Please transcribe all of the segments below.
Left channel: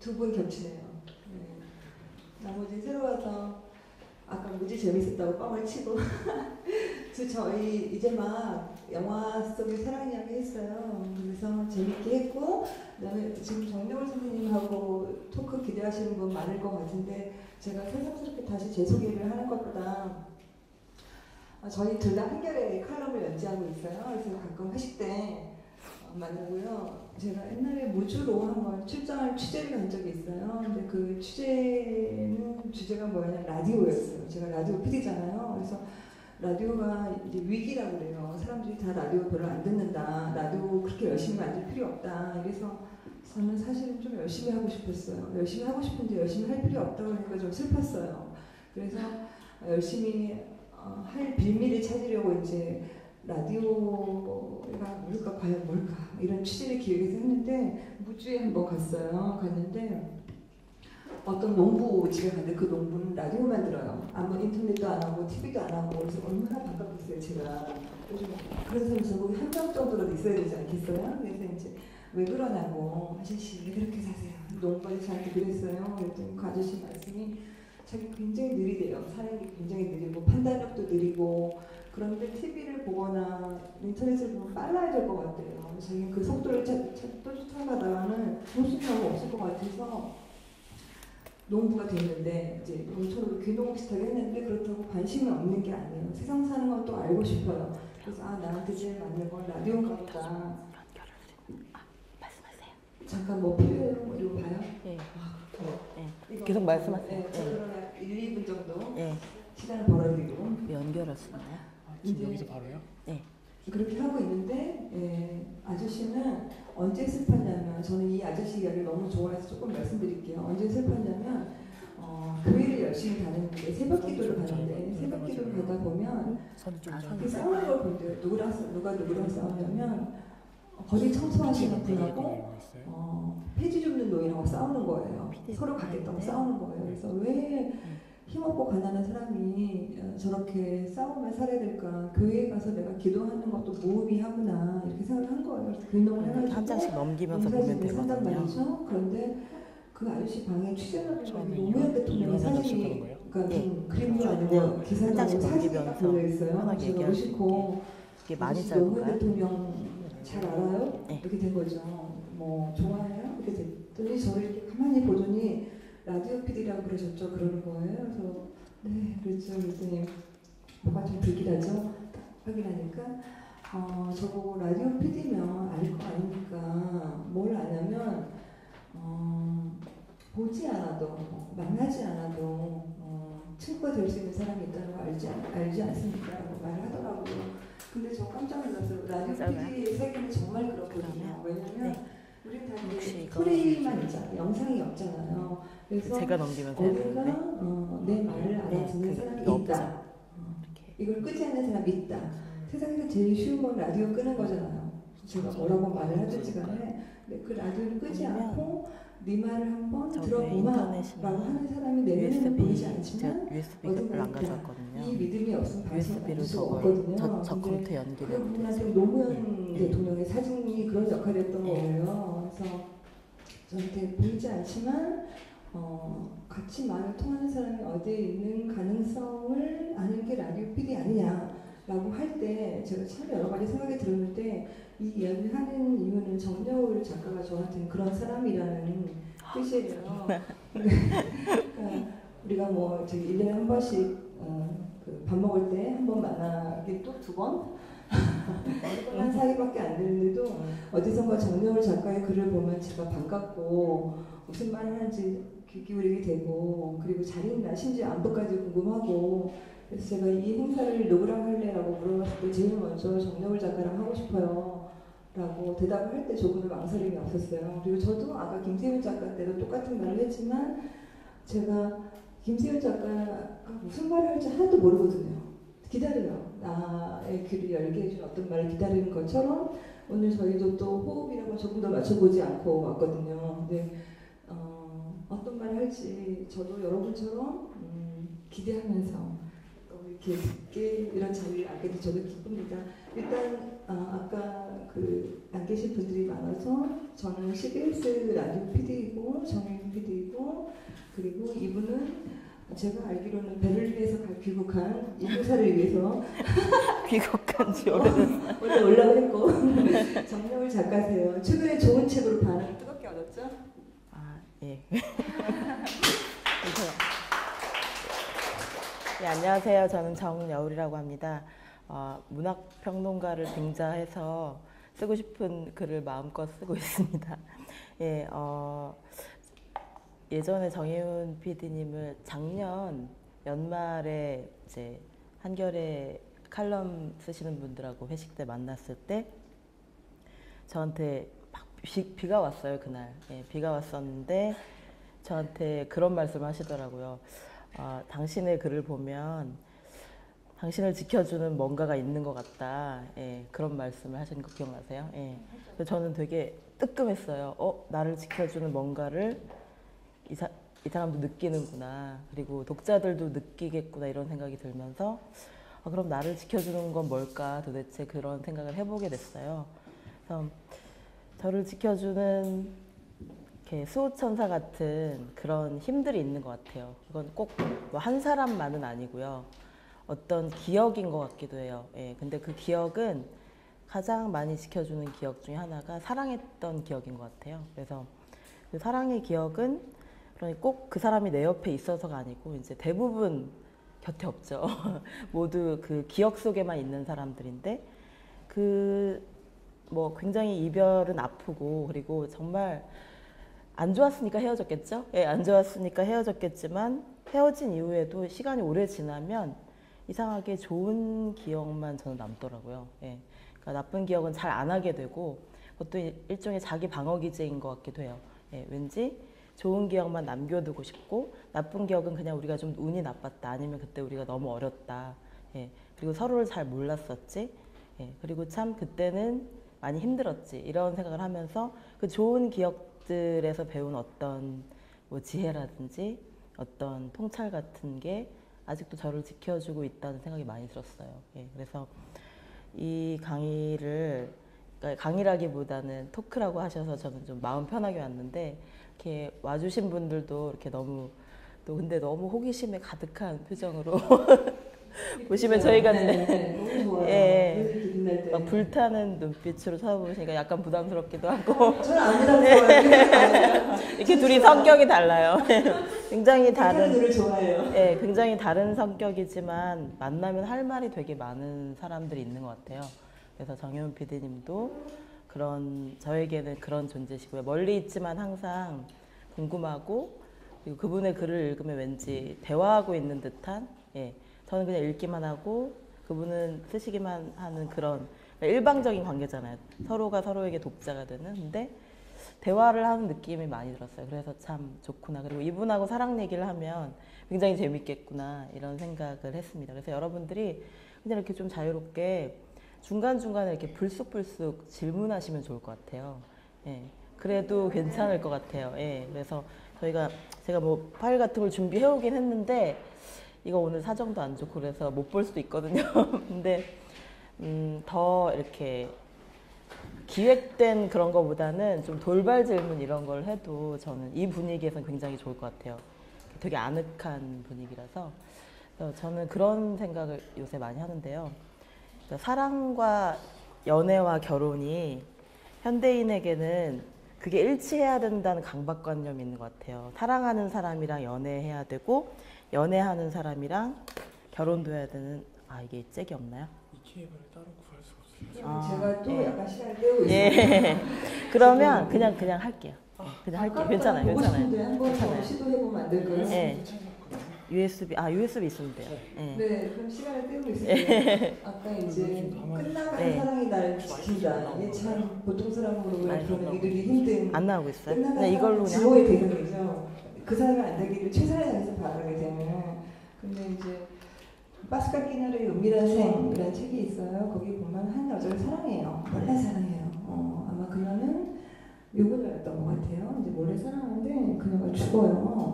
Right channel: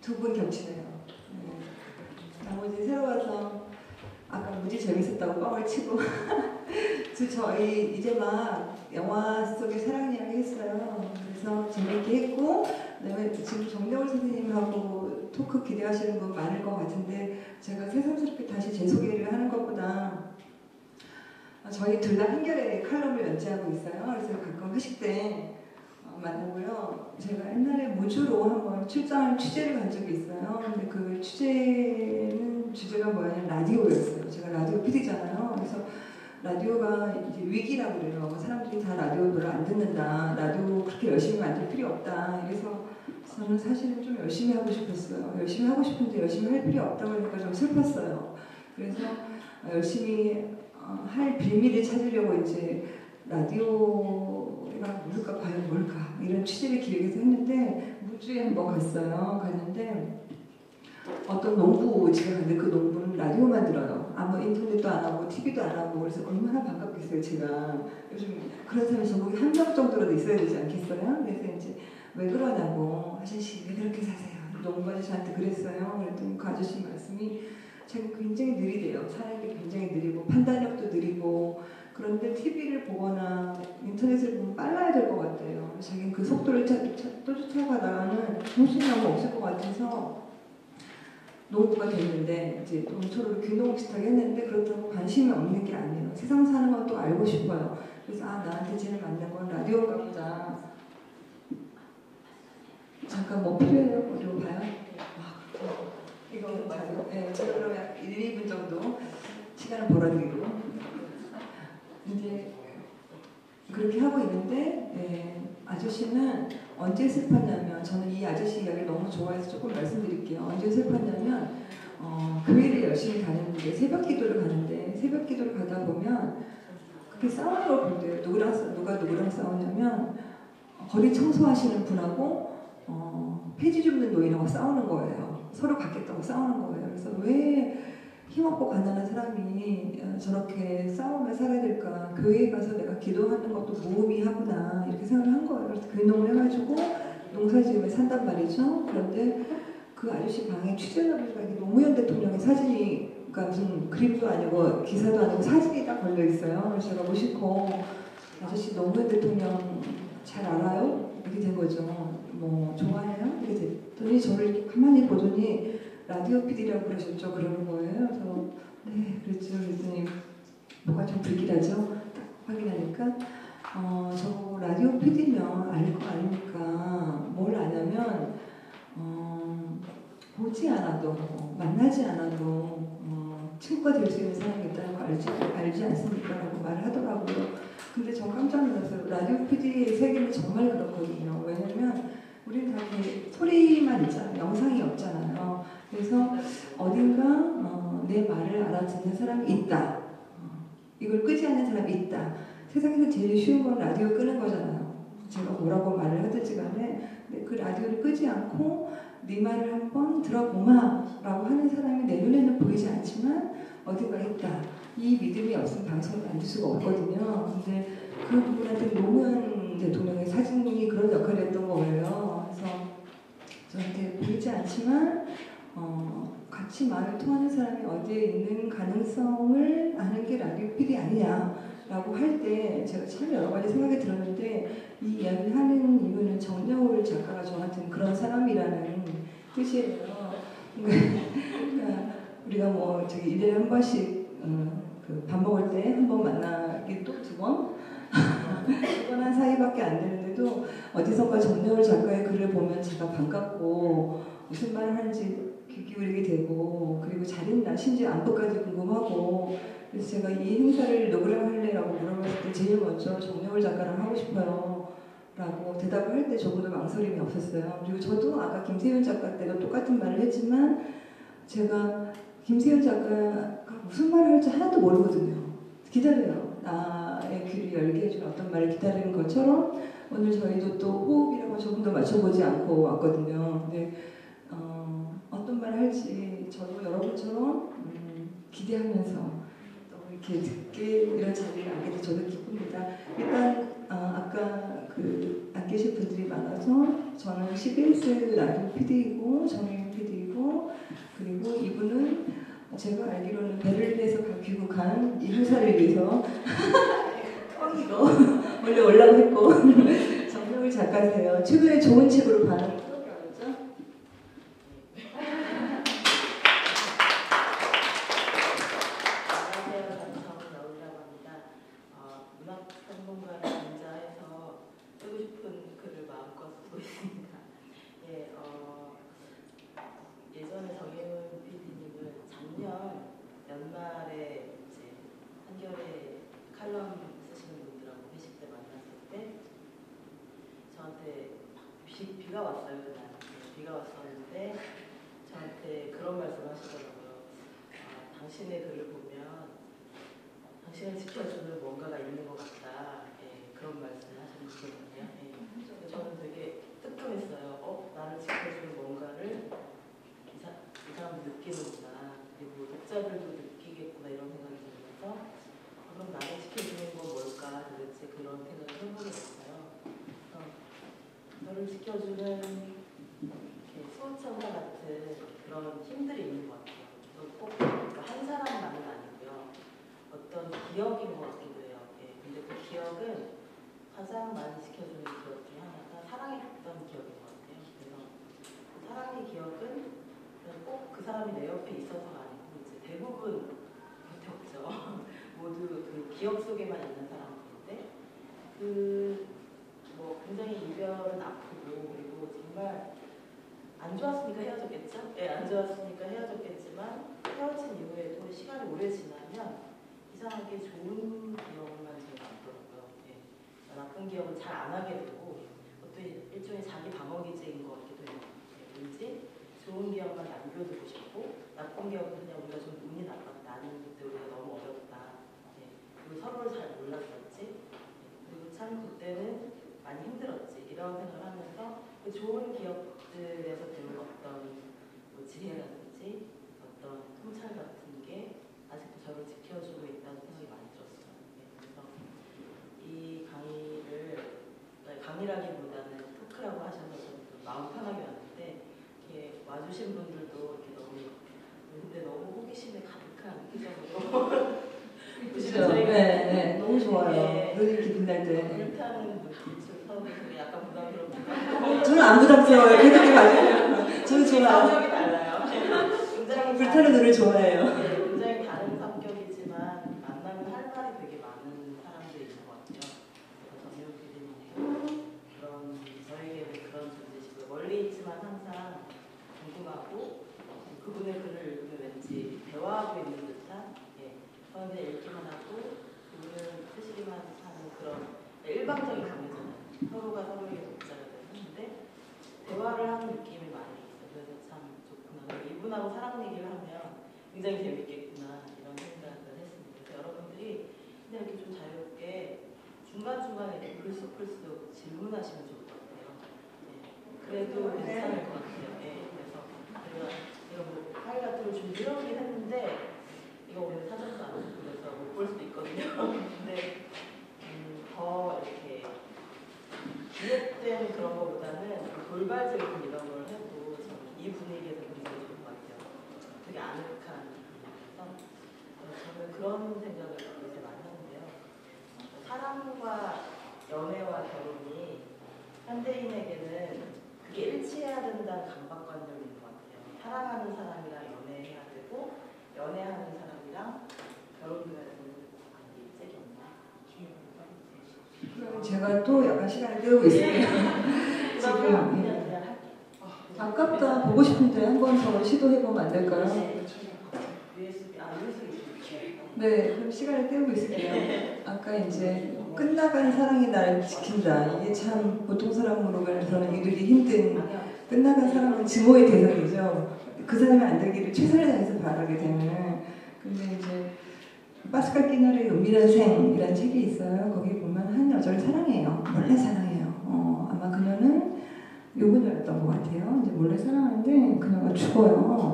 두 분 겹치네요. 네. 나머지 새로 와서 아까 무지 재밌었다고 뻥을 치고 저희 이제 막 영화 속의 사랑 이야기 했어요. 그래서 재밌게 했고 그다음에 지금 정대월 선생님하고 토크 기대하시는 분 많을 것 같은데 제가 새삼스럽게 다시 제 소개를 하는 것보다 저희 둘 다 한겨레 칼럼을 연재하고 있어요. 그래서 가끔 회식 때 만나고요. 제가 옛날에 무주로 한번 출장을 취재를 간 적이 있어요. 근데 그 취재는 주제가 뭐냐면 라디오였어요. 제가 라디오 PD잖아요. 그래서 라디오가 이제 위기라고 그래요. 사람들이 다 라디오 별로 안 듣는다. 라디오 그렇게 열심히 만들 필요 없다. 그래서 저는 사실은 좀 열심히 하고 싶었어요. 열심히 하고 싶은데 열심히 할 필요 없다고 하니까 좀 슬펐어요. 그래서 열심히 할 빌미를 찾으려고 이제 라디오가 뭘까 과연 뭘까 이런 취재를 기획해서 했는데 무주에 한번 갔어요. 갔는데 어떤 농부집에 갔는데 그 농부는 라디오만 들어요. 아무 인터넷도 안 하고 TV도 안 하고 그래서 얼마나 반갑겠어요. 제가 요즘 그런 사람이 전국에 한 명 정도라도 있어야 되지 않겠어요? 그래서 이제 왜 그러냐고 아저씨 왜 그렇게 사세요? 농부 아저씨한테 그랬어요. 그랬더니 그 아저씨 말씀이 자기 굉장히 느리대요. 사람이 굉장히 느리고 판단력도 느리고 그런데 TV를 보거나 인터넷을 보면 빨라야 될 것 같아요. 자기는 그 속도를 쫓아가다가는 정신이 없을 것 같아서 농부가 됐는데 이제 농촌으로 귀농 비슷하게 했는데 그렇다고 관심이 없는 게 아니에요. 세상 사는 것도 알고 싶어요. 그래서 나한테 제일 맞는 건 라디오가 보다. 잠깐 뭐 필요해요? 뭐 이거 봐요? 네. 이거 계속 말씀하세요. 네, 제가 그러면 1, 2분 정도 네. 시간을 벌어드리고 연결했어요. 이제 그렇게 하고 있는데 아저씨는 언제 슬펐냐면 저는 이 아저씨 이야기를 너무 좋아해서 조금 말씀드릴게요. 언제 슬펐냐면 교회를 열심히 다니는데 새벽 기도를 가는데 새벽 기도를 가다 보면 그렇게 싸우는 걸 볼 때 누가 누구랑 싸우냐면 거리 청소하시는 분하고 폐지 줍는 노인하고 싸우는 거예요. 서로 갖겠다고 싸우는 거예요. 그래서 왜 힘없고 가난한 사람이 저렇게 싸우며 살아야 될까? 교회에 가서 내가 기도하는 것도 무의미하구나 이렇게 생각을 한 거예요. 그래서 교인을 해가지고 농사지으며 산단 말이죠. 그런데 그 아저씨 방에 취재를 해보니까 노무현 대통령의 사진이 그러니까 그림도 아니고 기사도 아니고 사진이 딱 걸려 있어요. 제가 무심코 아저씨 노무현 대통령 잘 알아요? 이렇게 된 거죠. 뭐 좋아해요? 이렇게 됐더니 저를 이렇게 가만히 보더니 라디오 PD라고 그러셨죠? 그러는 거예요. 그래서 네 그랬죠. 그랬더니 뭐가 좀 불길하죠? 딱 확인하니까 저보고 라디오 PD면 알 거 아닙니까? 뭘 아냐면 보지 않아도 만나지 않아도 친구가 될 수 있는 사람이 있다는 거 알지 않습니까? 라고 말을 하더라고요. 근데 저 깜짝 놀랐어요. 라디오 PD의 세계는 정말 그렇거든요. 왜냐면 우리는 다 소리만 있잖아요. 영상이 없잖아요. 그래서 어딘가 내 말을 알아듣는 사람이 있다. 이걸 끄지 않는 사람이 있다. 세상에서 제일 쉬운 건 라디오 끄는 거잖아요. 제가 뭐라고 말을 하든지 간에 그 라디오를 끄지 않고 네 말을 한번 들어보마 라고 하는 사람이 내 눈에는 보이지 않지만 어딘가 있다. 이 믿음이 없으면 방송을 만들 수가 없거든요. 근데 그 부분한테 노무현 대통령의 사진이 그런 역할을 했던 거예요. 그래서 저한테 보이지 않지만 같이 말을 통하는 사람이 어디에 있는 가능성을 아는 게 라디오 PD 아니냐라고 할 때 제가 참 여러 가지 생각이 들었는데 이 이야기를 하는 이유는 정대월 작가가 저한테는 그런 사람이라는 뜻이에요. 그러니까 우리가 뭐 저기 1년에 한 번씩 그 밥 먹을 때 한 번 만나게 또 두 번? 두 번 한 사이밖에 안 되는데도 어디선가 정대월 작가의 글을 보면 제가 반갑고 무슨 말을 하는지 귀 기울이게 되고 그리고 잘 있나 심지어 안부까지 궁금하고 그래서 제가 이 행사를 누구랑 할래라고 물어봤을 때 제일 먼저 정대월 작가랑 하고 싶어요 라고 대답을 할 때 조금도 망설임이 없었어요. 그리고 저도 아까 김세윤 작가 때도 똑같은 말을 했지만 제가 김세윤 작가가 무슨 말을 할지 하나도 모르거든요. 기다려요. 나의 귀를 열게 해준 어떤 말을 기다리는 것처럼 오늘 저희도 또 호흡이라고 조금 더 맞춰보지 않고 왔거든요. 근데 어떤 말을 할지 저도 여러분처럼 기대하면서 또 이렇게 듣게 이런 자리를 알게 돼서 저도 기쁩니다. 일단 아까 안 계실 분들이 많아서 저는 CBS 라디오 PD이고 정혜윤 PD이고 그리고 이분은 제가 알기로는 베를린에서 귀국한 이무사를 위해서 귀국한 지 원래 올라고 했고 정명을 작가세요. 최근에 좋은 책으로 반응 어떻게 알았죠? 예. 네, 안녕하세요. 저는 정여울이라고 합니다. 문학평론가를 등자해서 쓰고 싶은 글을 마음껏 쓰고 있습니다. 예, 예전에 정혜윤 PD님을 작년 연말에 이제 한겨레 칼럼 쓰시는 분들하고 회식 때 만났을 때 저한테 막 비가 왔어요, 그날. 예, 비가 왔었는데 저한테 그런 말씀을 하시더라고요. 당신의 글을 보면 당신을 지켜주는 뭔가가 있는 것 같다. 예, 그런 말씀을 하시는 거 기억나세요? 예. 그래서 저는 되게 뜨끔했어요. 나를 지켜주는 뭔가를 이 사람도 느끼는구나. 그리고 독자들도 느끼겠구나 이런 생각이 들면서 그럼 나를 지켜주는 건 뭘까 도대체 그런 생각을 해보게 됐어요. 그래서 저를 지켜주는 이렇게 수호천사 같은 그런 힘들이 있는 것 같아요. 그건 꼭 한 사람만은 아니고요. 어떤 기억인 것 같기도 해요. 예, 근데 그 기억은 가장 많이 지켜주는 기억 중에 하나가 사랑했던 기억인 것 같아요. 그래서 그 사랑의 기억은 꼭 그 사람이 내 옆에 있어서가 아니고 이제 대부분 곁에 없죠. 모두 그 기억 속에만 있는 사람들인데 굉장히 이별은 아프고 그리고 정말 안 좋았으니까 헤어졌겠죠? 예, 안 좋았으니까 헤어졌겠지만 헤어진 이후에도 시간이 오래 지나면 이상하게 좋은 기억만 저는 남더라고요. 예, 그러니까 나쁜 기억은 잘 안 하게 되고 그것도 일종의 자기 방어 기제인 것 같기도 해요. 예, 왠지 좋은 기억만 남겨두고 싶고 나쁜 기억은 그냥 우리가 좀 운이 나빴다 아니면 그때 우리가 너무 어렸다. 예, 그리고 서로를 잘 몰랐었지. 예, 그리고 참 그때는 많이 힘들었지 이런 생각을 하면서 그 좋은 기억들에서 배운 어떤 지혜라든지 어떤 통찰 같은 게 아직도 저를 지켜주고 있다는 생각이 많이 들었어요. 예, 그래서 이 강의를 그러니까 강의라기보다는 토크라고 하셔서 저는 좀 마음 편하게 왔는데 이렇게 와주신 분들도 이렇게 근데 너무 호기심에 가득한 표정으로 보시면 저희가 너무 좋아요. 예, 불타는 눈빛으로 쳐다보시니까 약간 부담스럽기도 하고 저는 안 부담스러워요. 이렇게 둘이 성격이 달라요. 굉장히 다른 노래 좋아해요. 네, 굉장히 다른 성격이지만 만나면 할 말이 되게 많은 사람들이 있는 것 같아요. 그래서 정혜윤 PD님도 저에게는 그런 존재시고요. 멀리 있지만 항상 궁금하고 그분의 글을 읽으면 왠지 대화하고 있는 듯한 예, 저는 그냥 읽기만 하고 그분은 쓰시기만 하는 그런 일방적인 관계잖아요. 서로가 서로에게 독자가 되는. 근데 대화를 하는 느낌이 많이 들었어요. 그래서 참 좋구나. 그리고 이분하고 사랑 얘기를 하면 굉장히 재밌겠구나 이런 생각을 했습니다. 그래서 여러분들이 그냥 이렇게 좀 자유롭게 중간중간에 이렇게 불쑥불쑥 질문하시면 좋을 것 같아요. 예, 그래도 괜찮을 것 같아요. 예, 그래서 제가 파일 같은 걸 준비해 오긴 했는데 이거 오늘 사정도 안 좋고 그래서 못 볼 수도 있거든요. 근데 더 이렇게 기획된 그런 거보다는 좀 돌발 질문 이런 걸 해도 저는 이 분위기에서 굉장히 좋을 것 같아요. 되게 아늑한 분위기라서 저는 그런 생각을 요새 많이 하는데요. 사랑과 연애와 결혼이 현대인에게는 그게 일치해야 된다는 강박관념이 있는 것 같아요. 사랑하는 사람이랑 연애해야 되고 연애하는 사람이랑 결혼도 해야 되는 이게 짝이 없나요? 제가 또 약간 시간을 때우고 있어요. 예. 그러면 그냥 할게요. 그냥 할게요. 괜찮아요. 보고 싶은데 한번 더 시도해보면 안 될까요? 네. USB 있습니다. 네, 그럼 시간을 때우고 있습니다. 아까 이제 끝나간 사랑이 나를 지킨다. 이게 참 보통 사람으로 말하는 이들이 힘든 안 나오고 있어요? 끝나간 사랑은 증오의 대상이죠. 그 사람이 안 되기를 최선을 다해서 바라게 되는. 근데 이제 파스칼 끼나르의 은밀한 생이라는 책이 있어요. 거기 보면 한 여자를 사랑해요. 원래 사랑해요. 아마 그녀는 요그녀였던 것 같아요. 이제 원래 사랑하는데 그녀가 죽어요.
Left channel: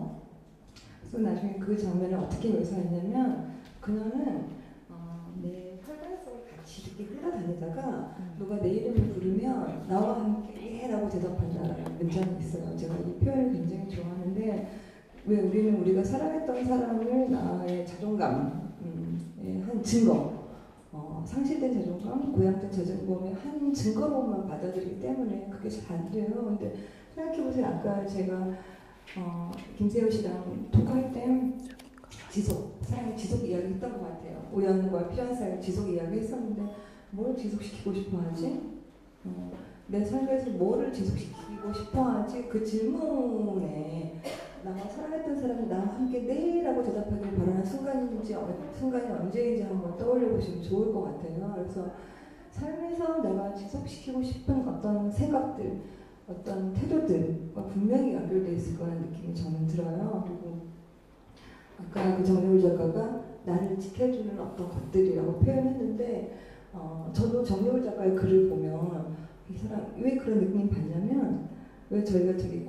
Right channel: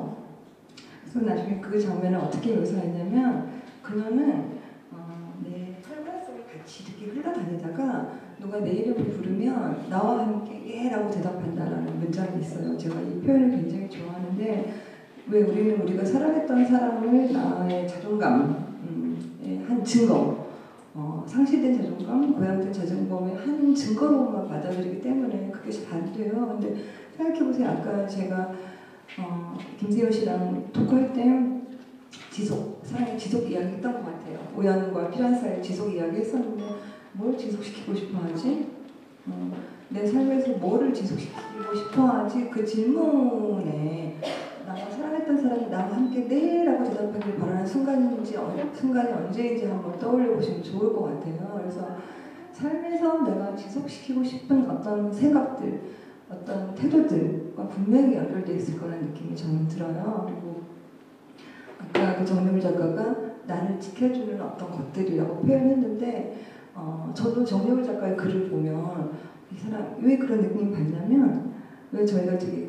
그래서 나중에 그 장면을 어떻게 묘사했냐면 그녀는 내 털과 속에 같이 이렇게 흘러다니다가 누가 내 이름을 부르면 나와 함께 라고 대답한다라는 문장이 있어요. 제가 이 표현을 굉장히 좋아하는데 왜 우리는 우리가 사랑했던 사람을 나의 자존감 한 증거 상실된 자존감, 고양된 자존감의 한 증거로만 받아들이기 때문에 그게 잘 안 돼요. 근데 생각해보세요. 아까 제가 김세호 씨랑 토크할 때 사랑의 지속 이야기 했던 것 같아요. 우연과 필요한 사이의 지속 이야기 했었는데 뭘 지속시키고 싶어 하지? 내 삶에서 뭐를 지속시키고 싶어 하지? 그 질문에 나와 사랑했던 사람이 나와 함께 네 라고 대답하길 바라는 순간이 언제인지 한번 떠올려 보시면 좋을 것 같아요. 그래서 삶에서 내가 지속시키고 싶은 어떤 생각들, 어떤 태도들과 분명히 연결되어 있을 거라는 느낌이 저는 들어요. 그리고 아까 그 정유미 작가가 나를 지켜주는 어떤 것들이라고 표현했는데 저도 정유미 작가의 글을 보면 이 사람 왜 그런 느낌을 받냐면 왜 저희가 되게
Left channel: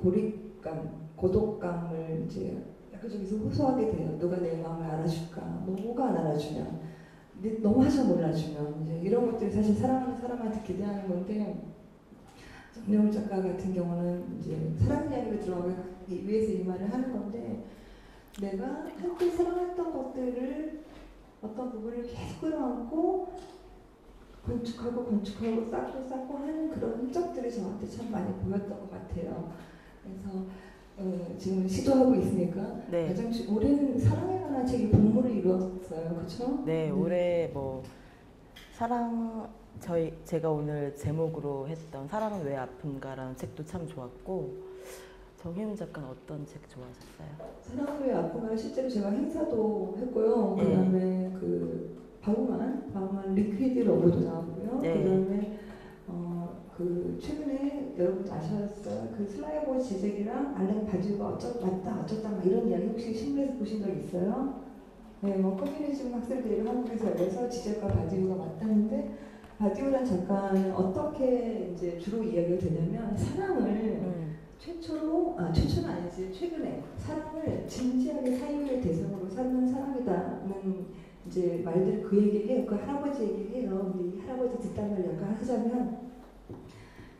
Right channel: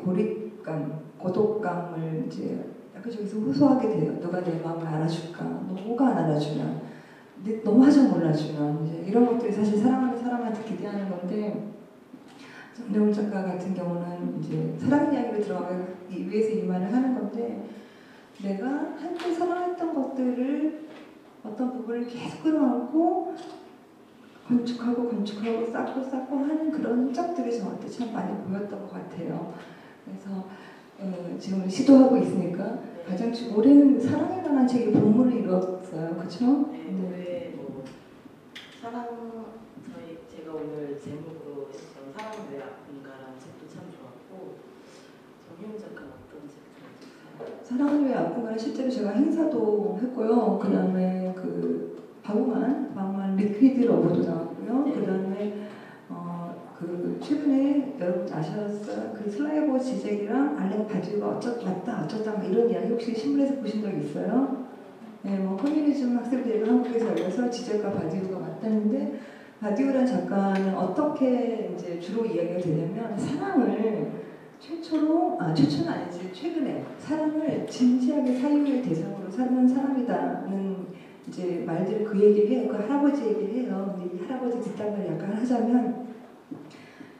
고독감을 이제 약간 저기서 호소하게 돼요. 누가 내 마음을 알아줄까? 뭐가 안 알아주면 너무하죠 몰라주면 이제 이런 것들이 사실 사랑하는 사람한테 기대하는 건데 정유미 작가 같은 경우는 이제 사랑 이야기로 들어가기 위해서 이 말을 하는 건데 내가 한때 사랑했던 것들을 어떤 부분을 계속 끌어안고 건축하고 쌓고 하는 그런 흔적들이 저한테 참 많이 보였던 것 같아요. 그래서 지금 시도하고 있으니까 네. 가장 올해는 사랑에 관한 책이 본물을 이루었어요. 그렇죠? 네, 올해 뭐 제가 오늘 제목으로 했던 사랑은 왜 아픈가라는 책도 참 좋았고 정혜은 작가는 어떤 책 좋아하셨어요? 사랑은 왜 아픈가 실제로 제가 행사도 했고요. 그 다음에 그 바우만 리퀴드 러브도 나왔고요. 네. 그 다음에 그 최근에 여러분 아셨어요? 그 슬라이버 지젝이랑 알렌 바지가 어쩌다 이런 이야기 혹시 신문에서 보신 적 있어요? 네, 뭐 커뮤니즘 학생들이 한국에서 열려서 지젝과 바디우가 왔다는데 바디우라는 작가는 어떻게 이제 주로 이야기가 되냐면 사랑을 최초는 아니지 최근에 사랑을 진지하게 사유의 대상으로 삼는 사람이다는 이제 말들을 그 얘기를 해요. 그 할아버지 얘기를 해요. 근데 이 할아버지 뒷담화를 약간 하자면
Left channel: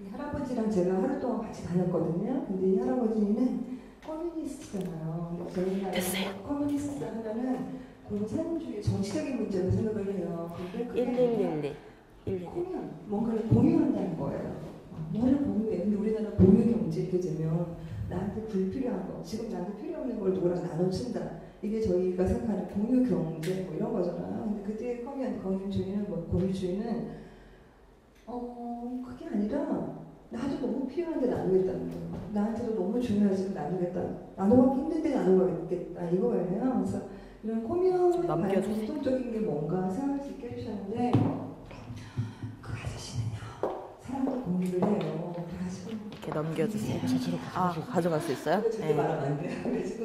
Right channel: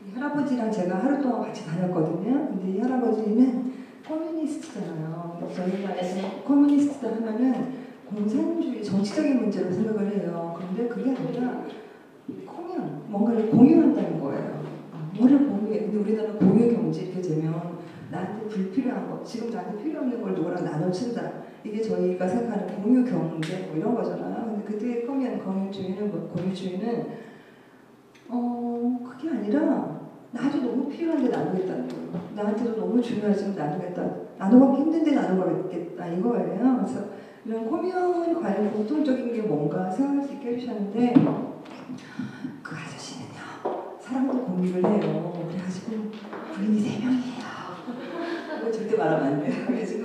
이 할아버지랑 제가 하루 동안 같이 다녔거든요. 근데 이 할아버지는 커뮤니스트잖아요. 저희 말에 커뮤니스트다 하면은 공산주의 정치적인 문제로 생각을 해요. 근데 그게 아니라 뭔가를 공유한다는 거예요. 뭐를 공유해? 근데 우리나라 공유 경제 이렇게 되면 나한테 불필요한 것, 지금 나한테 필요 없는 걸 누구랑 나눠준다. 이게 저희가 생각하는 공유 경제 뭐 이런 거잖아요. 근데 그때 공유주의는 그게 아니라 아주 너무 필요한데 나누겠다는 거예요. 나한테도 너무 중요하지만 나누겠다. 나누기 힘든데 나누겠다 이거예요. 그래서 이런 코미언에 관한 공통적인 게 뭔가 생각할 수 있게 해주셨는데 그 아저씨는요 사람과 공유를 해요. 그래가지고 넘겨주세요. 가져갈 수 있어요? 절대 말하면 안 돼요. 그래가지고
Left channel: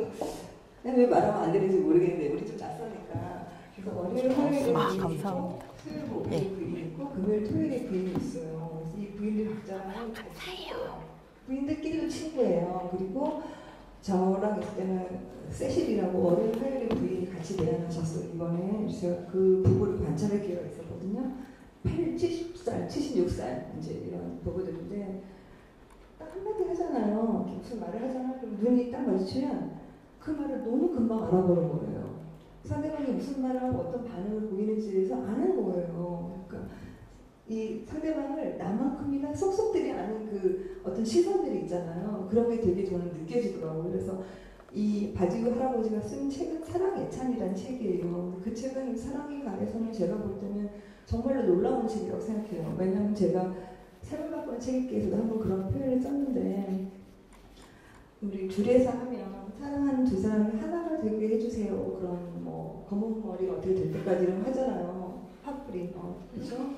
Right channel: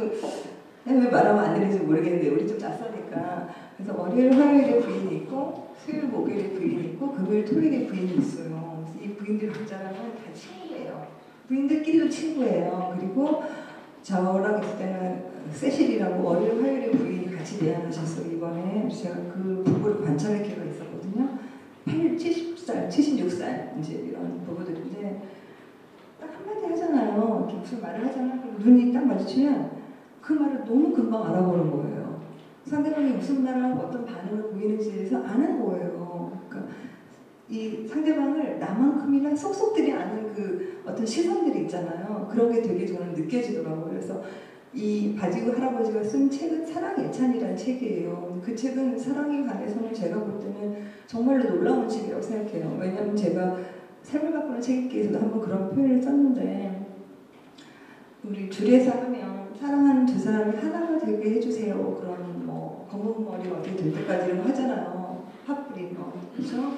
왜 말하면 안 되는지 모르겠는데 우리 좀 낯서니까 그래서 월요일 화요일에 부인이 있고 수요일 목요일에 부인이 있고 금요일 토요일에 부인이 있어요. 그래서 이 부인들 각자가 친구예요. 부인들끼리도 친구예요. 그리고 저랑 있을 때는 세실이라고 월요일 화요일에 부인이 같이 내한하셨어요. 이번에 제가 그 부부를 관찰할 기회가 있었거든요. 70살, 76살 이제 이런 부부들인데 딱 한마디 하잖아요. 이렇게 무슨 말을 하잖아요. 그럼 눈이 딱 마주치면 그 말을 너무 금방 알아보는 거예요. 상대방이 무슨 말을 하고 어떤 반응을 보이는지에 대해서 아는 거예요. 그러니까 이 상대방을 나만큼이나 쏙쏙들이 아는 그 어떤 시선들이 있잖아요. 그런 게 되게 저는 느껴지더라고요. 그래서 이 바지우 할아버지가 쓴 책은 사랑 예찬이라는 책이에요. 그 책은 사랑에 관해서는 제가 볼 때는 정말로 놀라운 책이라고 생각해요. 왜냐하면 제가 삶을 바꾸는 책 읽기에서도 한번 그런 표현을 썼는데 우리 줄에서 하면 사랑하는 두 사람이 하나가 되게 해주세요. 그런 뭐 검은 머리가 어떻게 될 때까지 이런 거 하잖아요. 핫브리 그죠?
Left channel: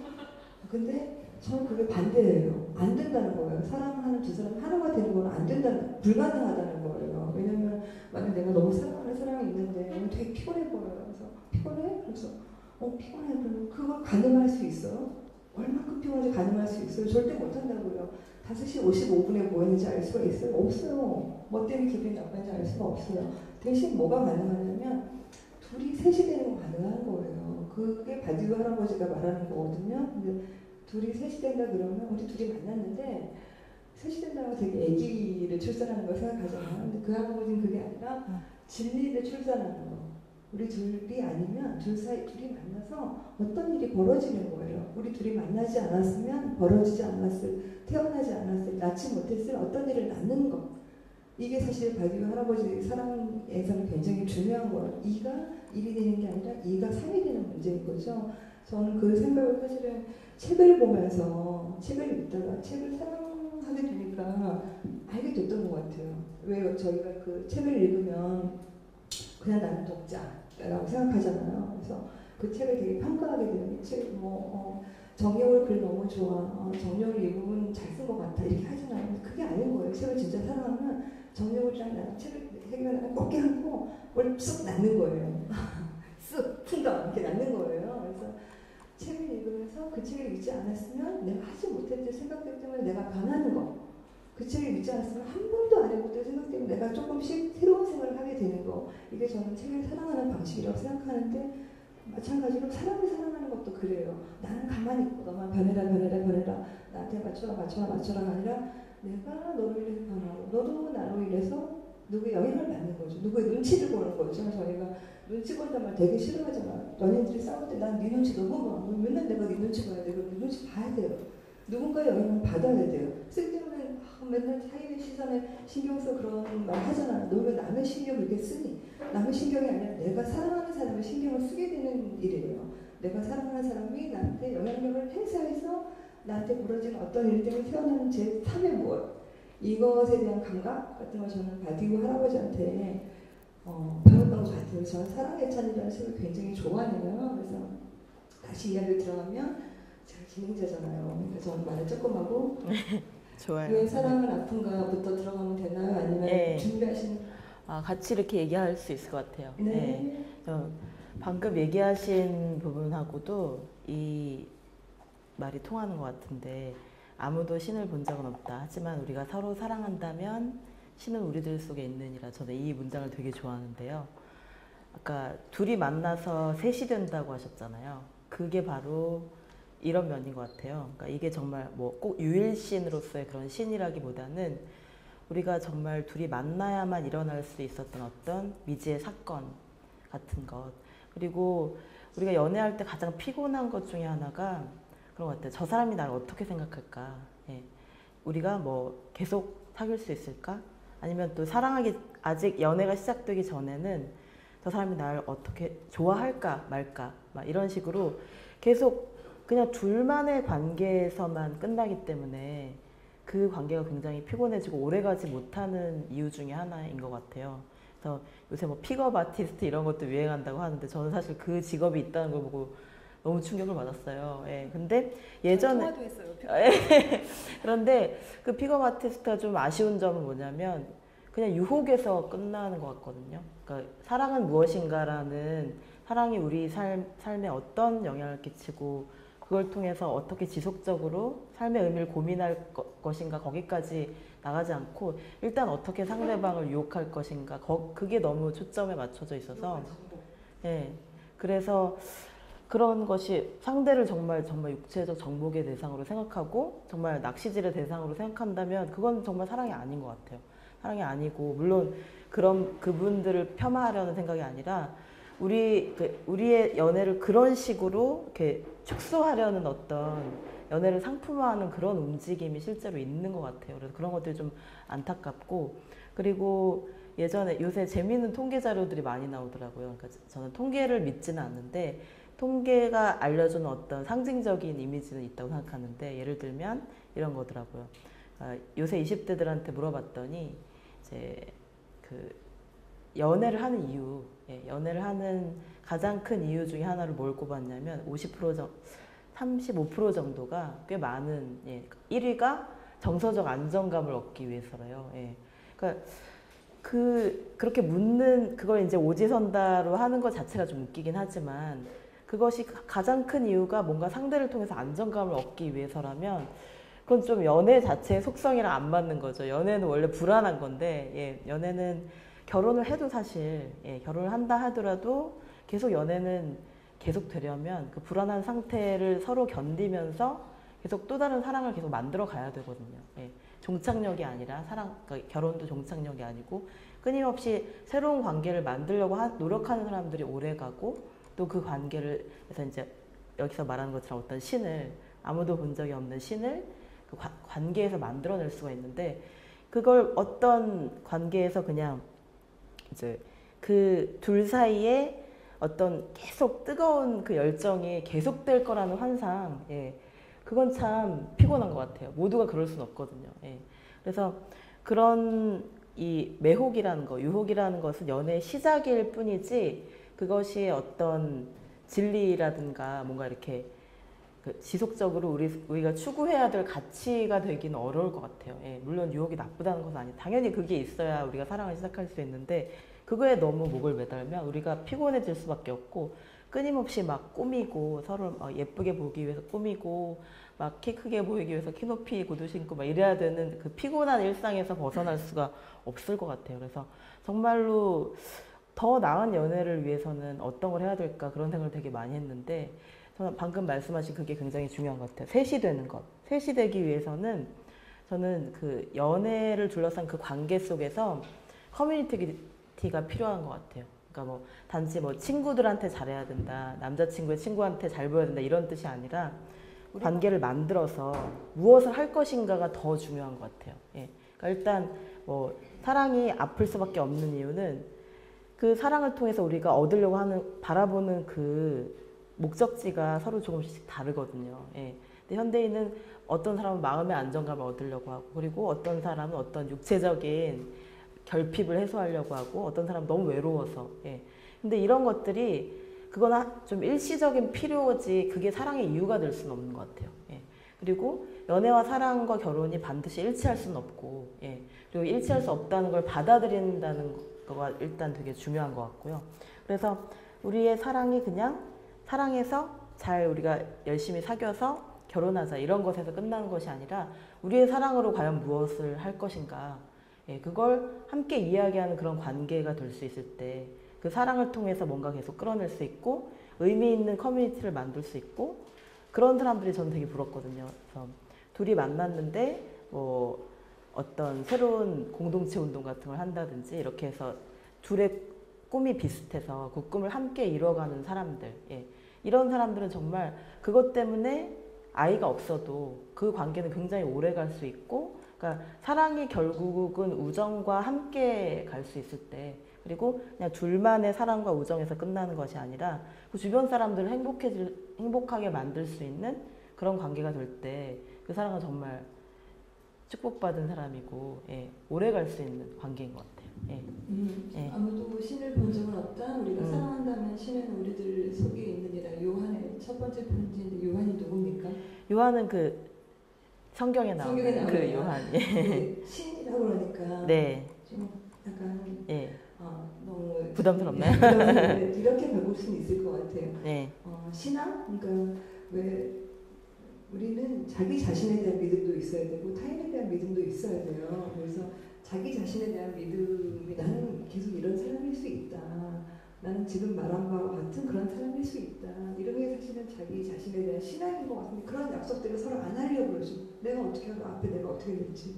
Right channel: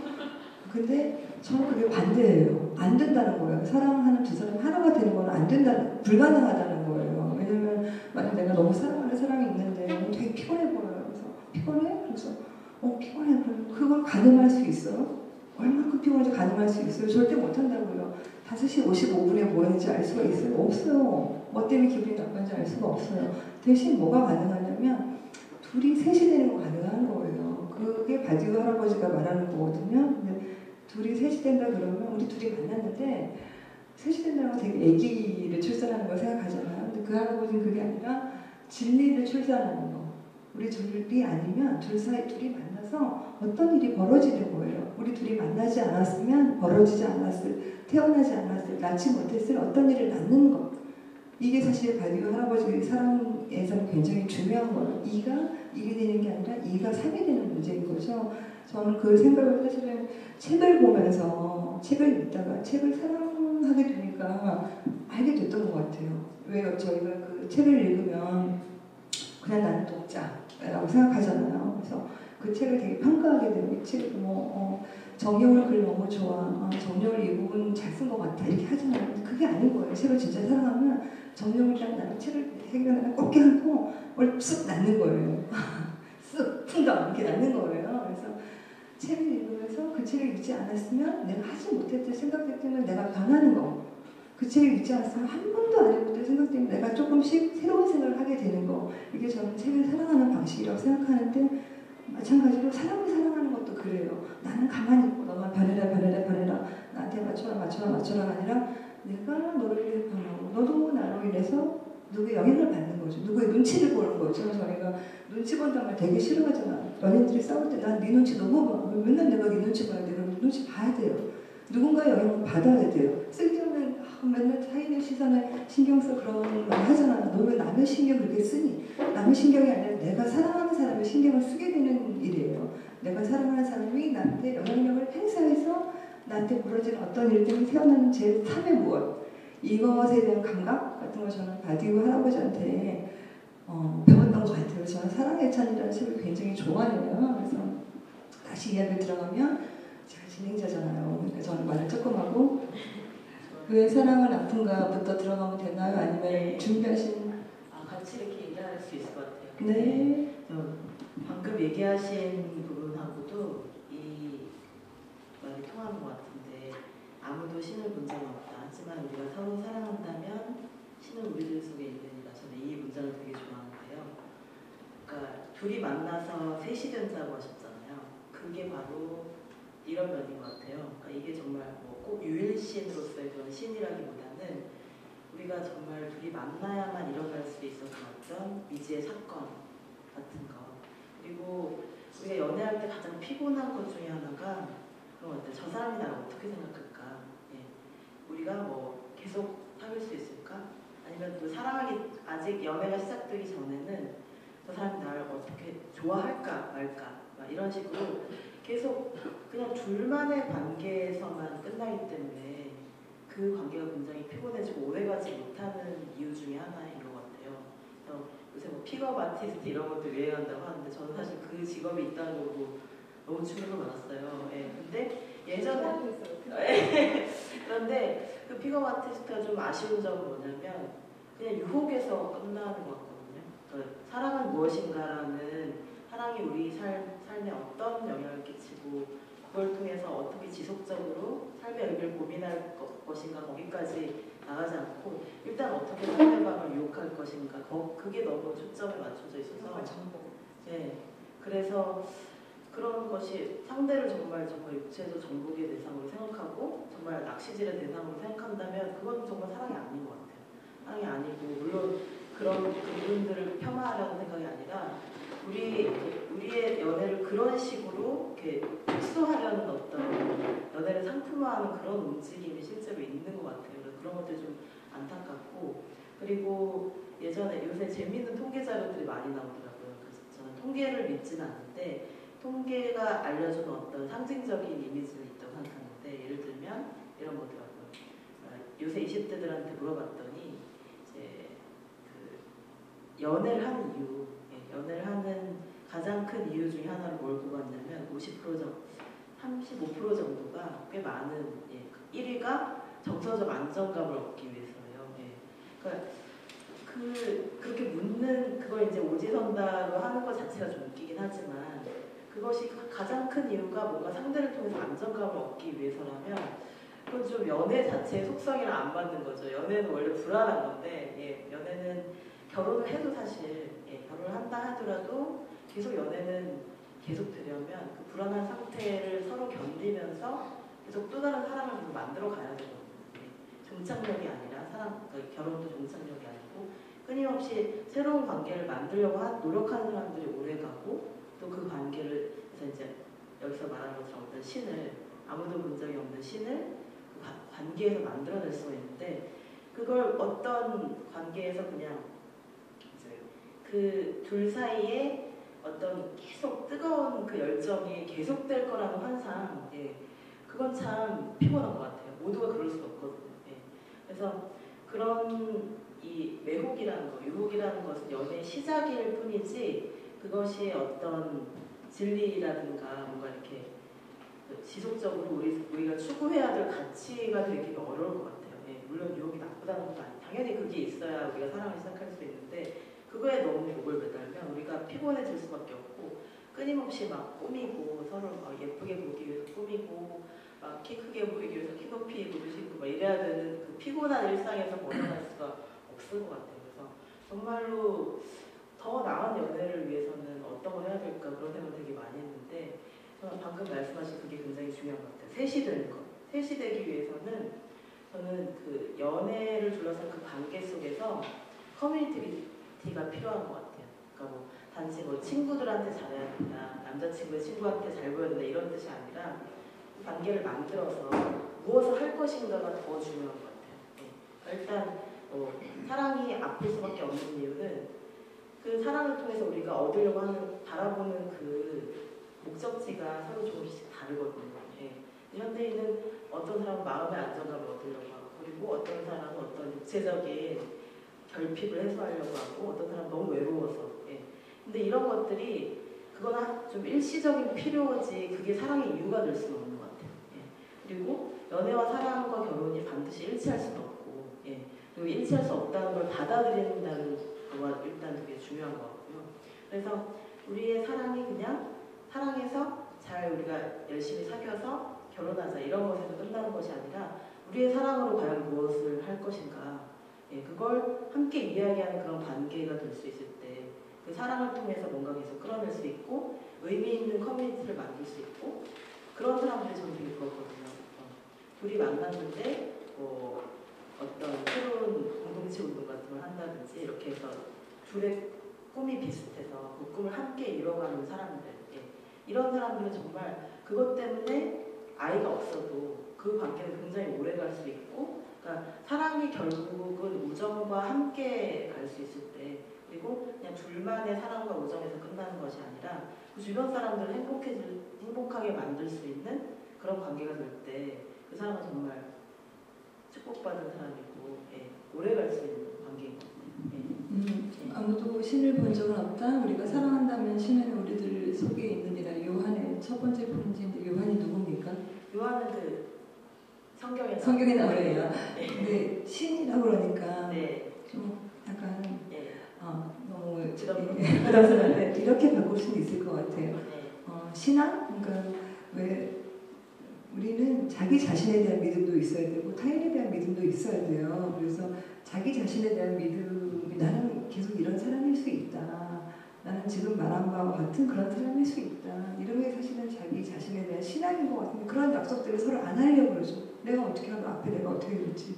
근데 저는 그게 반대예요. 안 된다는 거예요. 사랑하는 두 사람 하나가 되는 건 안 된다는, 불가능하다는 거예요. 왜냐면 만약 내가 너무 사랑하는 사람이 있는데 되게 피곤해 보여요. 그래서 피곤해? 그래서 피곤해. 그걸 가늠할 수 있어요? 얼마큼 피곤한지 가늠할 수 있어요? 절대 못한다고요. 5시 55분에 뭐 했는지 알 수가 있어요? 없어요. 뭐 때문에 기분이 나쁜지 알 수가 없어요. 대신 뭐가 가능하냐면 둘이 셋이 되는 거 가능한 거예요. 그게 바디우 할아버지가 말하는 거거든요. 근데 둘이 셋이 된다 그러면 우리 둘이 만났는데 셋이 된다고 되게 아기를 출산하는 거 생각하잖아요. 근데 그 할아버지는 그게 아니라 진리를 출산하는 거. 우리 둘이 아니면 둘 사이 둘이 만나서 어떤 일이 벌어지는 거예요. 우리 둘이 만나지 않았으면 벌어지지 않았을, 태어나지 않았을, 낳지 못했을 어떤 일을 낳는 거. 이게 사실 발디오 할아버지 사랑에서는 굉장히 중요한 거예요. 이가 일이 되는 게 아니라 이가 삶이 되는 문제인 거죠. 저는 그 생각을 사실은 책을 보면서 책을 읽다가 책을 사랑하게 되니까 알게 됐던 것 같아요. 왜 저희가 그 책을 읽으면 그냥 나는 독자라고 생각하잖아요. 그래서 그 책을 되게 평가하게 돼요. 이 책을 정여울 글 너무 좋아. 정여울 이 부분 잘 쓴 것 같아. 이렇게 하잖아요. 그게 아닌 거예요. 책을 진짜 사랑하면 정여울이랑 나는 책을 생각하면 꺾게 하고 뭘 쓱 낳는 거예요. 쓱 풍덩 이렇게 낳는 거예요. 그래서 책을 읽으면서 그 책을 읽지 않았으면 내가 하지 못했던 생각들 때문에 내가 변하는 거. 그 책을 읽지 않았으면 한 번도 안 해봤던 생각 때문에 내가 조금씩 새로운 생각을 하게 되는 거. 이게 저는 책을 사랑하는 방식이라고 생각하는데 마찬가지로 사람을 사랑하는 것도 그래요. 나는 가만히 있고 너만 변해라 변해라 변해라 나한테 맞춰라 맞춰라 맞춰라가 아니라 내가 너를 위해 변하고 너도 나로 인해서 누구의 영향을 받는 거죠. 누구의 눈치를 보는 거죠. 저희가 눈치 본다는 말 되게 싫어하잖아. 연인들이 싸울 때 난 네 눈치 너무 봐. 맨날 내가 네 눈치 봐야 돼. 그럼 네 눈치 봐야 돼요. 누군가의 영향을 받아야 돼요. 쓸데없는 맨날 타인의 시선에 신경 써 그런 말 하잖아. 너 왜 남의 신경을 그렇게 쓰니? 남의 신경이 아니라 내가 사랑하는 사람의 신경을 쓰게 되는 일이에요. 내가 사랑하는 사람이 나한테 영향력을 행사해서 나한테 벌어지는 어떤 일 때문에 태어나는 제 삶의 무엇 이것에 대한 감각 같은 걸 저는 바디오 할아버지한테 배웠던 것 같아요. 저는 사랑의 찬이라는 책을 굉장히 좋아해요. 그래서 다시 이야기를 들어가면 제가 진행자잖아요. 그러니까 저는 말을 조금 하고 좋아요. 왜 사랑은 아픈가부터 들어가면 되나요? 아니면 네. 준비하신 같이 이렇게 얘기할 수 있을 것 같아요. 네. 방금 얘기하신 부분하고도 이 말이 통하는 것 같은데 아무도 신을 본 적은 없다. 하지만 우리가 서로 사랑한다면 신은 우리들 속에 있느니라. 저는 이 문장을 되게 좋아하는데요. 그러니까 둘이 만나서 셋이 된다고 하셨잖아요. 그게 바로 이런 면인 것 같아요. 그러니까 이게 정말 뭐 꼭 유일신으로서의 그런 신이라기보다는 우리가 정말 둘이 만나야만 일어날 수 있었던 어떤 미지의 사건 같은 것. 그리고 우리가 연애할 때 가장 피곤한 것 중에 하나가 그런 것 같아요. 저 사람이 나를 어떻게 생각할까? 예. 우리가 뭐 계속 사귈 수 있을까? 아니면 또 사랑하기 아직 연애가 시작되기 전에는 저 사람이 나를 어떻게 좋아할까 말까 막 이런 식으로 계속 그냥 둘만의 관계에서만 끝나기 때문에 그 관계가 굉장히 피곤해지고 오래가지 못하는 이유 중에 하나인 것 같아요. 그래서 요새 뭐 픽업 아티스트 이런 것도 유행한다고 하는데 저는 사실 그 직업이 있다는 걸 보고 너무 충격을 받았어요. 예. 근데 예전에 그런데 그 픽업 아티스트가 좀 아쉬운 점은 뭐냐면 그냥 유혹에서 끝나는 것 같거든요. 그러니까 사랑은 무엇인가라는 사랑이 우리 삶에 어떤 영향을 끼치고 그걸 통해서 어떻게 지속적으로 삶의 의미를 고민할 것인가 거기까지 나가지 않고 일단 어떻게 상대방을 유혹할 것인가 그게 너무 초점에 맞춰져 있어서 네, 그래서 그런 것이 상대를 정말 육체적 정복의 대상으로 생각하고 정말 낚시질의 대상으로 생각한다면 그건 정말 사랑이 아닌 것 같아요. 사랑이 아니고 물론 그런 그분들을 폄하하려는 생각이 아니라 우리의 연애를 그런 식으로 이렇게 축소하려는 어떤 연애를 상품화하는 그런 움직임이 실제로 있는 것 같아요. 그래서 그런 것들이 좀 안타깝고 그리고 요새 재미있는 통계 자료들이 많이 나오더라고요. 그러니까 저는 통계를 믿지는 않는데 통계가 알려주는 어떤 상징적인 이미지는 있다고 생각하는데 예를 들면 이런 거더라고요. 요새 20대들한테 물어봤더니 이제 그 연애를 하는 이유, 연애를 하는 가장 큰 이유 중에 하나를 뭘 꼽았냐면 35% 정도가 꽤 많은 1위가 정서적 안정감을 얻기 위해서래요. 그러니까 그렇게 묻는 그걸 이제 오지선다로 하는 것 자체가 좀 웃기긴 하지만 그것이 가장 큰 이유가 뭔가 상대를 통해서 안정감을 얻기 위해서라면 그건 좀 연애 자체의 속성이랑 안 맞는 거죠. 연애는 원래 불안한 건데 연애는 결혼을 해도 사실 결혼을 한다 하더라도 계속 연애는 계속 되려면 그 불안한 상태를 서로 견디면서 계속 또 다른 사랑을 계속 만들어 가야 되거든요. 예. 종착역이 아니라 그러니까 결혼도 종착역이 아니고 끊임없이 새로운 관계를 만들려고 노력하는 사람들이 오래 가고 또 그 관계를 그래서 이제 여기서 말하는 것처럼 어떤 신을 아무도 본 적이 없는 신을 그 관계에서 만들어낼 수가 있는데 그걸 어떤 관계에서 그냥 이제 그 둘 사이에 어떤 계속 뜨거운 그 열정이 계속될 거라는 환상, 예. 그건 참 피곤한 것 같아요. 모두가 그럴 수는 없거든요. 예. 그래서 그런 이 매혹이라는 거, 유혹이라는 것은 연애의 시작일 뿐이지 그것이 어떤 진리라든가 뭔가 이렇게 그 지속적으로 우리가 추구해야 될 가치가 되기는 어려울 것 같아요. 예. 물론 유혹이 나쁘다는 건 아니에요. 당연히 그게 있어야 우리가 사랑을 시작할 수 있는데 그거에 너무 목을 매달면 우리가 피곤해질 수밖에 없고 끊임없이 막 꾸미고 서로 예쁘게 보기 위해서 꾸미고 막 키 크게 보이기 위해서 키 높이 구두 신고 막 이래야 되는 그 피곤한 일상에서 벗어날 수가 없을 것 같아요. 그래서 정말로 더 나은 연애를 위해서는 어떤 걸 해야 될까 그런 생각을 되게 많이 했는데 저는 방금 말씀하신 그게 굉장히 중요한 것 같아요. 셋이 되는 것. 셋이 되기 위해서는 저는 그 연애를 둘러싼 그 관계 속에서 커뮤니티가 필요한 것 같아요. 그러니까 뭐 단지 뭐 친구들한테 잘해야 된다, 남자친구의 친구한테 잘 보여야 된다 이런 뜻이 아니라 관계를 만들어서 무엇을 할 것인가가 더 중요한 것 같아요. 예. 그러니까 일단 뭐 사랑이 아플 수밖에 없는 이유는 그 사랑을 통해서 우리가 얻으려고 하는 바라보는 그 목적지가 서로 조금씩 다르거든요. 예. 근데 현대인은 어떤 사람은 마음의 안정감을 얻으려고 하고 그리고 어떤 사람은 어떤 육체적인 결핍을 해소하려고 하고 어떤 사람은 너무 외로워서 예. 근데 이런 것들이 그건 좀 일시적인 필요지 그게 사랑의 이유가 될 수는 없는 것 같아요. 예. 그리고 연애와 사랑과 결혼이 반드시 일치할 수는 없고 예. 그리고 일치할 수 없다는 걸 받아들인다는 거가 일단 되게 중요한 것 같고요. 그래서 우리의 사랑이 그냥 사랑해서 잘 우리가 열심히 사귀어서 결혼하자 이런 것에서 끝나는 것이 아니라 우리의 사랑으로 과연 무엇을 할 것인가 예, 그걸 함께 이야기하는 그런 관계가 될 수 있을 때 그 사랑을 통해서 뭔가 계속 끌어낼 수 있고 의미 있는 커뮤니티를 만들 수 있고 그런 사람들이 저는 되게 부럽거든요. 둘이 만났는데 뭐 어떤 새로운 공동체 운동 같은 걸 한다든지 이렇게 해서 둘의 꿈이 비슷해서 그 꿈을 함께 이뤄가는 사람들 예. 이런 사람들은 정말 그것 때문에 아이가 없어도 그 관계는 굉장히 오래 갈 수 있고 그러니까 사랑이 결국은 우정과 함께 갈 수 있을 때 그리고 그냥 둘만의 사랑과 우정에서 끝나는 것이 아니라 그 주변 사람들을 행복하게 만들 수 있는 그런 관계가 될 때 그 사람은 정말 축복받은 사람이고 예, 오래 갈 수 있는 관계인 것 같아요. 예. 예. 아무도 신을 본 적은 없다. 우리가 사랑한다면 신은 우리들 속에 있느니라. 요한의 첫 번째 편지인데 요한이 누굽니까? 요한은 그 성경에 나와요. 요한. 네, 신이라고 그러니까 네. 좀 약간 예. 너무 부담스럽나요? 네, 이렇게 바꿀 수는 있을 것 같아요. 네. 신앙? 그러니까 왜 우리는 자기 자신에 대한 믿음도 있어야 되고 타인에 대한 믿음도 있어야 돼요. 그래서 자기 자신에 대한 믿음이 나는 계속 이런 사람일 수 있다. 나는 지금 말한 바와 같은 그런 사람일 수 있다. 이런 게 사실은 자기 자신에 대한 신앙인 것 같은데 그런 약속들을 서로 안 하려고 그러죠. 내가 어떻게 하고 앞에 내가 어떻게 될지.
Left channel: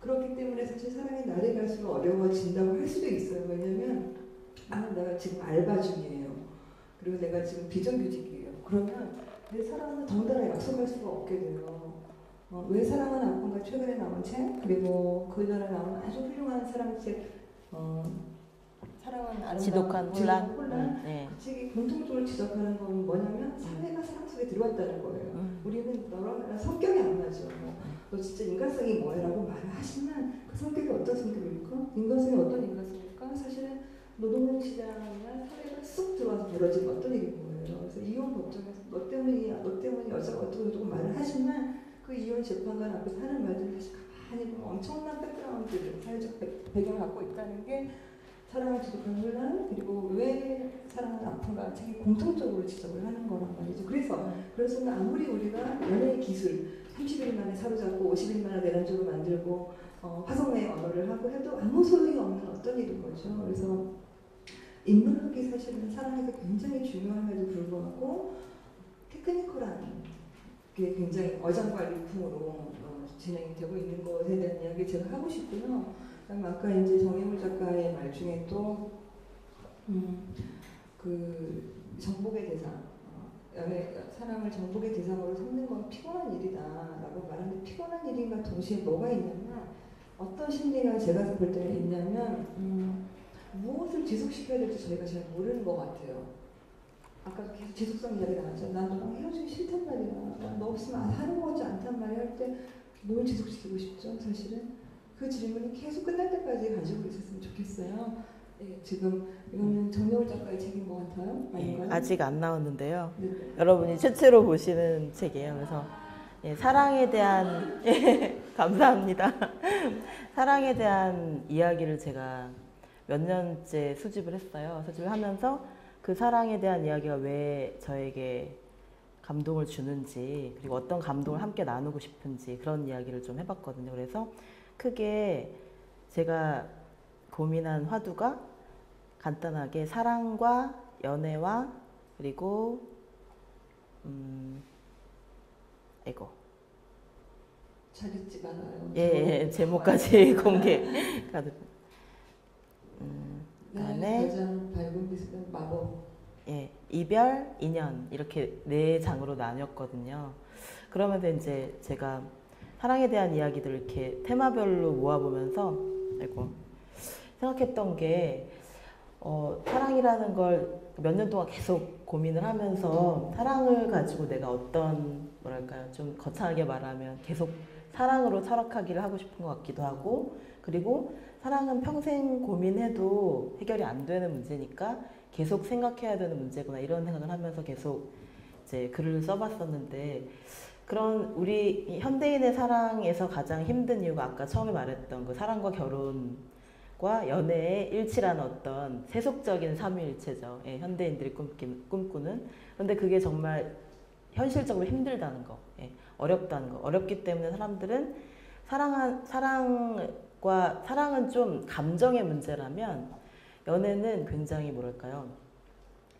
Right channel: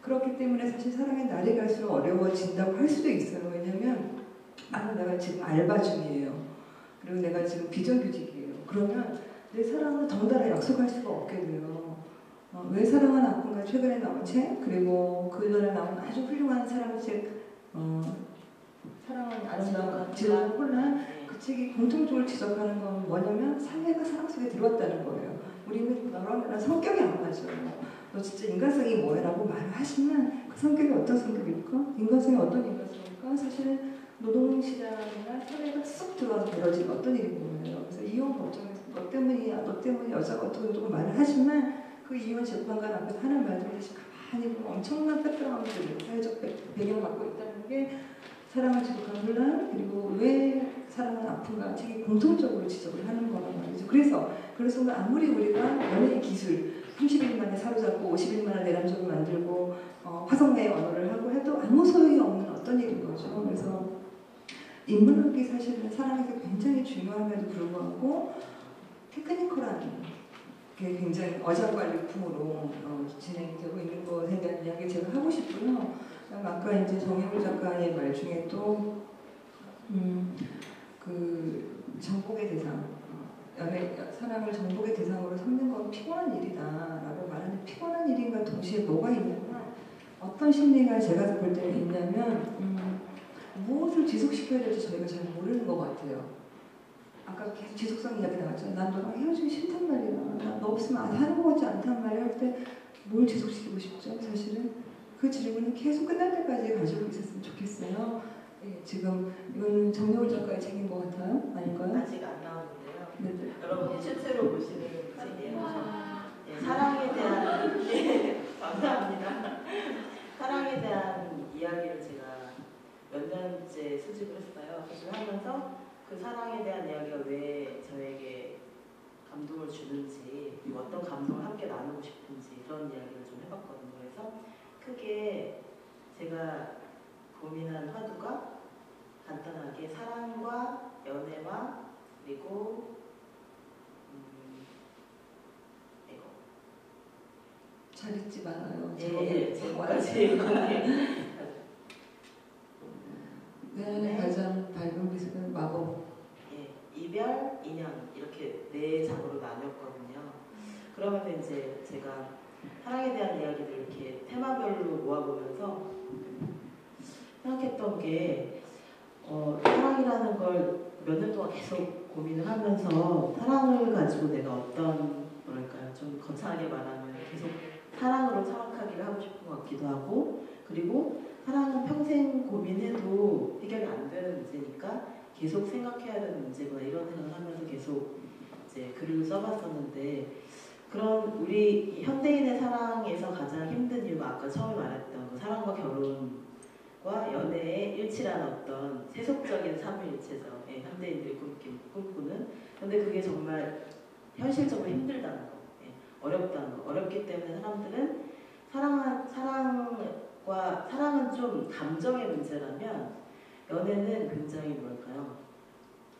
그렇기 때문에 사실 사랑이 날이 갈수록 어려워진다고 할 수도 있어요. 왜냐면 내가 지금 알바 중이에요. 그리고 내가 지금 비정규직이에요. 그러면 내 사랑은 덩달아 약속할 수가 없게 돼요. 왜 사랑은 아픈가 최근에 나온 책 그리고 그 전에 나온 아주 훌륭한 사랑책 사랑은 지독한 혼란 네. 그 책이 공통적으로 지적하는 건 뭐냐면 사회가 사랑 속에 들어왔다는 거예요. 우리는 너랑 성격이 안 맞아. 너 진짜 인간성이 뭐야? 라고 말을 하시면 그 성격이 어떤 성격일까? 인간성이 어떤 인간성일까? 사실은 노동시장이나 사회가 쑥 들어와서 벌어진 어떤 일인 거예요. 그래서 이혼 법정에서 너 때문이야, 너 때문에 여자가 어떻게 조금 말을 하지만 그 이혼 재판관 앞에서 하는 말들이 다시 가만히 엄청난 백그라운드를 사회적 배경을 갖고 있다는 게 사랑을 지속하는 혼란 그리고 왜 사랑은 아픈가 책이 공통적으로 지적을 하는 거란 말이죠. 그래서 아무리 우리가 연예의 기술 30일 만에 사로잡고 50일 만에 내란적을 만들고 화성의 언어를 하고 해도 아무 소용이 없는 어떤 일인 거죠. 그래서 인문학이 사실은 사랑에게 굉장히 중요함에도 불구하고 테크니컬한 그게 굉장히 어장관리품으로 진행되고 있는 것에 대한 이야기 제가 하고 싶고요. 아까 이제 정혜물 작가의 말 중에 또 그 정복의 대상, 사람을 정복의 대상으로 삼는 건 피곤한 일이다라고 말하는데 피곤한 일인가 동시에 뭐가 있냐면 어떤 심리가 제가 볼 때는 있냐면 무엇을 지속시켜야 될지 저희가 잘 모르는 것 같아요. 아까 지속성 이야기 나왔잖아요. 난 너랑 헤어지기 싫단 말이야. 난 너 없으면 안 하는 거지 않단 말이야. 할 때 뭘 지속시키고 싶죠? 사실은 그 질문은 계속 끝날 때까지 가지고 있었으면 좋겠어요. 네, 지금 이거는 정여울 작가의 책인 것 같아요. 아닌가요? 아직 안 나오는데요. 네. 여러분이 최초로 보시는 책이에요. 그래서 사랑에 대한 감사합니다. 사랑에 대한 이야기를 제가 몇 년째 수집을 했어요. 수집을 하면서 그 사랑에 대한 이야기가 왜 저에게 감동을 주는지 그리고 어떤 감동을 함께 나누고 싶은지 그런 이야기를 좀 해봤거든요. 그래서 크게 제가 고민한 화두가 간단하게 사랑과 연애와 그리고 이거 잘 읽지 않아요. 예, 제목까지 공개. 네, 가장 밝은 빛은 마법. 예, 이별, 인연 이렇게 네 장으로 나뉘었거든요. 그러면서 이제 제가 사랑에 대한 이야기들을 이렇게 테마별로 모아보면서 생각했던 게 사랑이라는 걸 몇 년 동안 계속 고민을 하면서 사랑을 가지고 내가 어떤 뭐랄까요 좀 거창하게 말하면 계속 사랑으로 철학하기를 하고 싶은 것 같기도 하고 그리고 사랑은 평생 고민해도 해결이 안 되는 문제니까 계속 생각해야 되는 문제구나 이런 생각을 하면서 계속 이제 글을 써봤었는데 그런 우리 현대인의 사랑에서 가장 힘든 이유가 아까 처음에 말했던 그 사랑과 결혼과 연애의 일치라는 어떤 세속적인 삼위일체죠. 예, 현대인들이 꿈꾸는. 그런데 그게 정말 현실적으로 힘들다는 거, 예, 어렵다는 거. 어렵기 때문에 사람들은 사랑은 좀 감정의 문제라면 연애는 굉장히 뭐랄까요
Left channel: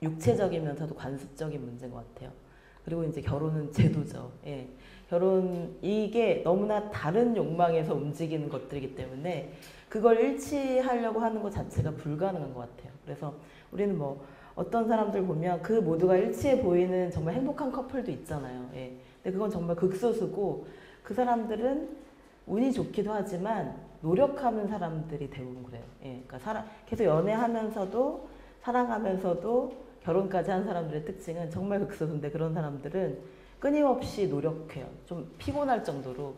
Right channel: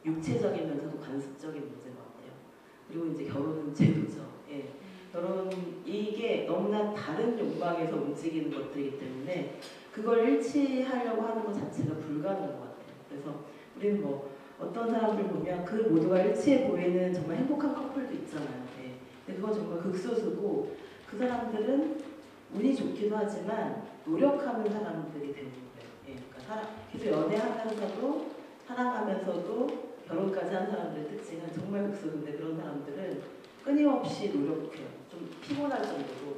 육체적이면서도 관습적인 문제인 것 같아요. 그리고 이제 결혼은 제도죠. 예. 결혼 이게 너무나 다른 욕망에서 움직이는 것들이기 때문에 그걸 일치하려고 하는 것 자체가 불가능한 것 같아요. 그래서 우리는 뭐 어떤 사람들 보면 그 모두가 일치해 보이는 정말 행복한 커플도 있잖아요. 예. 근데 그건 정말 극소수고 그 사람들은 운이 좋기도 하지만 노력하는 사람들이 대부분 그래요. 예. 그러니까 계속 연애하면서도 사랑하면서도 결혼까지 한 사람들의 특징은 정말 극소수인데 그런 사람들은 끊임없이 노력해요. 좀 피곤할 정도로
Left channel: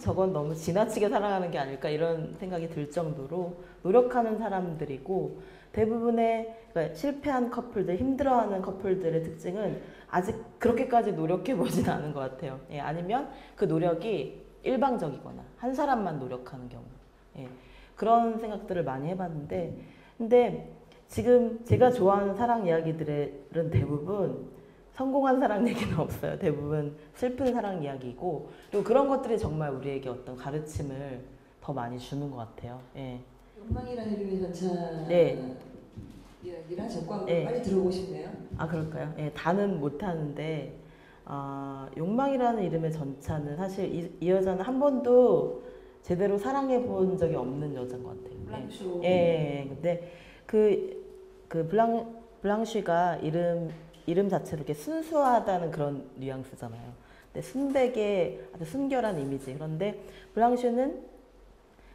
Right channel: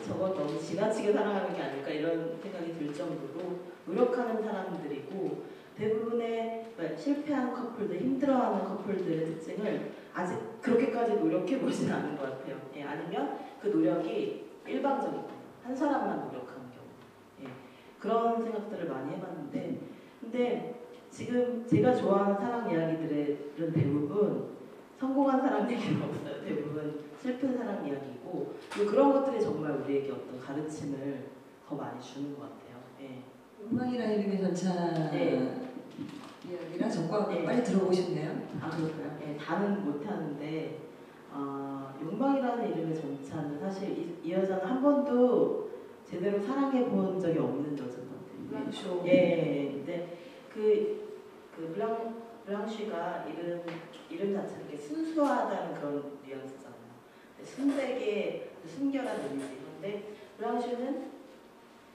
저건 너무 지나치게 사랑하는 게 아닐까 이런 생각이 들 정도로 노력하는 사람들이고 대부분의 그러니까 실패한 커플들, 힘들어하는 커플들의 특징을 아직 그렇게까지 노력해보진 않은 것 같아요. 예, 아니면 그 노력이 일방적이거나 한 사람만 노력하는 경우 예, 그런 생각들을 많이 해봤는데 근데 지금 제가 좋아하는 사랑 이야기들은 대부분 성공한 사랑 얘기는 없어요. 대부분 슬픈 사랑 이야기고 그리고 그런 것들이 정말 우리에게 어떤 가르침을 더 많이 주는 것 같아요. 예. 욕망이라는 이름의 전차 네. 이야기랑 저과 네. 빨리 들어보고 싶네요. 아 그럴까요? 예, 다는 못하는데 욕망이라는 이름의 전차는 사실 이 여자는 한 번도 제대로 사랑해 본 적이 없는 여자인 것 같아요. 블랑쇼. 예. 근데 그 블랑쉬가 이름 자체도 이렇게 순수하다는 그런 뉘앙스잖아요. 근데 순백의 아주 순결한 이미지. 그런데 블랑쉬는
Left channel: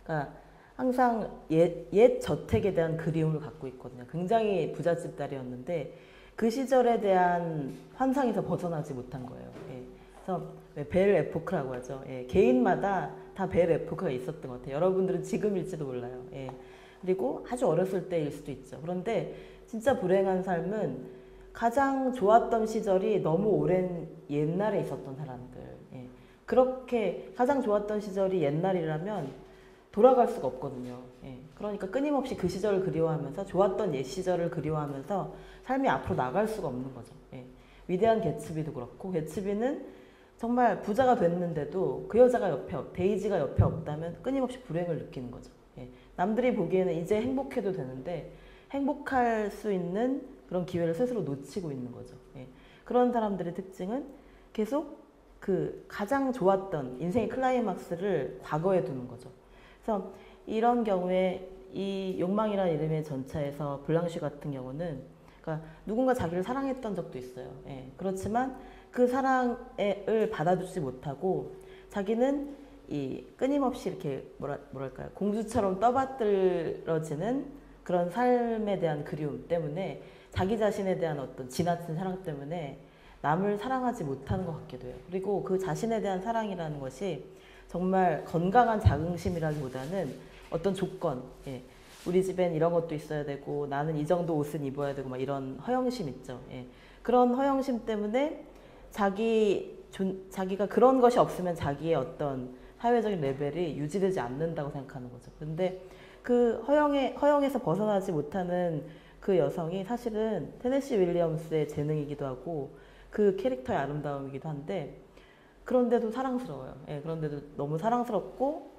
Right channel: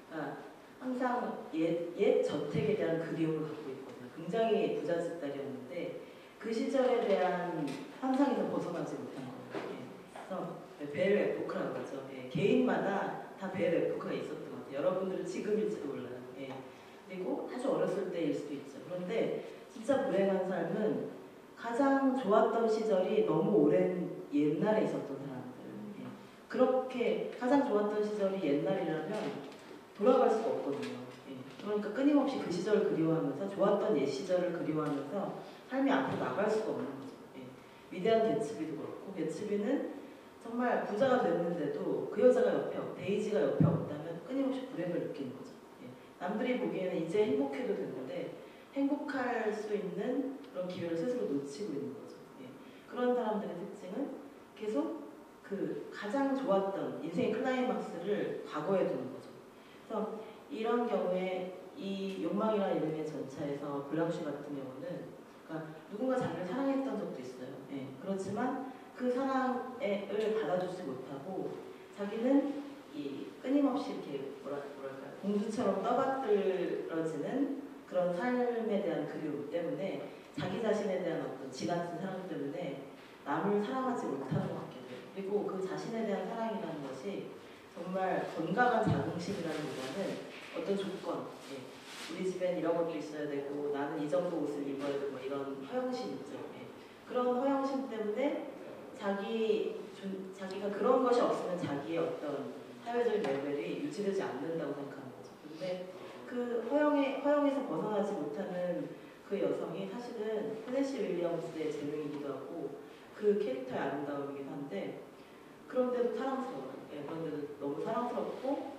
그러니까 항상 옛 저택에 대한 그리움을 갖고 있거든요. 굉장히 부잣집 딸이었는데 그 시절에 대한 환상에서 벗어나지 못한 거예요. 예. 그래서 벨 에포크라고 하죠. 예. 개인마다 다 벨 에포크가 있었던 것 같아요. 여러분들은 지금일지도 몰라요. 예. 그리고 아주 어렸을 때일 수도 있죠. 그런데 진짜 불행한 삶은 가장 좋았던 시절이 너무 오랜 옛날에 있었던 사람들. 예. 그렇게 가장 좋았던 시절이 옛날이라면 돌아갈 수가 없거든요. 예. 그러니까 끊임없이 그 시절을 그리워하면서 좋았던 옛 시절을 그리워하면서 삶이 앞으로 나갈 수가 없는 거죠. 예. 위대한 개츠비도 그렇고 개츠비는 정말 부자가 됐는데도 그 여자가 데이지가 옆에 없다면 끊임없이 불행을 느끼는 거죠. 예. 남들이 보기에는 이제 행복해도 되는데 행복할 수 있는 그런 기회를 스스로 놓치고 있는 거죠. 예. 그런 사람들의 특징은 계속 그 가장 좋았던 인생의 클라이막스를 과거에 두는 거죠. 그래서 이런 경우에 이 욕망이라는 이름의 전차에서 블랑쉬 같은 경우는 그러니까 누군가 자기를 사랑했던 적도 있어요. 예. 그렇지만 그 사랑을 받아주지 못하고 자기는 이 끊임없이 이렇게 뭐랄까요 공주처럼 떠받들어지는 그런 삶에 대한 그리움 때문에 자기 자신에 대한 어떤 지나친 사랑 때문에 남을 사랑하지 못하는 것 같기도 해요. 그리고 그 자신에 대한 사랑이라는 것이 정말 건강한 자긍심이라기보다는 어떤 조건, 예. 우리 집엔 이런 것도 있어야 되고 나는 이 정도 옷은 입어야 되고 막 이런 허영심 있죠. 예. 그런 허영심 때문에 자기가 그런 것이 없으면 자기의 어떤 사회적인 레벨이 유지되지 않는다고 생각하는 거죠. 근데 그 허영에서 벗어나지 못하는 그 여성이 사실은 테네시 윌리엄스의 재능이기도 하고 그 캐릭터의 아름다움이기도 한데 그런데도 사랑스러워요. 예, 그런데도 너무 사랑스럽고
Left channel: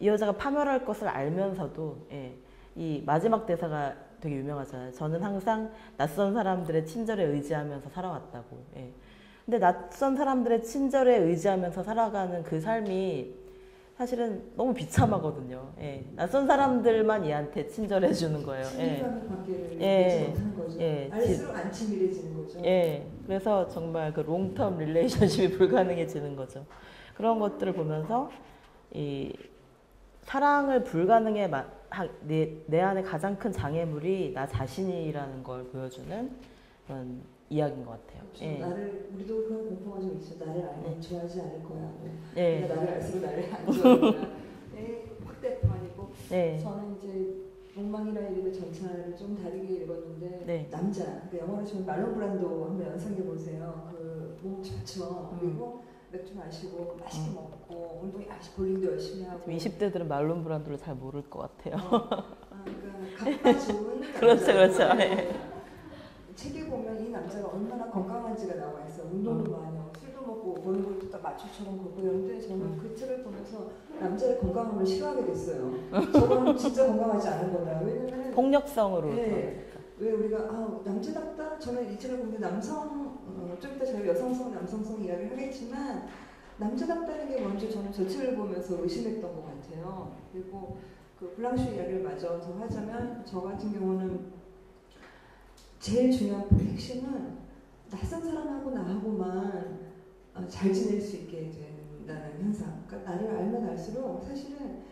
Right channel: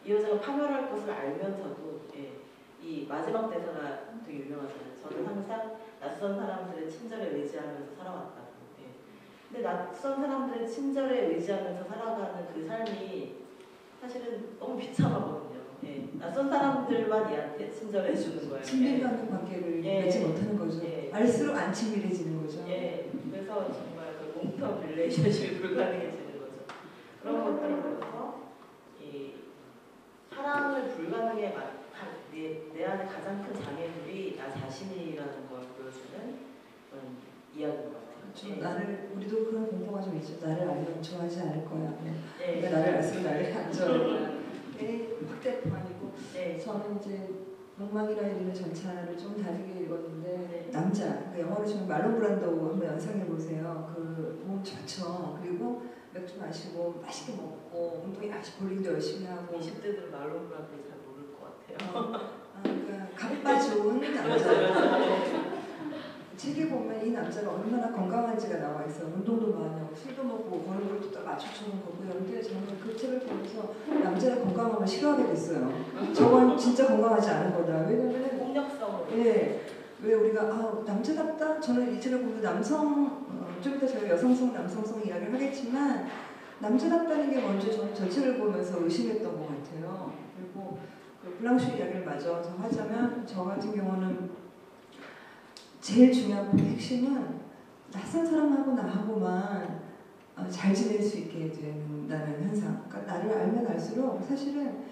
이 여자가 파멸할 것을 알면서도 예, 이 마지막 대사가 되게 유명하잖아요. 저는 항상 낯선 사람들의 친절에 의지하면서 살아왔다고. 예. 근데 낯선 사람들의 친절에 의지하면서 살아가는 그 삶이 사실은 너무 비참하거든요. 예. 낯선 사람들만 얘한테 친절해 주는 거예요. 친밀한 관계를 예. 맺지 못하는 거죠. 예. 알수록 안 친밀해지는 거죠. 예. 그래서 정말 그 롱텀 릴레이션십이 불가능해지는 거죠. 그런 것들을 보면서 이 사랑을 불가능해 내 안에 가장 큰 장애물이 나 자신이라는 걸 보여주는 그런 이야기인 것 같아요. 그렇죠. 예. 우리도 그런 공포가 좀 있죠. 나를 알면 좋아하지 않을 거야. 예. 내가 나를 알수록 나를 안 좋아할 거야. 확대뿐만이고 네. 저는 이제 욕망이라 이르는 전차를 좀 다르게 읽었는데 네. 남자, 그 영화로 치면 말론 브란도 한번 연상해 보세요. 그 몸 좋죠. 그리고 맥주 마시고 맛있게 먹고 운동 볼링도 열심히 하고 20대들은 말론 브란도를 잘 모를 것 같아요. 그러니까 값과 좋은 그렇죠, 그렇죠. 책에 보면 이 남자가 얼마나 건강한지가 나와 있어. 운동도 많이 하고 술도 먹고 버는 것도 다 맞춰주는 거고요. 근데 저는 그 책을 보면서 남자의 건강함을 싫어하게 됐어요. 저건 진짜 건강하지 않은 거다. 왜냐면 폭력성으로. 예. 왜 우리가 남자답다? 저는 이 책을 보면 좀 이따 제가 여성성, 남성성 이야기를 하겠지만 남자답다는 게 먼저 저는 저 책을 보면서 의심했던 것 같아요. 그리고 그 블랑슈 이야기를 마저 하자면 저 같은 경우는 제일 중요한 핵심은 낯선 사람하고 나하고만 잘 지낼 수 있게 된다는 현상. 그러니까 나를 알면 알수록 사실은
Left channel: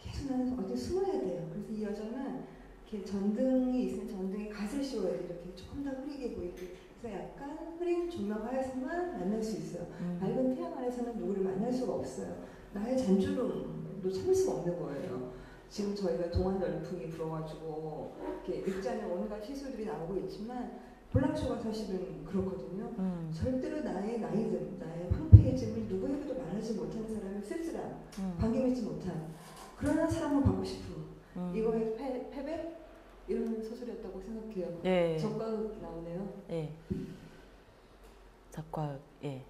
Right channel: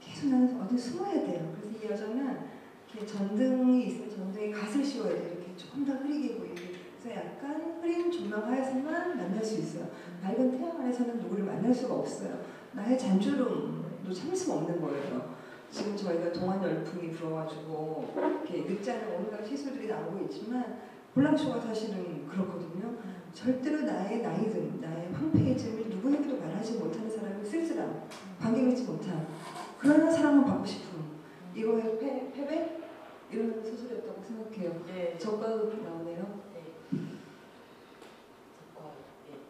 계속 나는 어디 숨어야 돼요. 그래서 이 여자는 이렇게 전등이 있으면 전등에 갓을 씌워야 돼. 이렇게 조금 더 흐리게 보이게. 그래서 약간 흐린 조명 하에서만 만날 수 있어요. 맑은 태양 아래서는 누구를 만날 수가 없어요. 나의 잔주름도 참을 수가 없는 거예요. 지금 저희가 동안 열풍이 불어가지고 이렇게 읽자는 온갖 시술들이 나오고 있지만 볼랑쇼가 사실은 그렇거든요. 절대로 나의 나이즘, 나의 황폐해짐을 누구에게도 말하지 못하는 사람이 쓸쓸함, 반겨있지 못한 그런 사랑을 받고 싶은 이거의 패배? 이런 소설이었다고 생각해요. 예. 적가극이 나오네요. 예. 작가, 예.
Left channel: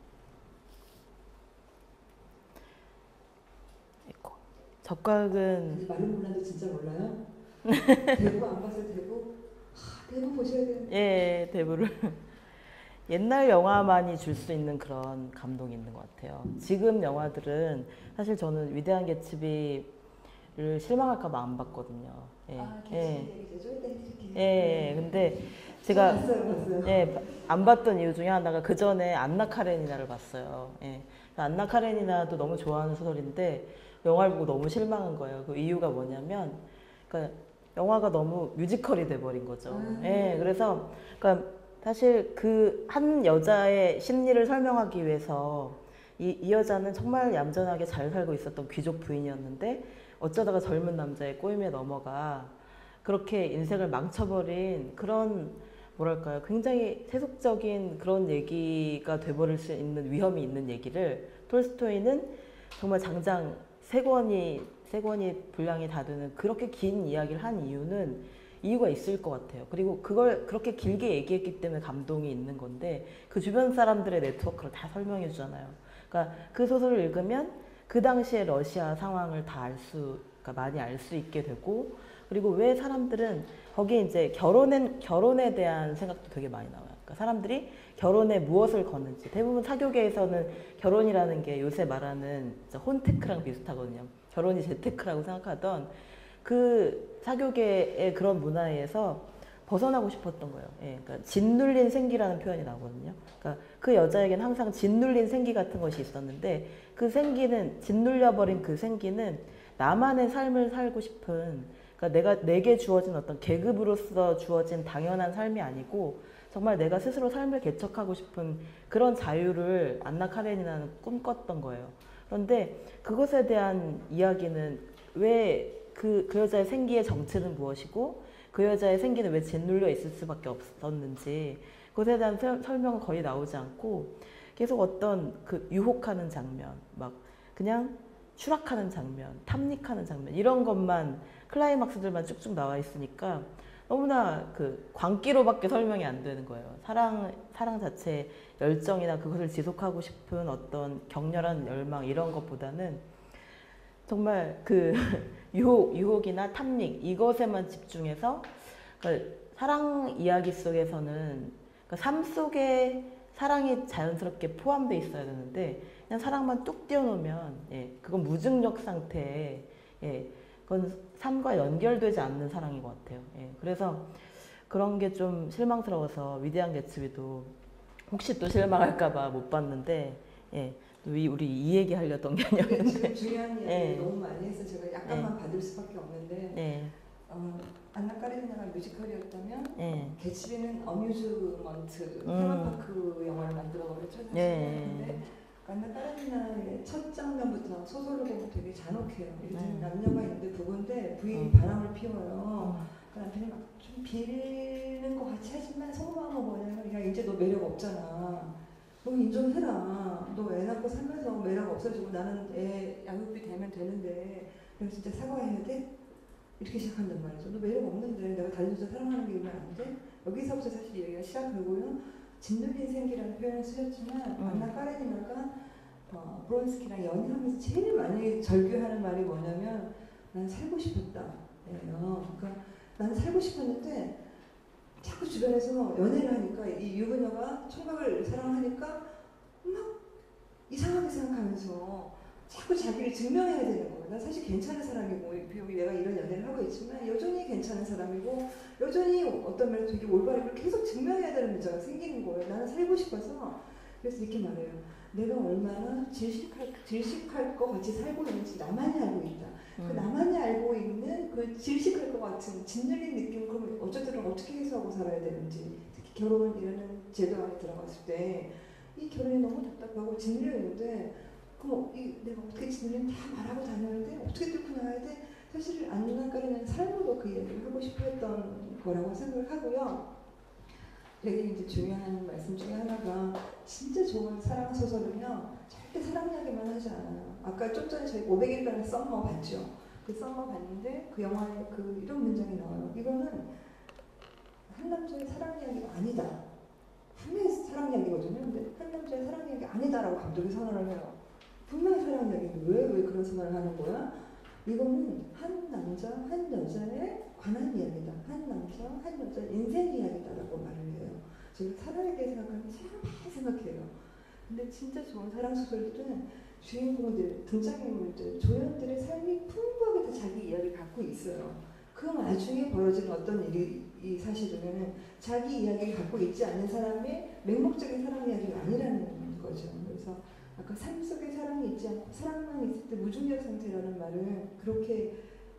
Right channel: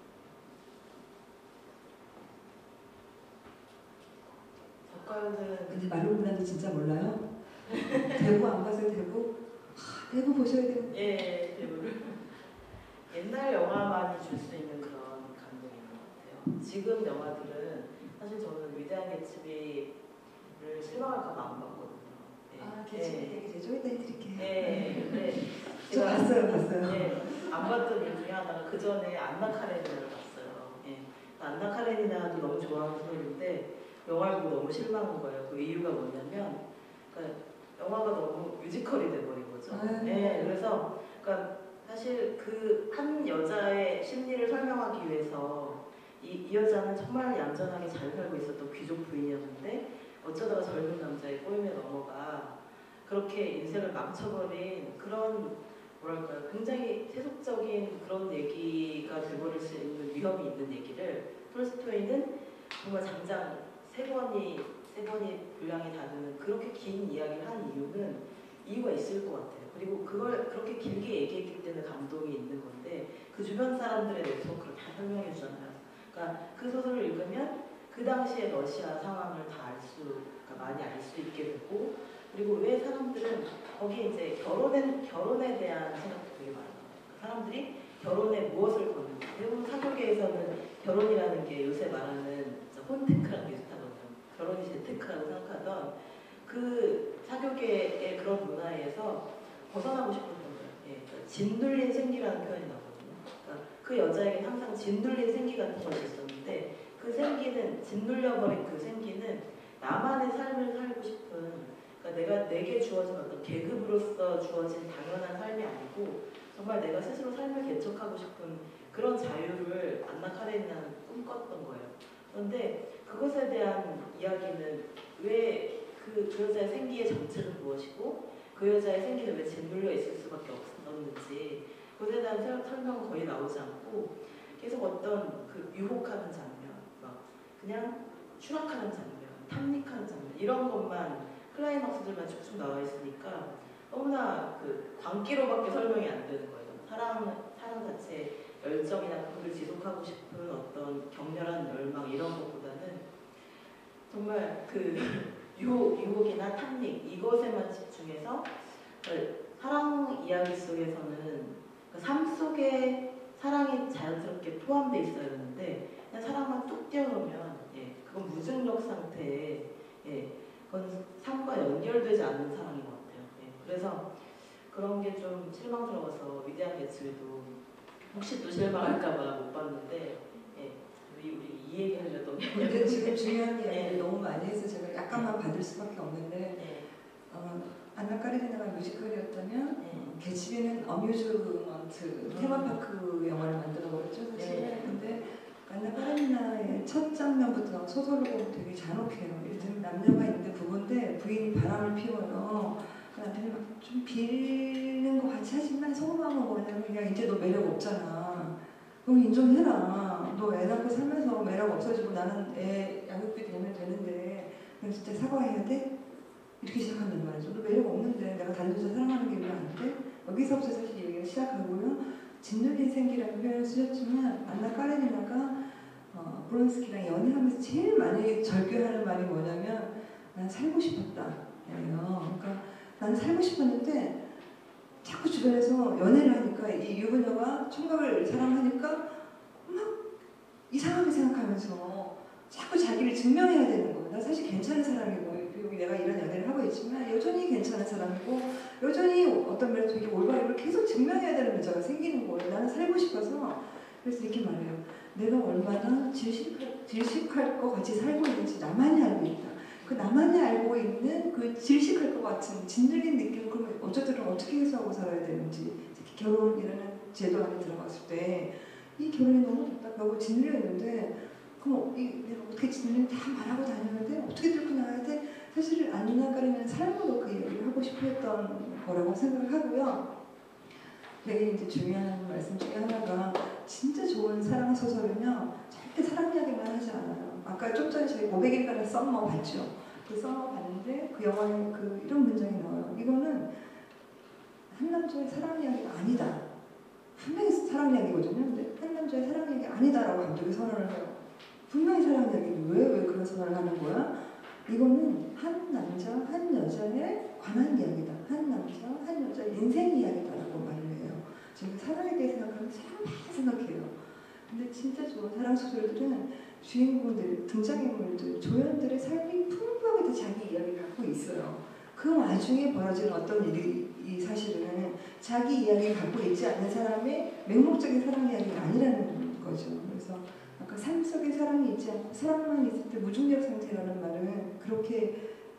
적가극은 근데 말론 브란도 진짜 몰라요? 대부 안 봤어요, 대부? 대부 보셔야 돼요. 예, 대부를 옛날 영화만이 줄 수 있는 그런 감동이 있는 것 같아요. 지금 영화들은 사실 저는 위대한 개츠비를 실망할까봐 안 봤거든요. 예. 개츠비 얘기 좀 이따 해드릴게요. 예, 근데 제가 봤어요. 예, 안 봤던 이유 중에 하나가 그 전에 안나 카레니나를 봤어요. 예. 안나 카레니나도 너무 좋아하는 소설인데 영화를 보고 너무 실망한 거예요. 그 이유가 뭐냐면, 그러니까 영화가 너무 뮤지컬이 돼버린 거죠. 예, 그래서 그러니까 사실 그 한 여자의 심리를 설명하기 위해서 이 여자는 정말 얌전하게 잘 살고 있었던 귀족 부인이었는데 어쩌다가 젊은 남자의 꼬임에 넘어가 그렇게 인생을 망쳐버린 그런 뭐랄까요 굉장히 세속적인 그런 얘기가 돼버릴 수 있는 위험이 있는 얘기를 톨스토이는 정말 장장 세 권이 분량이 다 되는 그렇게 긴 이야기를 한 이유는 이유가 있을 것 같아요. 그리고 그걸 그렇게 길게 얘기했기 때문에 감동이 있는 건데 그 주변 사람들의 네트워크를 다 설명해 주잖아요. 그러니까 그 소설을 읽으면 그 당시의 러시아 상황을 다 그러니까 많이 알 수 있게 되고 그리고 왜 사람들은 거기에 이제 결혼에 대한 생각도 되게 많이 나와요. 그러니까 사람들이 결혼에 무엇을 거는지. 대부분 사교계에서는 결혼이라는 게 요새 말하는 혼테크랑 비슷하거든요. 결혼이 재테크라고 생각하던 그 사교계의 그런 문화에서 벗어나고 싶었던 거예요. 예, 그러니까 짓눌린 생기라는 표현이 나거든요. 그러니까 그 여자에게는 항상 짓눌린 생기 같은 것이 있었는데 그 생기는 짓눌려버린 그 생기는 나만의 삶을 살고 싶은 그러니까 내게 주어진 어떤 계급으로서 주어진 당연한 삶이 아니고 정말 내가 스스로 삶을 개척하고 싶은 그런 자유를 안나 카레니나는 꿈꿨던 거예요. 그런데 그것에 대한 이야기는 왜 그 여자의 생기의 정체는 무엇이고 그 여자의 생기는 왜 짓눌려 있을 수밖에 없었는지 그것에 대한 설명은 거의 나오지 않고 계속 어떤 그 유혹하는 장면, 막 그냥 추락하는 장면, 탐닉하는 장면 이런 것만 클라이막스들만 쭉쭉 나와 있으니까 너무나 그 광기로밖에 설명이 안 되는 거예요. 사랑 자체의 열정이나 그것을 지속하고 싶은 어떤 격렬한 열망 이런 것보다는 정말 그 유혹이나 탐닉 이것에만 집중해서 그러니까 사랑 이야기 속에서는 그러니까 삶 속에 사랑이 자연스럽게 포함되어 있어야 되는데 그냥 사랑만 뚝 띄워놓으면 예, 그건 무중력 상태에 예, 그건 삶과 연결되지 않는 사랑인 것 같아요. 예, 그래서 그런 게 좀 실망스러워서 위대한 개츠비도 혹시 또 실망할까봐 못 봤는데 예, 우리 이 얘기 하려던 게 근데 아니었는데 지금 중요한 이야기를 네. 너무 많이 해서 제가 약간만 받을 수밖에 없는데 네. 안나 카레니나가 뮤지컬이었다면 네. 개츠비는 어뮤즈먼트 테마파크 영화를 만들어 버렸죠 사실. 네. 근데 안나 카레니나의 첫 장면부터 소설을 보면 되게 잔혹해요. 이를테면 남녀가 있는데 부부인데 부인이 바람을 피워요. 그 남편이 막 좀 빌는 것 같이 하지만 속마음은 뭐냐면 그냥 이제 너 매력 없잖아. 너 인정해라. 너 애 낳고 살면서 매력 없어지고 나는 애 양육비 되면 되는데 그럼 진짜 사과해야 돼? 이렇게 시작한단 말이죠. 너 매력 없는데 내가 다른 여자 사랑하는 게 왜 안 돼? 여기서부터 사실 얘기가 시작하고요. 짓눌린 생기라는 표현을 쓰셨지만 안나 카레니나가 브론스키랑 연애하면서 제일 많이 절규하는 말이 뭐냐면 난 살고 싶었다. 예요. 그러니까 난 살고 싶었는데 자꾸 주변에서 연애를 하니까 이 유부녀가 총각을 사랑하니까 막 이상하게 생각하면서 자꾸 자기를 증명해야 되는 거예요. 나 사실 괜찮은 사람이고 비록 내가 이런 연애를 하고 있지만 여전히 괜찮은 사람이고 여전히 어떤 면에서 되게 올바른 걸 계속 증명해야 되는 문제가 생기는 거예요. 나는 살고 싶어서. 그래서 이렇게 말해요. 내가 얼마나 질식할 것 같이 살고 있는지 나만이 알고 있다. 그 나만이 알고 있는 그 질식할 것 같은 짓눌린 느낌을 그럼 어떻게 해소하고 살아야 되는지 특히 결혼이라는 제도 안에 들어갔을 때 이 결혼이 너무 답답하고 짓눌려 있는데 그럼 내가 어떻게 짓눌리는지 다 말하고 다녀야 돼? 어떻게 들고 나가야 돼? 사실 안나 카레니나는 삶으로 그 얘기를 하고 싶어 했던 거라고 생각을 하고요. 되게 이제 중요한 말씀 중에 하나가 진짜 좋은 사랑 소설은요 절대 사랑 이야기만 하지 않아요. 아까 좀 전에 저희 500일간의 썸머 봤죠. 그 썸머 봤는데 그 영화에 이런 문장이 나와요. 이거는 한 남자의 사랑 이야기가 아니다. 분명히 사랑 이야기거든요. 근데 한 남자의 사랑 이야기 아니다라고 감독이 선언을 해요. 분명히 사랑 이야기인데 왜 그런 선언을 하는 거야? 이거는 한 남자, 한 여자에 관한 이야기다. 한 남자, 한 여자 인생 이야기다라고 말을 해요. 지금 사랑에 대해 생각하면 참 많이 생각해요. 근데 진짜 좋은 사랑 소설들은 주인공들, 등장인물들, 조연들의 삶이 풍부하게 다 자기 이야기를 갖고 있어요. 그 와중에 벌어진 어떤 일이 사실은 자기 이야기를 갖고 있지 않는 사람의 맹목적인 사랑 이야기가 아니라는 거죠. 그래서 아까 삶 속에 사랑이 있지 않고 사랑만 있을 때 무중력 상태라는 말은 그렇게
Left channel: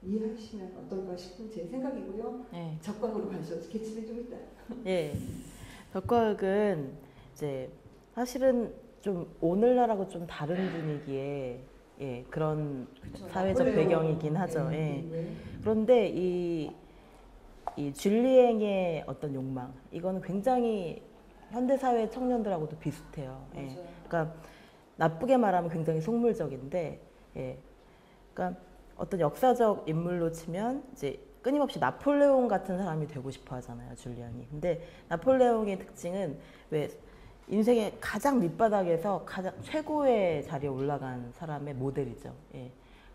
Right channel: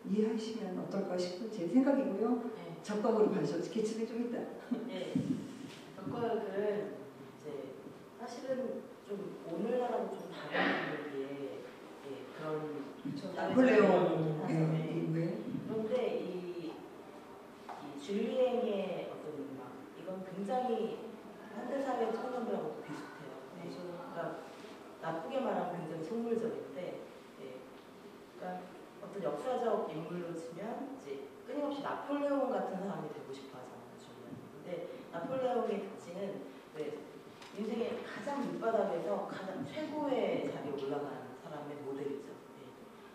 이해하시면 어떨까 싶은 제 생각이고요. 네. 적극으로 가죠. 개츠비 좀 있다. 예. 벽과극은 이제 사실은 좀 오늘날하고 좀 다른 분위기의 예, 그런 사회적 배경이긴 하죠. 예. 그런데 이 줄리앵의 어떤 욕망 이거는 굉장히 현대사회 청년들하고도 비슷해요. 예. 그러니까 나쁘게 말하면 굉장히 속물적인데 예. 그러니까 어떤 역사적 인물로 치면 이제 끊임없이 나폴레옹 같은 사람이 되고 싶어 하잖아요, 줄리안이. 근데 나폴레옹의 특징은 왜 인생의 가장 밑바닥에서 가장 최고의 자리에 올라간 사람의 모델이죠. 예.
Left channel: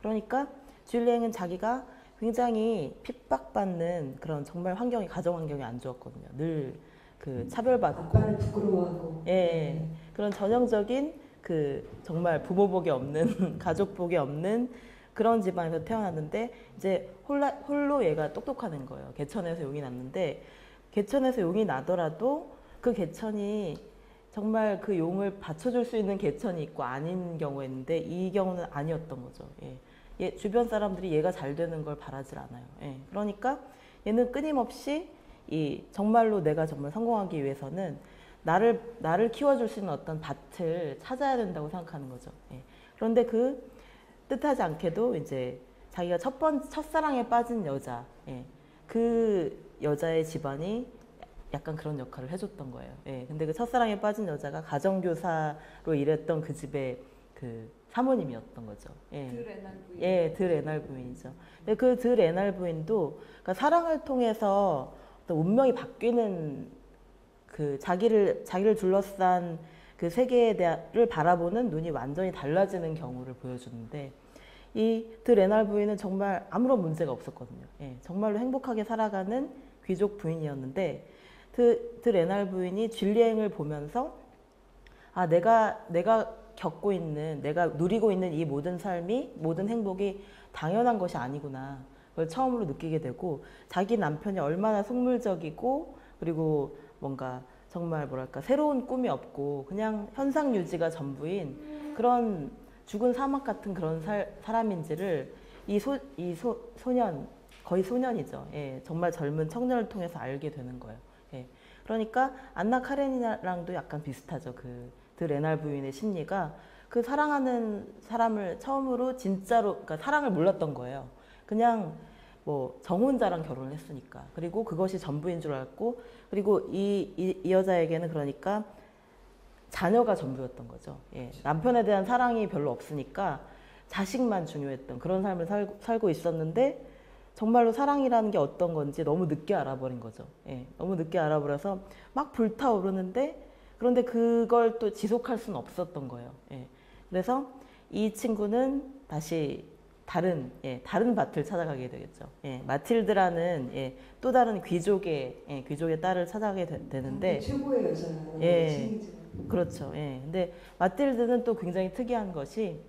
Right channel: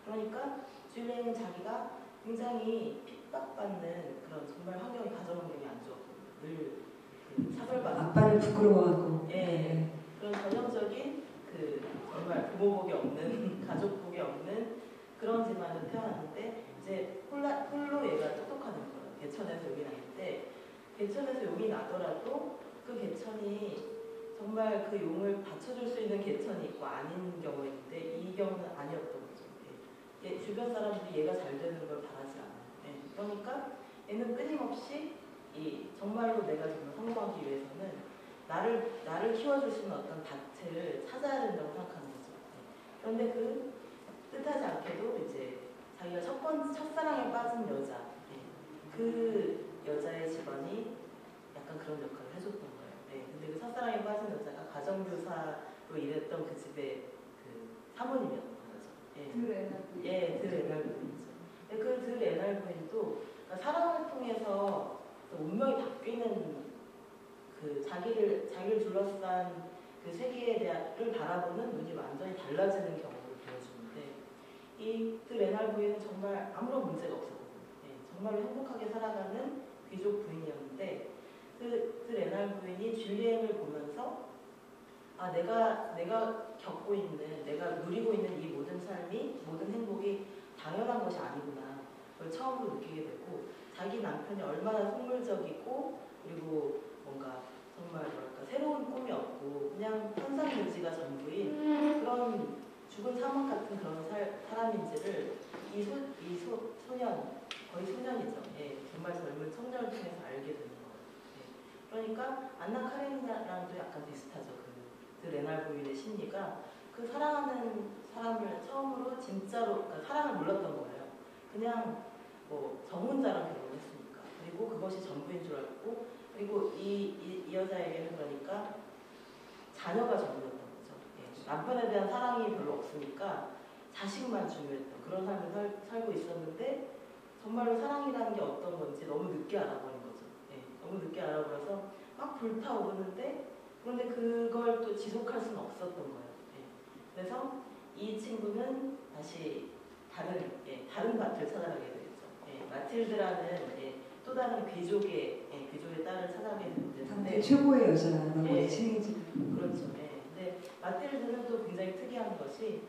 그러니까 줄리앵은 자기가 굉장히 핍박받는 그런 정말 가정 환경이 안 좋았거든요. 늘 그 차별받고 아빠를 부끄러워하고. 예, 그런 전형적인 그 정말 부모복이 없는 가족복이 없는 그런 집안에서 태어났는데 이제 홀로 얘가 똑똑하는 거예요. 개천에서 용이 났는데 개천에서 용이 나더라도 그 개천이 정말 그 용을 받쳐줄 수 있는 개천이 있고 아닌 경우가 있는데 이 경우는 아니었던 거죠. 예. 주변 사람들이 얘가 잘 되는 걸 바라질 않아요. 예. 그러니까 얘는 끊임없이 이 정말로 내가 정말 성공하기 위해서는 나를 키워줄 수 있는 어떤 밭을 찾아야 된다고 생각하는 거죠. 예. 그런데 그 뜻하지 않게도 이제 자기가 첫사랑에 빠진 여자, 예. 그 여자의 집안이 약간 그런 역할을 해줬던 거예요. 예. 근데 그 첫사랑에 빠진 여자가 가정교사로 일했던 그 집의 그 사모님이었던 거죠. 예. 예, 들 에날 부인이죠. 근데 그 들 에날 부인도 그러니까 사랑을 통해서 또 운명이 바뀌는 그 자기를 둘러싼 그 세계를 바라보는 눈이 완전히 달라지는 경우를 보여주는데 이 드 레날 부인은 정말 아무런 문제가 없었거든요. 예, 정말로 행복하게 살아가는 귀족 부인이었는데 드 레날 부인이 줄리앵을 보면서 아 내가 겪고 있는 내가 누리고 있는 이 모든 삶이 모든 행복이 당연한 것이 아니구나 그걸 처음으로 느끼게 되고 자기 남편이 얼마나 속물적이고 그리고 뭔가 정말 뭐랄까 새로운 꿈이 없고 그냥 현상 유지가 전부인 그런 죽은 사막 같은 그런 사람인지를 이 소년 거의 소년이죠. 예, 정말 젊은 청년을 통해서 알게 되는 거예요. 예, 그러니까 안나 카레니나랑도 약간 비슷하죠. 그 레날 부인의 심리가 그 사랑하는 사람을 처음으로 진짜로 그러니까 사랑을 몰랐던 거예요. 그냥 뭐 정혼자랑 결혼을 했으니까 그리고 그것이 전부인 줄 알고 그리고 이 여자에게는 그러니까 자녀가 전부였던 거죠. 예, 남편에 대한 사랑이 별로 없으니까 자식만 중요했던 그런 삶을 살고 있었는데 정말로 사랑이라는 게 어떤 건지 너무 늦게 알아버린 거죠. 예, 너무 늦게 알아버려서 막 불타오르는데 그런데 그걸 또 지속할 수는 없었던 거예요. 예, 그래서 이 친구는 다시 다른 밭을 찾아가게 되겠죠. 예, 마틸드라는 또 다른 귀족의 딸을 찾아가게 되는데 최고의 여자라고 예, 칭해지는. 그렇죠. 예, 근데 마틸드는 또 굉장히 특이한 것이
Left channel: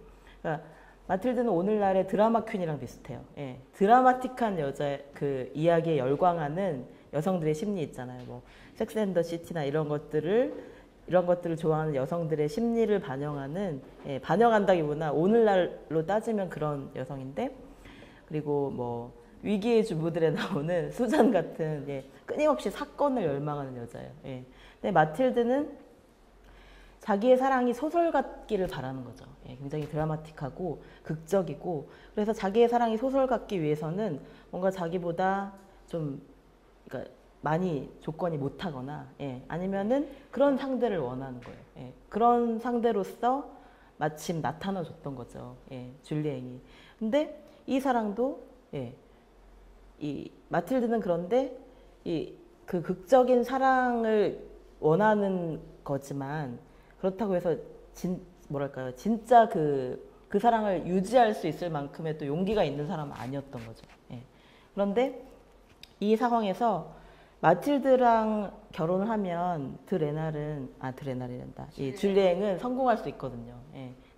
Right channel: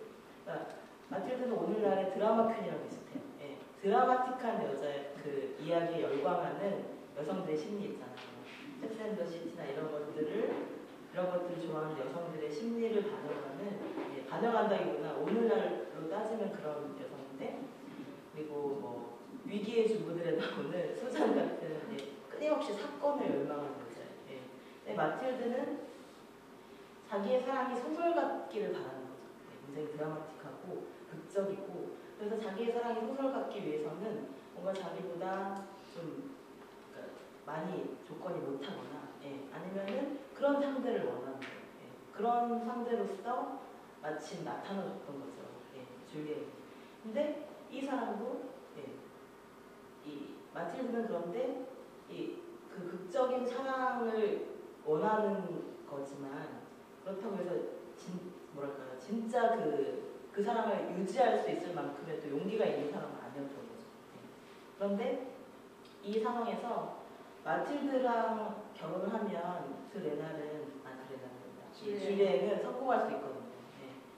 그러니까 마틸드는 오늘날의 드라마 퀸이랑 비슷해요. 예, 드라마틱한 여자 그 이야기에 열광하는 여성들의 심리 있잖아요. 뭐 섹스 앤 더 시티나 이런 것들을 좋아하는 여성들의 심리를 반영한다기보다 오늘날로 따지면 그런 여성인데 그리고 뭐 위기의 주부들에 나오는 수잔 같은 끊임없이 사건을 열망하는 여자예요. 예. 근데 마틸드는 자기의 사랑이 소설 같기를 바라는 거죠. 예. 굉장히 드라마틱하고 극적이고 그래서 자기의 사랑이 소설 같기 위해서는 뭔가 자기보다 좀 그러니까 많이 조건이 못하거나 아니면은 그런 상대를 원하는 거예요. 예. 그런 상대로서 마침 나타나줬던 거죠. 줄리앵이. 근데 이 사랑도 이 마틸드는 그런데 그 극적인 사랑을 원하는 거지만 그렇다고 해서 진짜 그 사랑을 유지할 수 있을 만큼의 또 용기가 있는 사람은 아니었던 거죠. 그런데 이 상황에서 마틸드랑 결혼을 하면 드레날이란다. 이 줄리앵은 성공할 수 있거든요.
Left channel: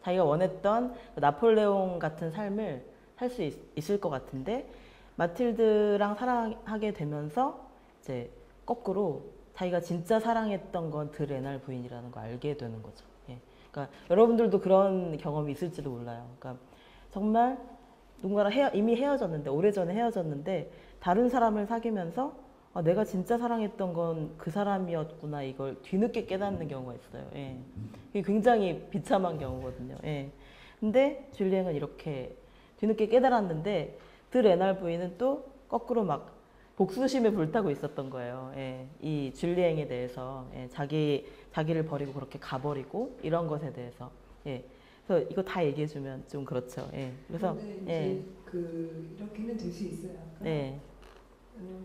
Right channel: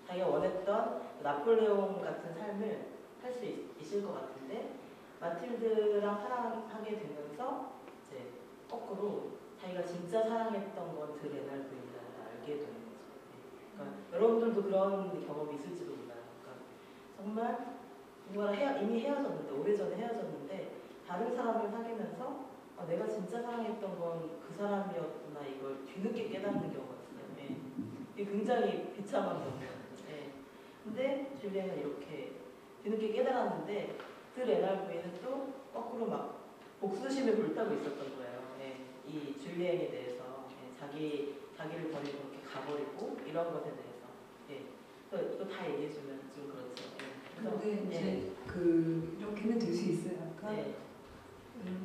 자기가 원했던 나폴레옹 같은 삶을 살 수 있을 것 같은데 마틸드랑 사랑하게 되면서 이제 거꾸로 자기가 진짜 사랑했던 건 드레날 부인이라는 걸 알게 되는 거죠. 그러니까 여러분들도 그런 경험이 있을지도 몰라요. 그러니까 정말 누군가랑 이미 헤어졌는데 오래전에 헤어졌는데 다른 사람을 사귀면서 내가 진짜 사랑했던 건 그 사람이었구나 이걸 뒤늦게 깨닫는 경우가 있어요. 이게 굉장히 비참한 경우거든요. 근데 줄리앵은 이렇게 뒤늦게 깨달았는데 드레날 부인은 또 거꾸로 막 복수심에 불타고 있었던 거예요. 이 줄리앵에 대해서 자기를 버리고 그렇게 가버리고 이런 것에 대해서. 그래서 이거 다 얘기해주면 좀 그렇죠. 그래서 이제 이렇게는 될 수 있어요. 그러니까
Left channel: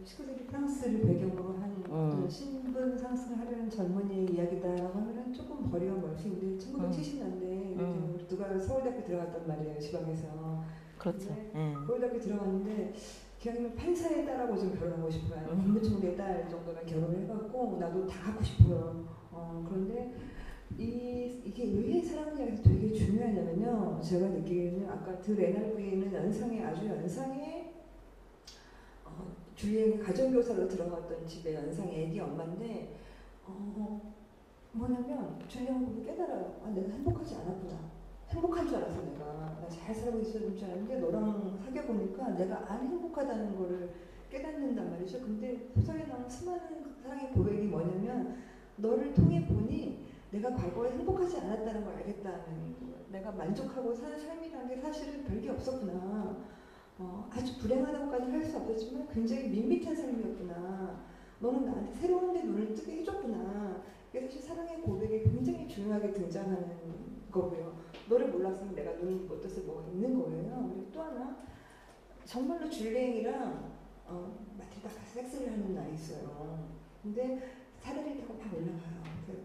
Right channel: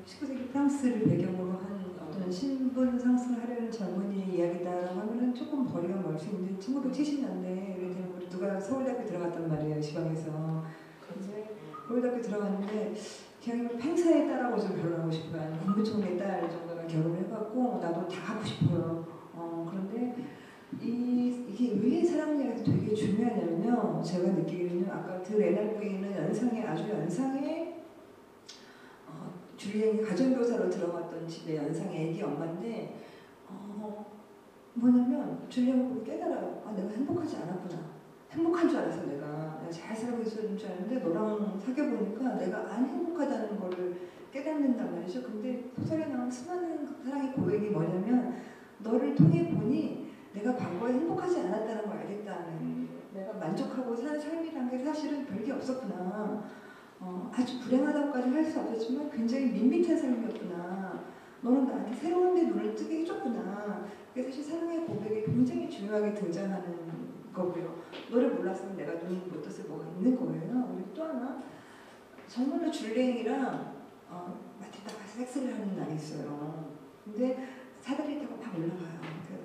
19세기 프랑스를 배경으로 한 어떤 신분 상승을 하려는 젊은이 이야기다라고 하면은 조금 거리가 멀 수 있는데 1970년대 누가 서울대학교 들어갔단 말이에요. 지방에서. 그렇죠. 서울대학교 들어갔는데 기왕이면 판사의 딸하고 좀 결혼하고 싶어요. 아니면 국무총리 딸 정도만 결혼해갖고 나도 다 갖고 싶어요. 그런데 이게 왜 사랑이라서 되게 중요하냐면요. 제가 느끼기에는 아까 드 레날부에 있는 연상의 아주 연상의 주위에 가정교사로 들어갔던 집에 연상의 애기 엄마인데 뭐냐면 주위에 보고 깨달아요. 아, 내가 행복하지 않았구나. 행복한 줄 알았어 내가 잘 살고 있었는 줄 알았는데 너랑 사귀어보니까 내가 안 행복하다는 거를 깨닫는단 말이죠. 근데 소설에 나온 수많은 사랑의 고백이 뭐냐면 너를 통해 보니 내가 과거에 행복하지 않았다는 걸 알겠다는 내가 만족하고 사는 삶이란 게 사실은 별게 없었구나. 아주 불행하다고까지 할 수 없었지만 굉장히 밋밋한 삶이었구나. 너는 나한테 새로운 데 눈을 뜨게 해줬구나. 그래서 사실 사랑의 고백이 굉장히 중요하게 등장하는 거고요. 너를 몰랐으면 내가 눈 못 떴을 뭐가 있는 거예요. 그리고 또 하나 정말로 줄리앵이랑 마틸다가 섹스를 하는 날이 있어요. 근데 사다리 타고 막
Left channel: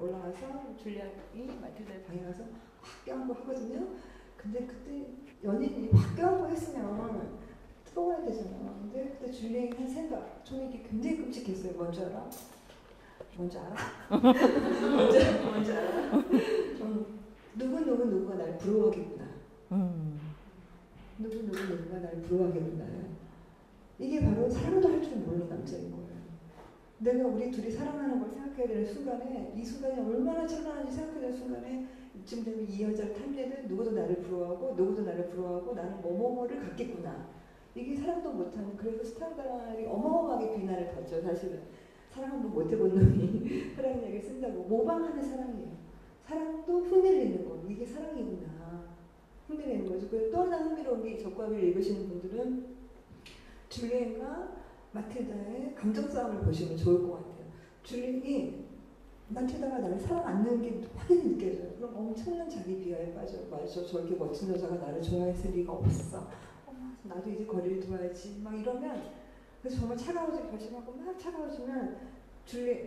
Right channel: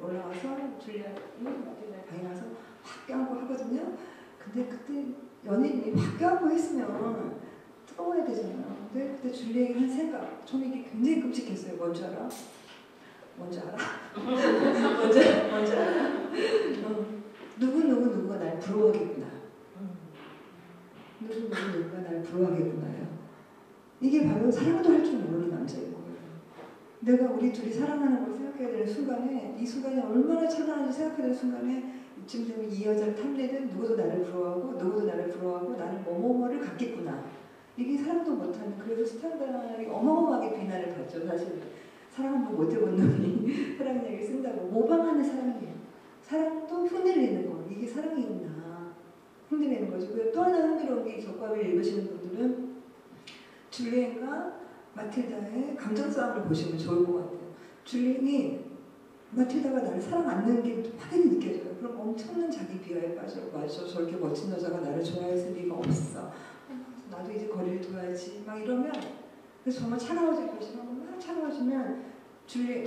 올라가서 줄리앵이 마틸다의 방에 가서 확 껴안고 하거든요. 근데 그때 연인이 확 껴안고 했으면 뜨거워야 되잖아요. 근데 그때 줄리앵이 한 생각, 저는 이게 굉장히 끔찍했어요. 뭔지 알아? 뭔지 알아? 뭔지 알아? 누구가 날 부러워하겠구나. 누구가 날 부러워하겠구나요. 이게 바로 사랑도 할 줄 모르는 남자인 거예요. 내가 우리 둘이 사랑하는 걸 생각해야 되는 순간에 이 순간이 얼마나 찬란한지 생각해야 되는 순간에 지금 이 여자를 탐내든 누구도 나를 부러워하고 나는 뭐뭐뭐를 갖겠구나. 이게 사랑도 못하는 그래서 스탄다라는 어마어마하게 비난을 받죠. 사실은 사랑도 못 해본 놈이 사랑 얘기를 쓴다고 모방하는 사랑이에요. 사랑도 흉내내는 거 이게 사랑이구나. 흉내내는 거죠. 그리고 또 하나 흥미로운 게 적과를 읽으시는 분들은 줄리앵과 마틸다의 감정 싸움을 보시면 좋을 것 같아요. 줄리앵이 마틸다가 나를 사랑 않는 게 확연히 느껴져요. 그럼 엄청난 자기 비하에 빠져 저렇게 멋진 여자가 나를 좋아했을 리가 없어. 나도 이제 거리를 둬야지 막 이러면 그래서 정말 차가워지고 결심하고 막 차가워지면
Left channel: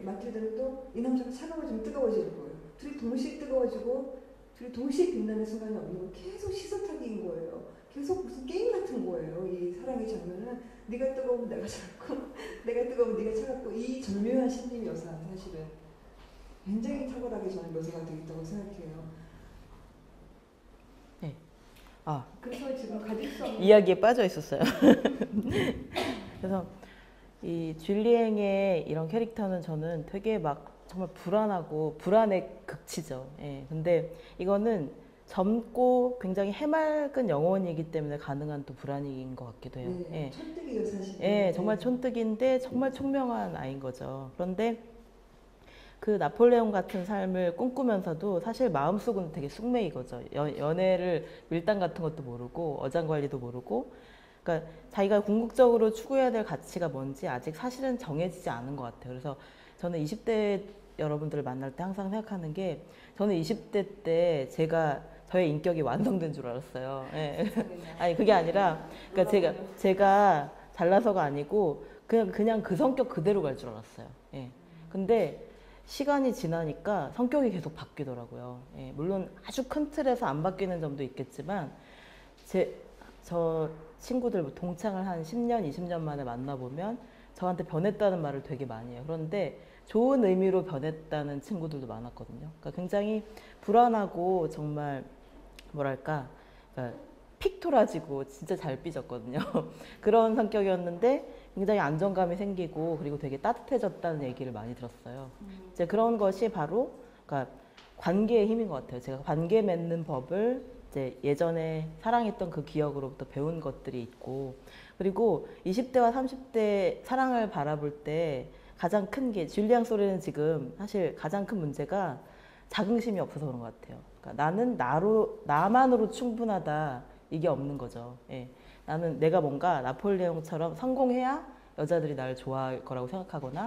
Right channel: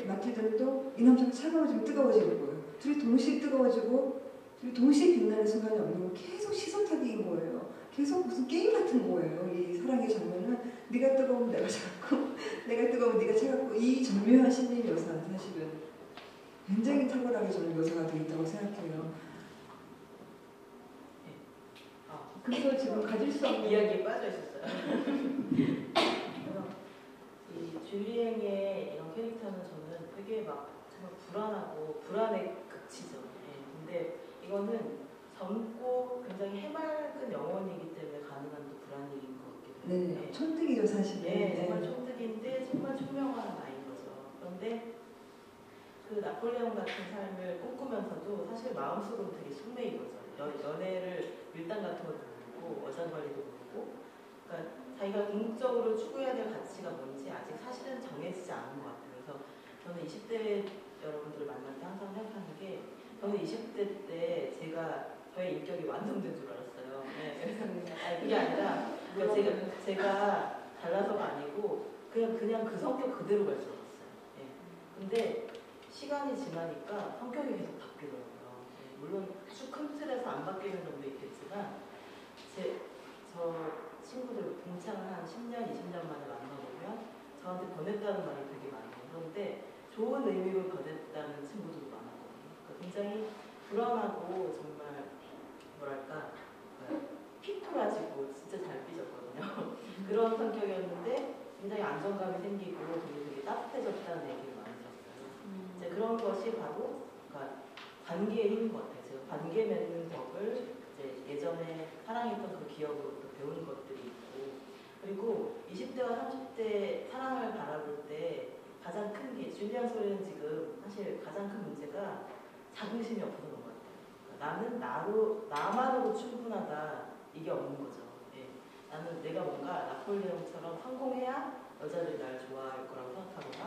마틸다는 또 이 남자가 차가워지면 뜨거워지는 거예요. 둘이 동시에 뜨거워지고 둘이 동시에 빛나는 순간이 없는 거 계속 시선타기인 거예요. 계속 무슨 게임 같은 거예요. 이 사랑의 장면은 네가 뜨거우면 내가 차갑고 내가 뜨거우면 네가 차갑고 이 절묘한 심리 묘사는 사실은 굉장히 탁월하게 저는 묘사가 되어 있다고 생각해요. 네. 그래서 지금 가질 수 없는 이야기에 빠져 있었어요. 그래서 이 줄리앵의 이런 캐릭터는 저는 되게 막 정말 불안하고 불안의 극치죠. 예. 근데 이거는 젊고 굉장히 해맑은 영혼이기 때문에 가능한 또 불안인 것 같기도 해요. 네, 예. 촌뜨기요 사실. 예, 정말 촌뜨기인데 정말 총명한 아이인 거죠. 그런데 그 나폴레옹 같은 삶을 꿈꾸면서도 사실 마음속은 되게 숙매인 거죠. 연애를 밀당 같은 것도 모르고 어장관리도 모르고 그러니까 자기가 궁극적으로 추구해야 될 가치가 뭔지 아직 사실은 정해지지 않은 것 같아요. 그래서 저는 20대 여러분들을 만날 때 항상 생각하는 게 저는 20대 때 저의 인격이 완성된 줄 알았어요. 예. 아니 그게 아니라 그러니까 제가 잘나서가 아니고 그냥 그 성격 그대로 갈 줄 알았어요. 예. 근데 시간이 지나니까 성격이 계속 바뀌더라고요. 예. 물론 아주 큰 틀에서 안 바뀌는 점도 있겠지만 저 친구들 뭐 동창을 한 10년, 20년 만에 만나보면 저한테 변했다는 말을 되게 많이 해요. 그런데 좋은 의미로 변했다는 친구들도 많았거든요. 그러니까 굉장히 불안하고 정말 뭐랄까 그러니까 픽 토라지고 진짜 잘 삐졌거든요. 그런 성격이었는데 굉장히 안정감이 생기고 그리고 되게 따뜻해졌다는 얘기를 많이 들었어요. 이제 그런 것이 바로 그러니까 관계의 힘인 것 같아요. 제가 관계 맺는 법을 이제 예전에 사랑했던 그 기억으로부터 배운 것들이 있고 그리고 20대와 30대 사랑을 바라볼 때 가장 큰 게 줄리앙 소리는 지금 사실 가장 큰 문제가 자긍심이 없어서 그런 것 같아요. 그러니까 나는 나만으로 충분하다 이게 없는 거죠. 예. 나는 내가 뭔가 나폴레옹처럼 성공해야 여자들이 나를 좋아할 거라고 생각하거나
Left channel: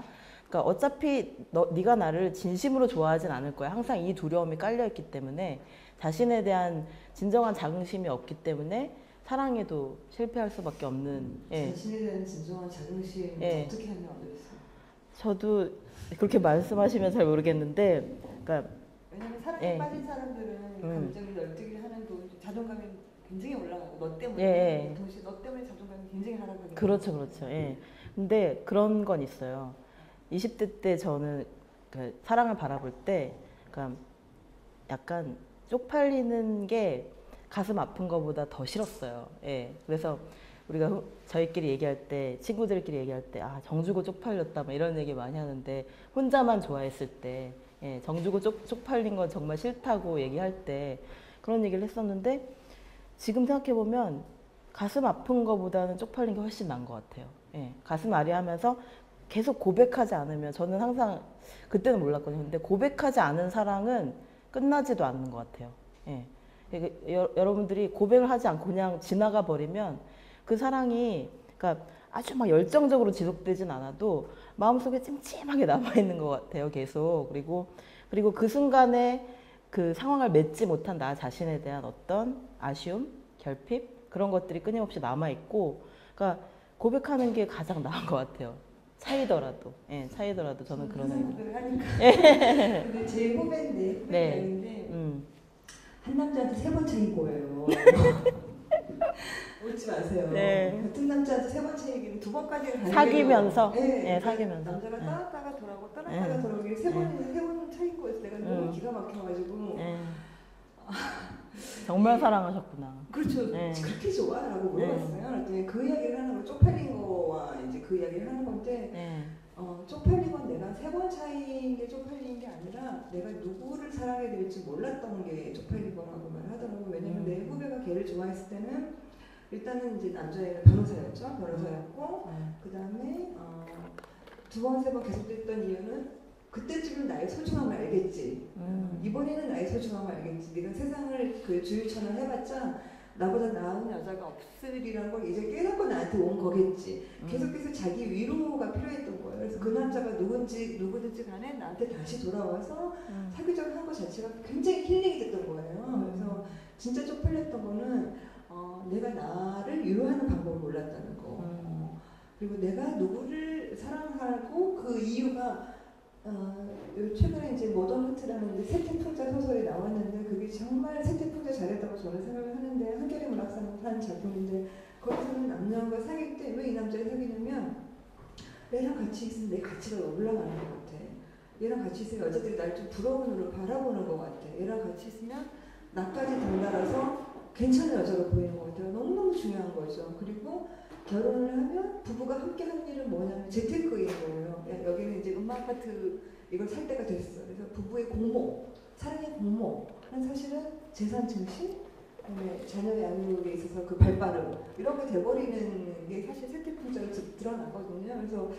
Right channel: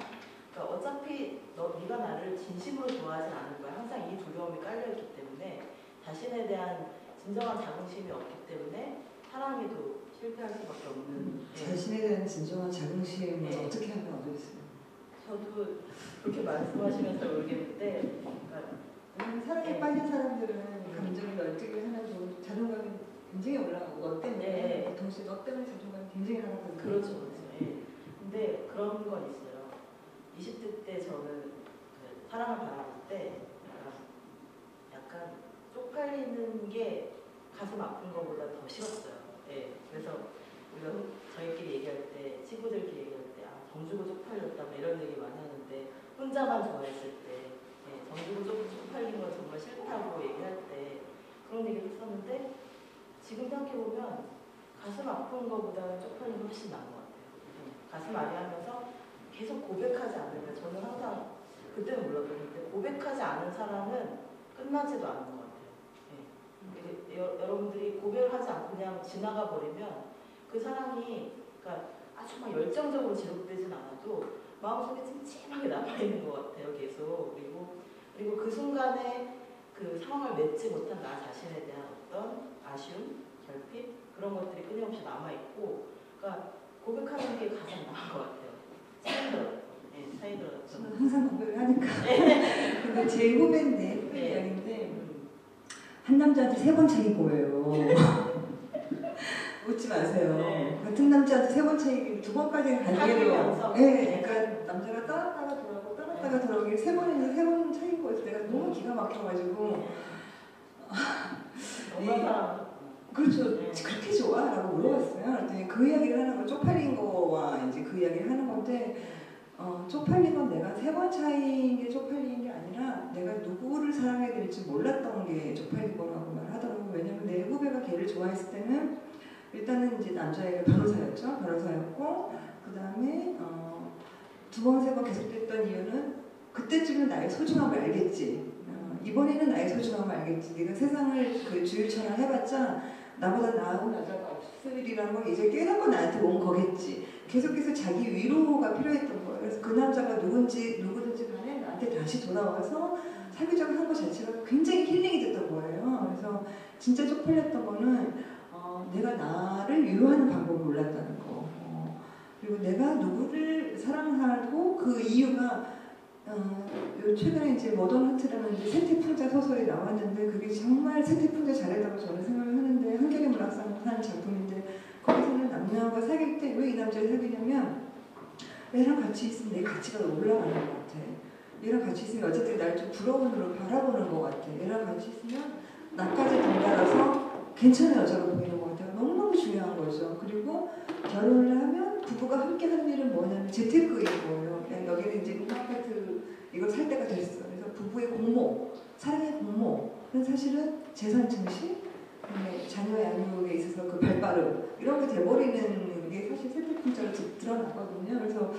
그러니까 어차피 네가 나를 진심으로 좋아하진 않을 거야. 항상 이 두려움이 깔려있기 때문에 자신에 대한 진정한 자긍심이 없기 때문에 사랑에도 실패할 수밖에 없는 자신에 대한 진정한 자긍심을 어떻게 하면 얻어있어요? 저도 그렇게 말씀하시면 잘 모르겠는데 그러니까 왜냐면 사랑에 빠진 사람들은 감정을 널뛰게 하나도 자존감이 굉장히 올라가고 너 때문에 동시에 너 때문에 자존감이 굉장히 하는 그렇죠, 그렇죠. 예. 근데 그런 건 있어요. 20대 때 저는 그 사랑을 바라볼 때, 그러니까 약간 쪽팔리는 게 가슴 아픈 것보다 더 싫었어요. 예. 그래서 우리가 저희끼리 얘기할 때, 친구들끼리 얘기할 때, 아, 정주고 쪽팔렸다, 뭐 이런 얘기 많이 하는데, 혼자만 좋아했을 때, 예, 정주고 쪽팔린 건 정말 싫다고 얘기할 때, 그런 얘기를 했었는데, 지금 생각해보면, 가슴 아픈 것보다는 쪽팔린 게 훨씬 나은 것 같아요. 예, 가슴 아리하면서 계속 고백하지 않으면, 저는 항상, 그때는 몰랐거든요. 근데 고백하지 않은 사랑은 끝나지도 않는 것 같아요. 예. 여러분들이 고백을 하지 않고 그냥 지나가 버리면 그 사랑이, 그러니까 아주 막 열정적으로 지속되진 않아도 마음속에 찜찜하게 남아있는 것 같아요, 계속. 그리고 그 순간에 그 상황을 맺지 못한 나 자신에 대한 어떤 아쉬움, 결핍, 그런 것들이 끊임없이 남아있고, 그러니까 고백하는 게 가장 나은 것 같아요. 차이더라도. 예, 차이더라도 저는 그런 항상 거. 고백을 하니까. 근데 제 후배인데, 네. 이야기인데, 한 남자한테 3번 차이 보여요. 웃지 마세요. 네. 같은 남자한테 3번 차이면 2번까지 가는 사귀면서? 네, 네, 그러니까 사귀면서. 남자가 네. 따랐다가 돌아오고 따랐다가 네. 돌아오고 3번인데 3번 차이인 거였어. 내가 너무 기가 막혀가지고. 네. 정말 사랑하셨구나. 그렇죠. 네. 그렇게 좋아? 라고 물어봤어요. 그랬더니 그 이야기를 하는 거, 쪽팔린 거와 이제 그 이야기를 하는 건데, 네. 쪽팔린 건 내가 3번 차이인 게 쪽팔린 게 아니라 내가 누구를 사랑해야 될지 몰랐던 게 쪽팔린 거라고 말하더라고요. 왜냐면 내 후배가 걔를 좋아했을 때는 일단은 이제 남자애가 변호사였죠. 변호사였고, 그 다음에 2번, 3번 계속됐던 이유는 그때쯤은 나의 소중함을 알겠지. 이번에는 나의 소중함을 알겠지. 내가 세상을 그 주유처럼 해봤자 나보다 나은 여자가 없으리라는 걸 이제 깨닫고 나한테 온 거겠지. 계속해서 자기 위로가 필요했던 거예요. 그래서 그 남자가 누군지 간에 나한테 다시 돌아와서 사귀자고 한 것 자체가 굉장히 힐링이 됐던 거예요. 그래서 진짜 쪽팔렸던 거는 내가 나를 위로하는 방법을 몰랐다는 거. 그리고 내가 누구를 사랑하고 그 이유가 요 최근에 이제 모던 하트라는 세태풍자 소설이 나왔는데 그게 정말 세태풍자 잘했다고 저는 생각을 하는데 한겨레 문학상 한 작품인데 거기서는 남녀가 사귈 때 왜 이 남자를 사귀냐면 얘랑 같이 있으면 내 가치가 올라가는 것 같아. 얘랑 같이 있으면 여자들이 날 좀 부러운 눈으로 바라보는 것 같아. 얘랑 같이 있으면 나까지 덩달아서 괜찮은 여자로 보이는 것 같아요. 너무너무 중요한 거죠. 그리고 결혼을 하면 부부가 함께 하는 일은 뭐냐면 재테크인 거예요. 그냥 여기는 이제 문학파트 이걸 살 때가 됐어. 그래서 부부의 공모, 사랑의 공모는 사실은 재산 증식, 자녀 양육에 있어서 그 발빠름 이런 게 돼버리는 게 사실 세태풍자로 드러나거든요. 그래서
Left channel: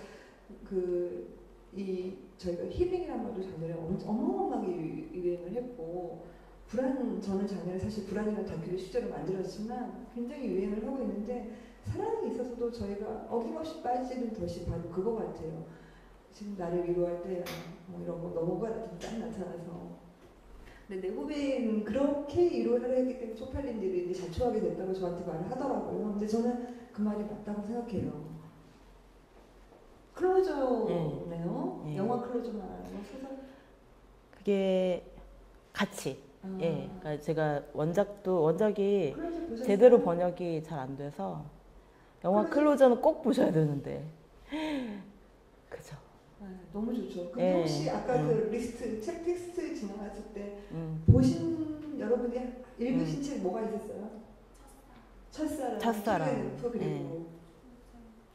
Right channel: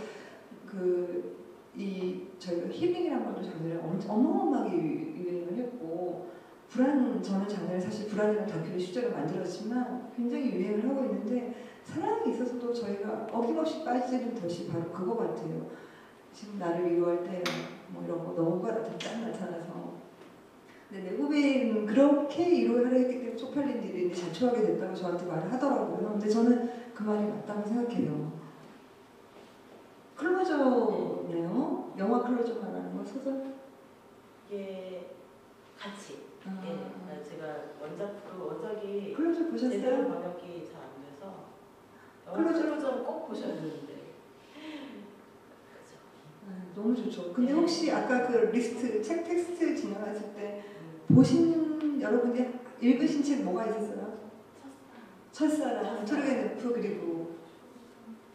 저희가 힐링이라는 말도 작년에 어마어마하게 유행을 했고 저는 작년에 사실 불안이라는 다큐를 실제로 만들었지만 굉장히 유행을 하고 있는데 사랑에 있어서도 저희가 어김없이 빠지는 것이 바로 그거 같아요. 지금 나를 위로할 때 이런 거 너무가 나타나서 근데 내 후배는 그렇게 위로를 했기 때문에 쪽팔린 일이 자초하게 됐다고 저한테 말을 하더라고요. 근데 저는 그 말이 맞다고 생각해요. 클로저네요. 네. 영화 클로저 말하는 거 소설? 그게 같이. 예, 그러니까 제가 원작이 클로저 보셨어요? 제대로 번역이 잘 안 돼서 영화 클로저는 꼭 보셔야 되는데. 그죠. 너무 좋죠. 근데 네. 혹시 아까 그 리스트, 책 텍스트 진행하실 때 보신 여러분이 읽으신 책 뭐가 있었어요? 첫사랑, 트루겐프 그리고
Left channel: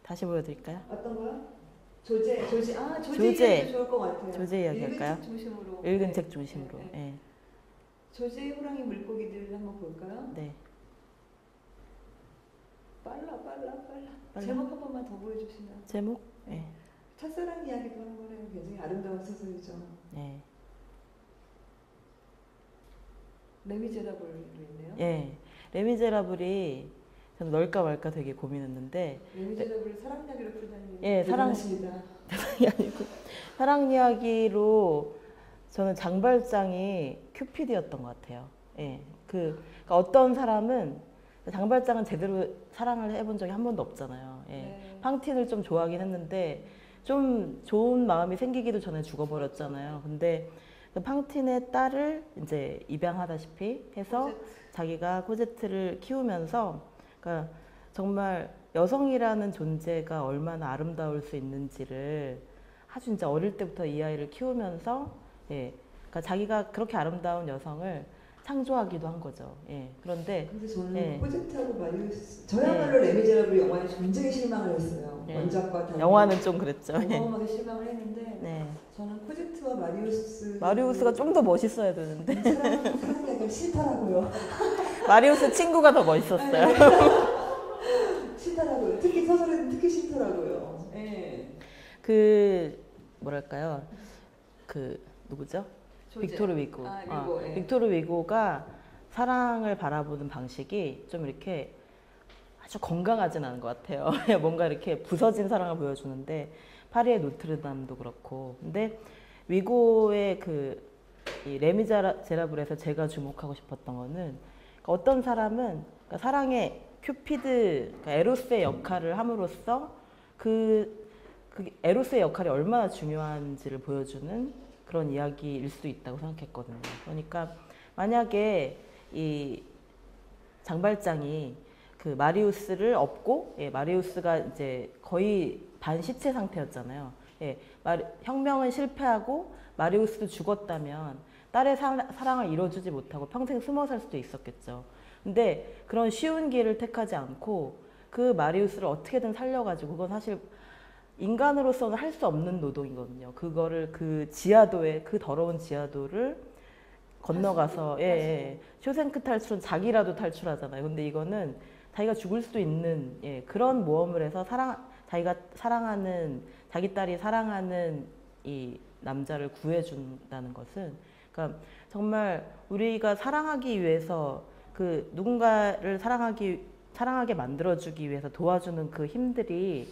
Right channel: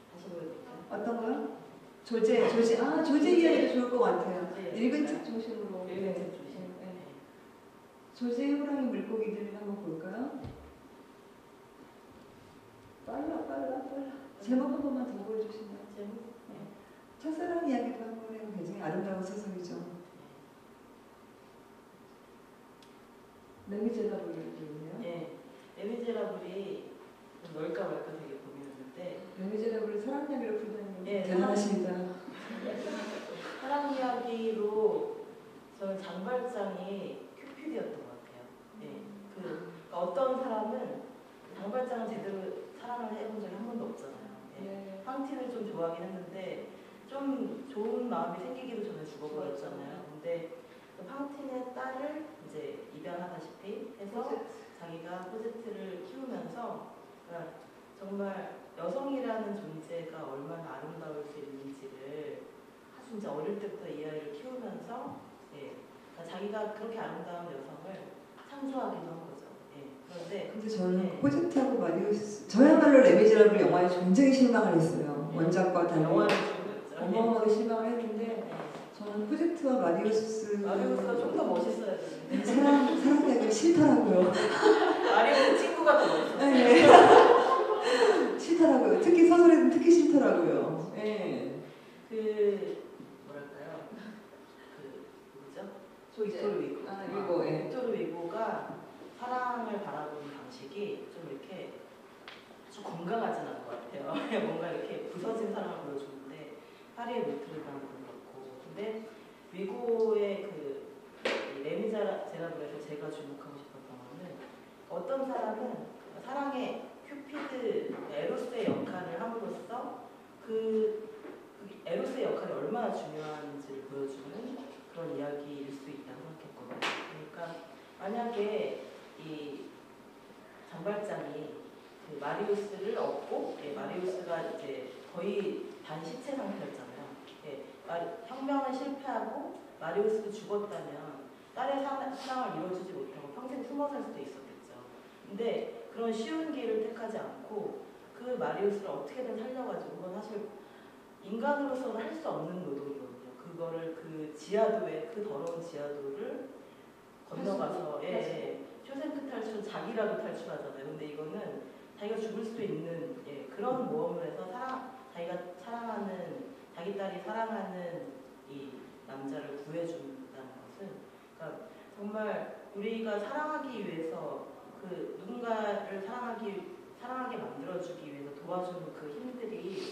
다시 보여드릴까요? 어떤 거요? 조제 조제. 이야기도 좋을 것 같아요. 조제 이야기 읽은 할까요? 책 중심으로. 읽은 책 중심으로. 네. 예. 조제의 호랑이 물고기들 한번 볼까요? 네. 빨라. 제목 한 번만 더 보여주시면. 제목? 네. 첫사랑 이야기도 한번 해요. 굉장히 아름다운 소설이죠. 네. 레미제라블이었네요. 예. 레미제라블이 저는 넣을까 말까 되게 고민했는데 레미제라블을 사랑 이야기로 풀다는 예, 사랑 이야기로 저는 장발장이 큐피드였던 것 같아요. 예. 그러니까 어떤 사람은 장발장은 제대로 사랑을 해본 적이 한 번도 없잖아요. 예. 네. 팡틴을 좀 좋아하긴 했는데 좀 좋은 마음이 생기기도 전에 죽어버렸잖아요. 근데 그 팡틴의 딸을 이제 입양하다시피 해서 자기가 코제트를 키우면서 그러니까 정말 여성이라는 존재가 얼마나 아름다울 수 있는지를 아주 이제 어릴 때부터 이 아이를 키우면서 예, 그러니까 자기가 그렇게 아름다운 여성을 창조하기도 한 거죠. 예, 그런데 근데 저는 네. 코제트하고 마리우스 저야말로 레미제라블 영화에 굉장히 실망을 했어요. 네. 원작과 달리 영화는 좀 그랬죠. 예. 어마어마하게 실망을 했는데 네. 저는 코제트와 마리우스 마리우스가 좀 더 멋있어야 되는데 사랑하기 싫더라고요. 마리우스 친구가 더 멋있었어요. 네. 싫더라고요. 특히 서술에는 특히 싫더라고요. 네. 그 뭐랄까요? 그 누구죠? 빅토르 위고. 아, 위고, 예. 빅토르 위고가 사랑을 바라보는 방식이 좀 이렇게 아주 건강하진 않은 것 같아요. 뭔가 이렇게 부서진 사랑을 보여주는데 파리의 노트르담도 그렇고. 근데 위고의 이 레미제라블에서 제가 주목하고 싶었던 거는 어떤 사람은 그러니까 사랑의 큐피드, 그러니까 에로스의 역할을 함으로써 그 에로스의 역할이 얼마나 중요한지를 보여주는 그런 이야기일 수도 있다고 생각했거든요. 그러니까 만약에 이 장발장이 그 마리우스를 업고, 예, 마리우스가 이제 거의 반시체 상태였잖아요. 예, 혁명은 실패하고 마리우스도 죽었다면 딸의 사랑을 이뤄주지 못하고 평생 숨어 살 수도 있었겠죠. 근데 그런 쉬운 길을 택하지 않고 그 마리우스를 어떻게든 살려가지고, 그건 사실 인간으로서는 할 수 없는 노동이거든요. 그거를 그 지하도에, 그 더러운 지하도를 건너가서, 예, 쇼생크 탈출은 자기라도 탈출하잖아요. 근데 이거는 자기가 죽을 수도 있는, 예, 그런 모험을 해서 자기가 사랑하는, 자기 딸이 사랑하는 이 남자를 구해준다는 것은, 그러니까 정말 우리가 사랑하기 위해서 그 누군가를 사랑하게 만들어주기 위해서 도와주는 그 힘들이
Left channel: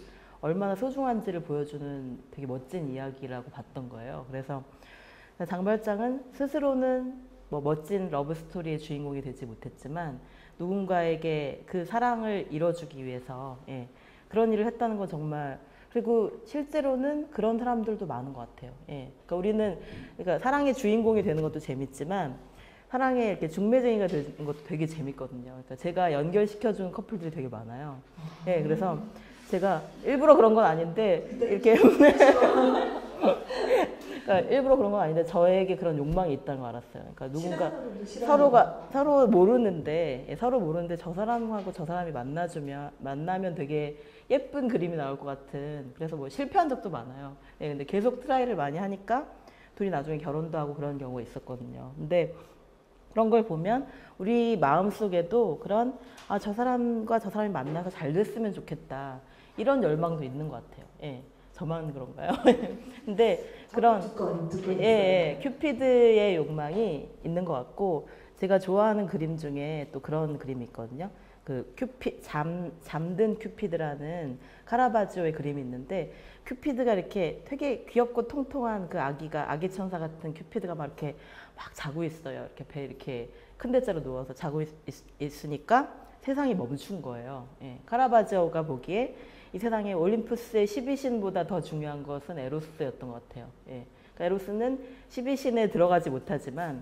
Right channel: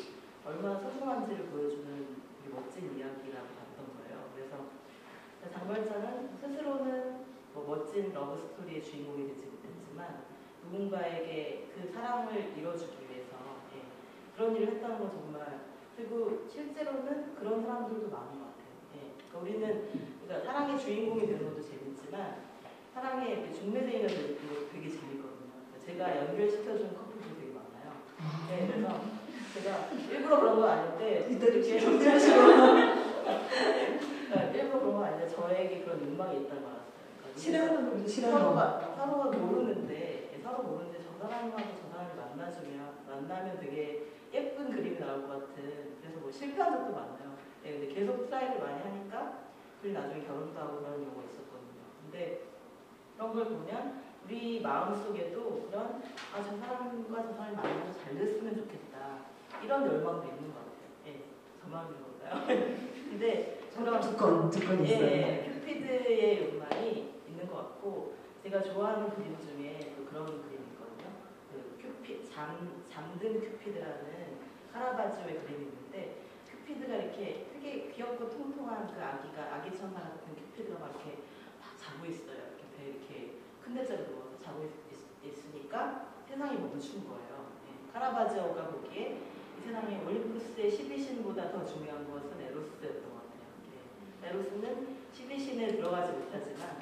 얼마나 소중한지를 보여주는 되게 멋진 이야기라고 봤던 거예요. 그래서 장발장은 스스로는 뭐 멋진 러브스토리의 주인공이 되지 못했지만 누군가에게 그 사랑을 이뤄주기 위해서, 예, 그런 일을 했다는 건 정말, 그리고 실제로는 그런 사람들도 많은 것 같아요. 예, 그러니까 우리는 그러니까 사랑의 주인공이 되는 것도 재밌지만 사랑에 이렇게 중매쟁이가 되는 것도 되게 재밌거든요. 그러니까 제가 연결시켜주는 커플들이 되게 많아요. 예, 그래서 제가 일부러 그런 건 아닌데 이렇게 그러니까 일부러 그런 건 아닌데 저에게 그런 욕망이 있다는 걸 알았어요. 그러니까 누군가 서로 모르는데, 예, 서로 모르는데 저 사람하고 저 사람이 만나면 되게 예쁜 그림이 나올 것 같은, 그래서 뭐 실패한 적도 많아요. 예, 근데 계속 트라이를 많이 하니까 둘이 나중에 결혼도 하고 그런 경우가 있었거든요. 근데 그런 걸 보면 우리 마음속에도 그런, 아, 저 사람과 저 사람이 만나서 잘 됐으면 좋겠다, 이런 열망도 있는 것 같아요. 예, 저만 그런가요? 근데 그런 예, 큐피드의 욕망이 있는 것 같고, 제가 좋아하는 그림 중에 또 그런 그림이 있거든요. 그 잠든 큐피드라는 카라바지오의 그림이 있는데, 큐피드가 이렇게 되게 귀엽고 통통한 그 아기 천사 같은 큐피드가 막 이렇게 막 자고 있어요. 이렇게 배 이렇게 큰 대자로 누워서 자고 있으니까 세상이 멈춘 거예요. 예, 카라바지오가 보기에 이 세상에 올림푸스의 12신보다 더 중요한 것은 에로스였던 것 같아요. 예, 그러니까 에로스는 12신에 들어가지 못하지만,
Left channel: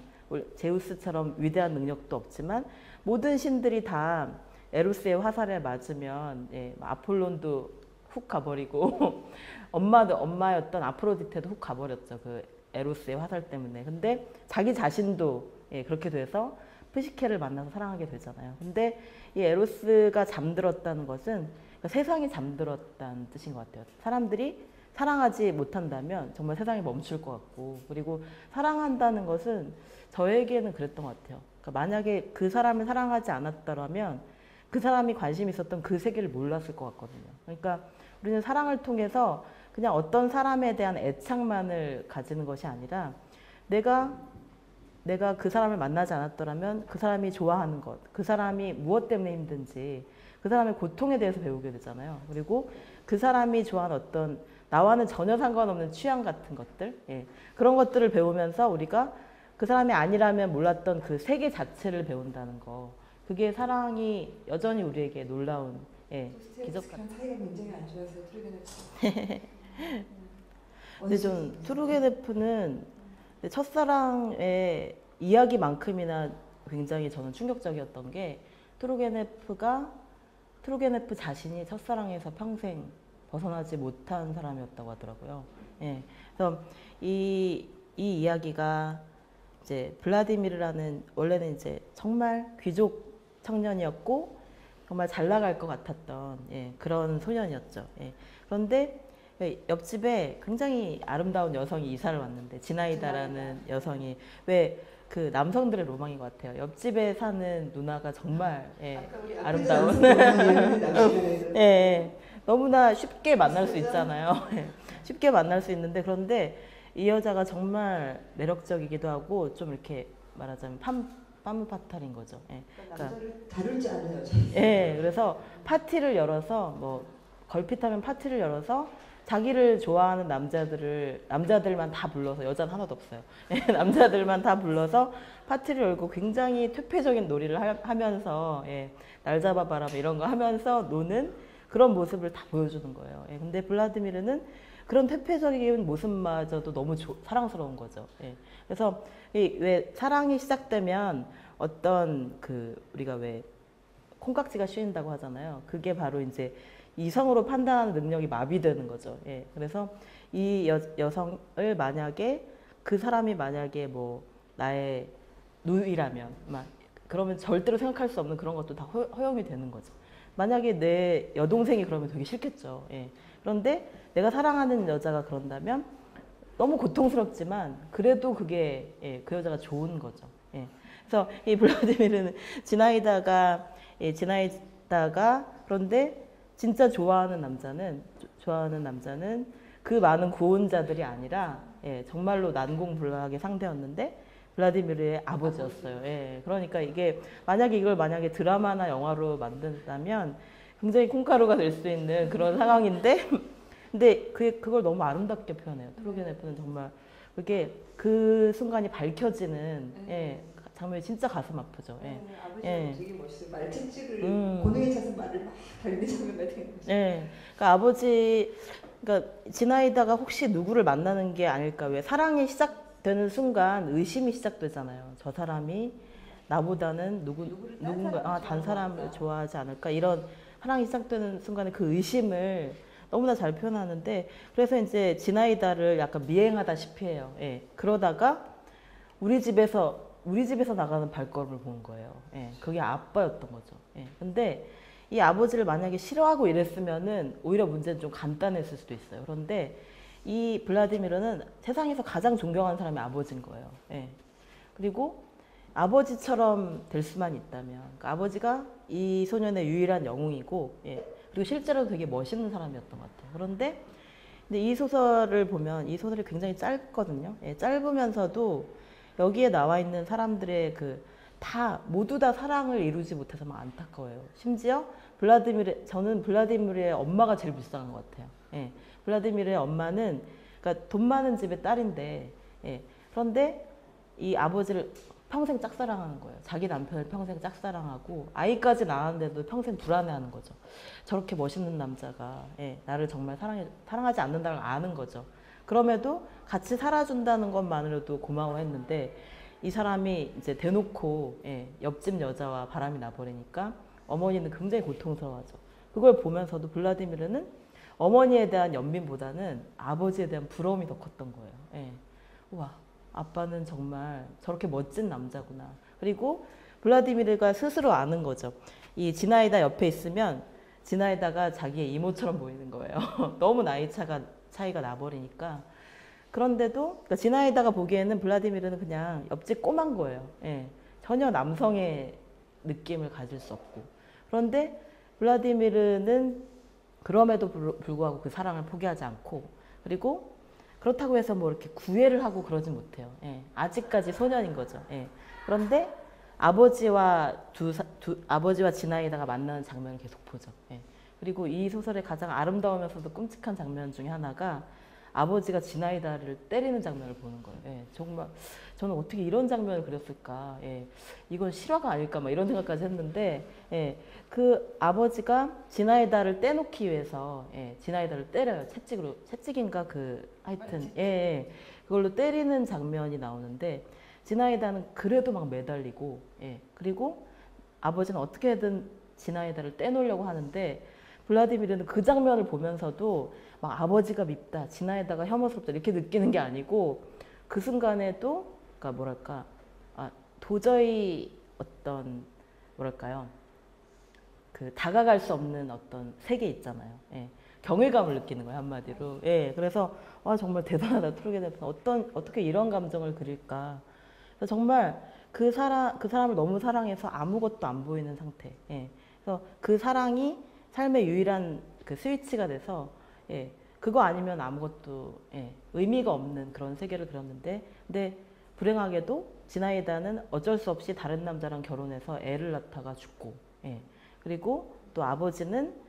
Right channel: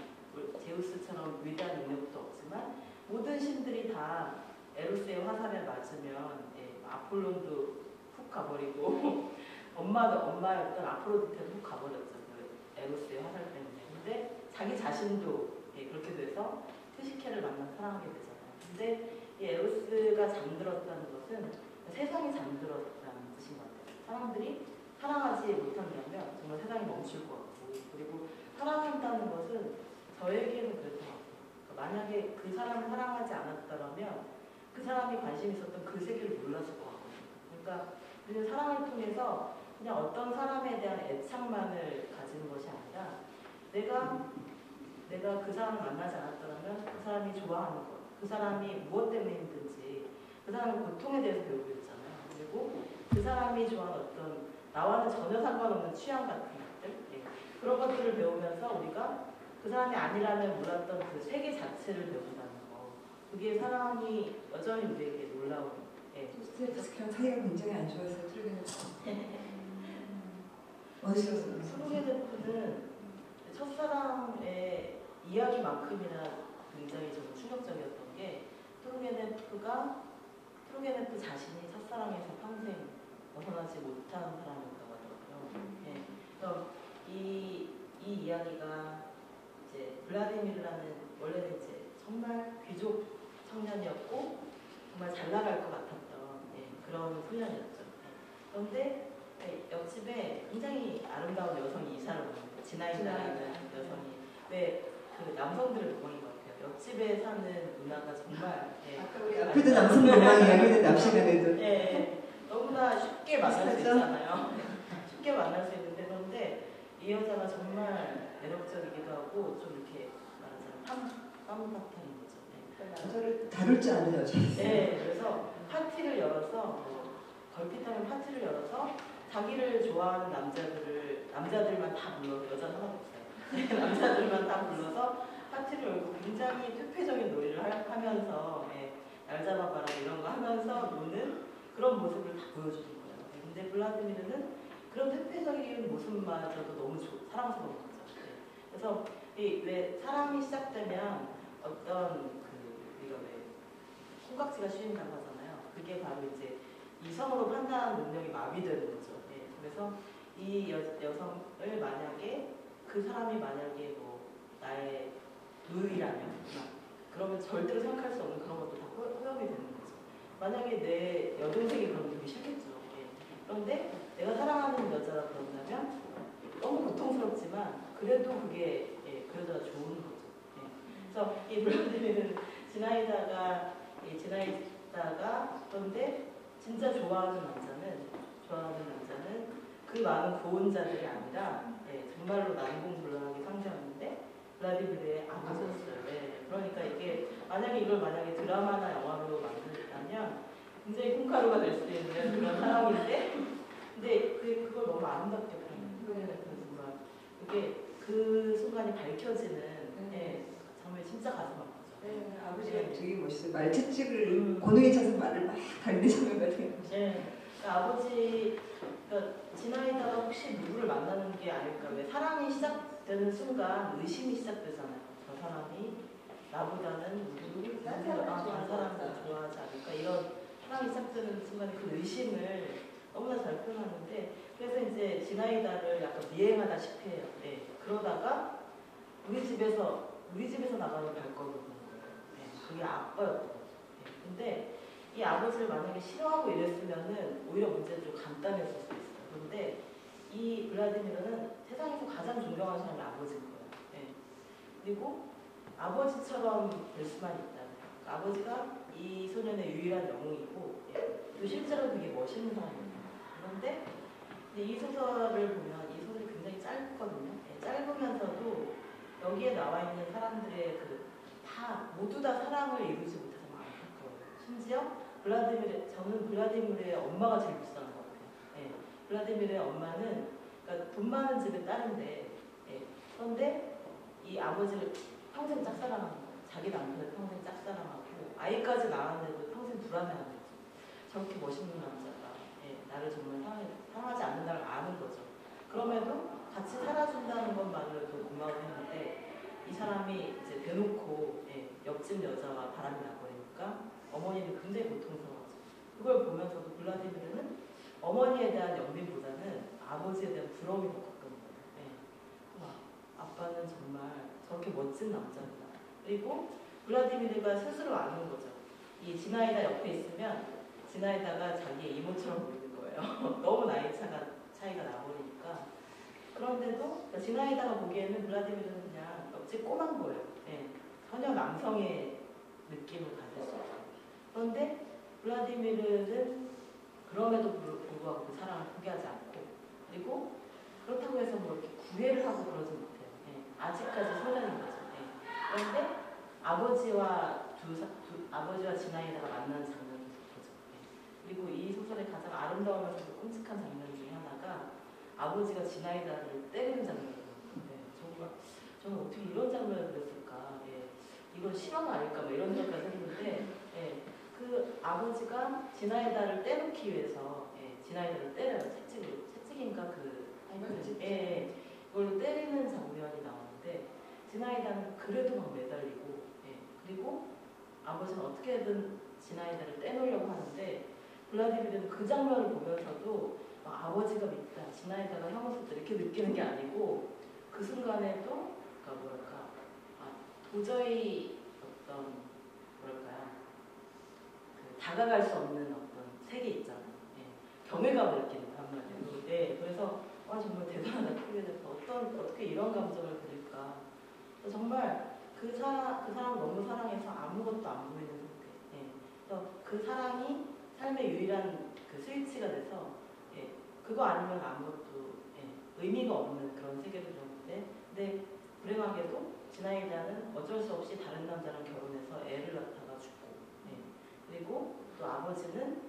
제우스처럼 위대한 능력도 없지만 모든 신들이 다 에로스의 화살에 맞으면, 예, 아폴론도 훅 가버리고 엄마였던 아프로디테도 훅 가버렸죠. 그 에로스의 화살 때문에. 근데 자기 자신도, 예, 그렇게 돼서 프시케를 만나서 사랑하게 되잖아요. 근데 이 에로스가 잠들었다는 것은, 그러니까 세상이 잠들었다는 뜻인 것 같아요. 사람들이 사랑하지 못한다면 정말 세상이 멈출 것 같고, 그리고 사랑한다는 것은 저에게는 그랬던 것 같아요. 그러니까 만약에 그 사람을 사랑하지 않았더라면 그 사람이 관심 있었던 그 세계를 몰랐을 것 같거든요. 그러니까 우리는 사랑을 통해서 그냥 어떤 사람에 대한 애착만을 가지는 것이 아니라, 내가 그 사람을 만나지 않았더라면 그 사람이 좋아하는 것, 그 사람이 무엇 때문에 힘든지, 그 사람의 고통에 대해서 배우게 되잖아요. 그리고 그 사람이 좋아하는 어떤 나와는 전혀 상관없는 취향 같은 것들, 예, 그런 것들을 배우면서 우리가 그 사람이 아니라면 몰랐던 그 세계 자체를 배운다는 거, 그게 사랑이 여전히 우리에게 놀라운, 예, 그냥 사이가 굉장히 안 좋아서 근데 좀 투르게네프는 첫사랑의 이야기만큼이나 굉장히 저는 충격적이었던 게, 투르게네프가 투르게네프 자신이 첫사랑에서 평생 벗어나지 못한 사람이었다고 하더라고요. 예. 그래서 이 이야기가 이제 블라디미르라는 원래는 이제 정말 귀족 청년이었고 정말 잘 나갈 것 같았던 그런 소년이었죠. 예. 그런데 옆집에 굉장히 아름다운 여성이 이사를 왔는데 지나이다라는 여성이 왜 그 남성들의 로망인 것 같아요. 옆집에 사는 누나가 정말 아름다운 너무나 쉽게 만날 수 있잖아요. 쉽게 만날 수 있는데 그런데 이 여자가 정말 매력적이기도 하고 좀 이렇게 말하자면 파무파탈인 거죠. 남자를 다룰 줄 아는 여자. 그래서 파티를 열어서 뭐 걸핏하면 파티를 열어서 자기를 좋아하는 남자들만 다 불러서 여자는 하나도 없어요. 남자들만 다 불러서 파티를 열고 굉장히 퇴폐적인 놀이를 하면서 날 잡아봐라 이런 거 하면서 노는 그런 모습을 다 보여주는 거예요. 근데 블라디미르는 그런 퇴폐적인 모습마저도 너무 사랑스러운 거죠. 그래서 왜 사랑이 시작되면 어떤 우리가 왜 콩깍지가 씌인다고 하잖아요. 그게 바로 이제 이성으로 판단하는 능력이 마비되는 거죠. 그래서 이 여성을 만약에 그 사람이 만약에 뭐 나의 누이라면 그러면 절대로 생각할 수 없는 그런 것도 다 허용이 되는 거죠. 만약에 내 여동생이 그러면 되게 싫겠죠. 그런데 내가 사랑하는 여자가 그런다면 너무 고통스럽지만 그래도 그게 그 여자가 좋은 거죠. 그래서 이 블라디미르는 지나이다가 그런데 진짜 좋아하는 남자는 그 많은 고혼자들이 아니라 정말로 난공불락의 상대였는데 블라디미르의 아버지였어요. 그러니까 이게 만약에 드라마나 영화로 만든다면 굉장히 콩가루가 될 수 있는 그런 상황인데 근데 그걸 너무 아름답게 표현해요. 투르게네프는 정말 그게 그 순간이 밝혀지는 장면이 진짜 가슴 아프죠. 아버지가 되게 멋있어요. 말 채찍을 고등에 차서 말을 막 달리는 장면 같은 거. 그러니까 그러니까 지나이다가 혹시 누구를 만나는 게 아닐까. 왜 사랑이 시작되는 순간 의심이 시작되잖아요. 저 사람이 나보다는 누군가 다른 사람을 좋아하지 않을까 이런 사랑이 시작되는 순간에 그 의심을 너무나 잘 표현하는데 그래서 이제 지나이다를 약간 미행하다시피 해요. 그러다가 우리 집에서 나가는 발걸음을 본 거예요. 그게 아빠였던 거죠. 근데 이 아버지를 만약에 싫어하고 이랬으면은 오히려 문제는 좀 간단했을 수도 있어요. 그런데 이 블라디미르는 세상에서 가장 존경하는 사람이 아버지인 거예요. 그리고 아버지처럼 될 수만 있다면 그러니까 아버지가 이 소년의 유일한 영웅이고 그리고 실제로 되게 멋있는 사람이었던 것 같아요. 그런데 이 소설을 보면 이 소설이 굉장히 짧거든요. 짧으면서도 여기에 나와 있는 사람들의 모두 다 사랑을 이루지 못해서 막 안타까워요. 심지어 저는 블라디미르의 엄마가 제일 불쌍한 것 같아요. 블라디미르의 엄마는 그러니까 돈 많은 집의 딸인데 그런데 이 아버지를 평생 짝사랑하는 거예요. 자기 남편을 평생 짝사랑하고 아이까지 낳았는데도 평생 불안해하는 거죠. 저렇게 멋있는 남자가 나를 정말 사랑하지 않는다는 걸 아는 거죠. 그럼에도 같이 살아준다는 것만으로도 고마워했는데 이 사람이 이제 대놓고 옆집 여자와 바람이 나버리니까 어머니는 굉장히 고통스러워하죠. 그걸 보면서도 블라디미르는 어머니에 대한 연민보다는 아버지에 대한 부러움이 더 컸던 거예요. 와, 아빠는 정말 저렇게 멋진 남자구나. 그리고 블라디미르가 스스로 아는 거죠. 이 지나이다 옆에 있으면 지나이다가 자기의 이모처럼 보이는 거예요. 너무 차이가 나버리니까. 그런데도 그러니까 지나이다가 보기에는 블라디미르는 그냥 옆집 꼬만 거예요. 전혀 남성의 느낌을 가질 수 없고. 그런데 블라디미르는 그럼에도 불구하고 그 사랑을 포기하지 않고 그리고 그렇다고 해서 뭐 이렇게 구애를 하고 그러진 못해요. 아직까지 소년인 거죠. 그런데 아버지와 지나이다가 만나는 장면을 계속 보죠. 그리고 이 소설의 가장 아름다우면서도 끔찍한 장면 중에 하나가 아버지가 지나이다를 때리는 장면을 보는 거예요. 정말 저는 어떻게 이런 장면을 그렸을까. 이건 실화가 아닐까 막 이런 생각까지 했는데 그 아버지가 지나이다를 떼놓기 위해서 지나이다를 때려요. 채찍인가 하여튼 그걸로 때리는 장면이 나오는데 지나이다는 그래도 막 매달리고 그리고 아버지는 어떻게든 지나이다를 떼놓으려고 하는데 블라디미르는 그 장면을 보면서도 막 아버지가 밉다, 지나이다가 혐오스럽다 이렇게 느끼는 게 아니고 그 순간에도 그러니까 뭐랄까 도저히 어떤 뭐랄까요 그 다가갈 수 없는 어떤 세계 있잖아요. 예. 경외감을 느끼는 거예요 한마디로. 예. 그래서 정말 대단하다 트루게네프는 어떻게 이런 감정을 그릴까. 그래서 정말 그 사람을 너무 사랑해서 아무것도 안 보이는 상태. 예. 그래서 그 사랑이 삶의 유일한 그 스위치가 돼서 예. 그거 아니면 아무것도 예. 의미가 없는 그런 세계를 그렸는데 근데 불행하게도 지나이다는 어쩔 수 없이 다른 남자랑 결혼해서 애를 낳다가 죽고 예. 그리고 또 아버지는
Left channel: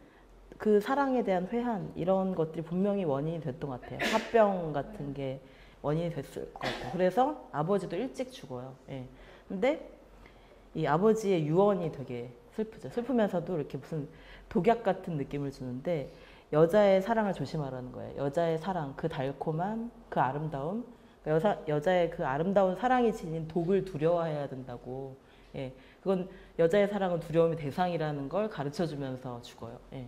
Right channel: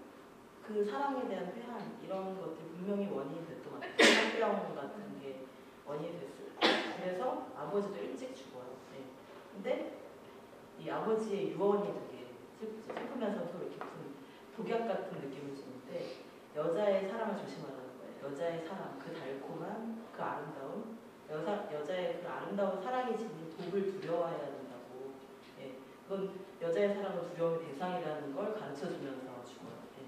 그 사랑에 대한 회한 이런 것들이 분명히 원인이 됐던 것 같아요. 화병 같은 게 원인이 됐을 것 같아요. 그래서 아버지도 일찍 죽어요. 예. 근데 이 아버지의 유언이 되게 슬프죠. 슬프면서도 이렇게 무슨 독약 같은 느낌을 주는데 여자의 사랑을 조심하라는 거예요. 여자의 사랑, 그 달콤한 그 아름다움, 여자의 그 아름다운 사랑이 지닌 독을 두려워해야 된다고. 예. 그건 여자의 사랑은 두려움의 대상이라는 걸 가르쳐주면서 죽어요. 예.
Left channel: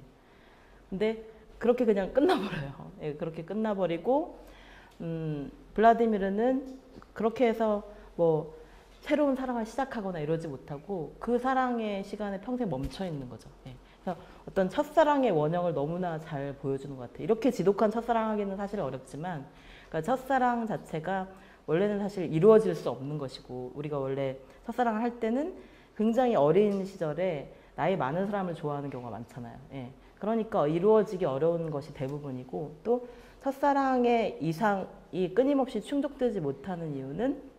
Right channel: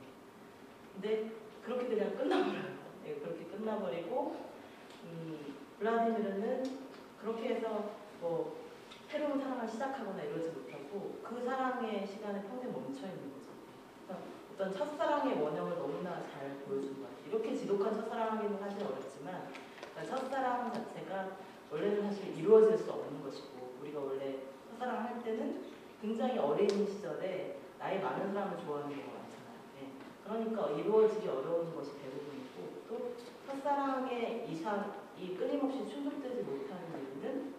근데 그렇게 그냥 끝나버려요. 예, 그렇게 끝나버리고 블라디미르는 그렇게 해서 뭐 새로운 사랑을 시작하거나 이러지 못하고 그 사랑의 시간에 평생 멈춰 있는 거죠. 예. 그래서 어떤 첫사랑의 원형을 너무나 잘 보여주는 것 같아요. 이렇게 지독한 첫사랑하기는 사실 어렵지만 그러니까 첫사랑 자체가 원래는 사실 이루어질 수 없는 것이고 우리가 원래 첫사랑을 할 때는 굉장히 어린 시절에 나이 많은 사람을 좋아하는 경우가 많잖아요. 예. 그러니까 이루어지기 어려운 것이 대부분이고 또 첫사랑의 이상이 끊임없이 충족되지 못하는 이유는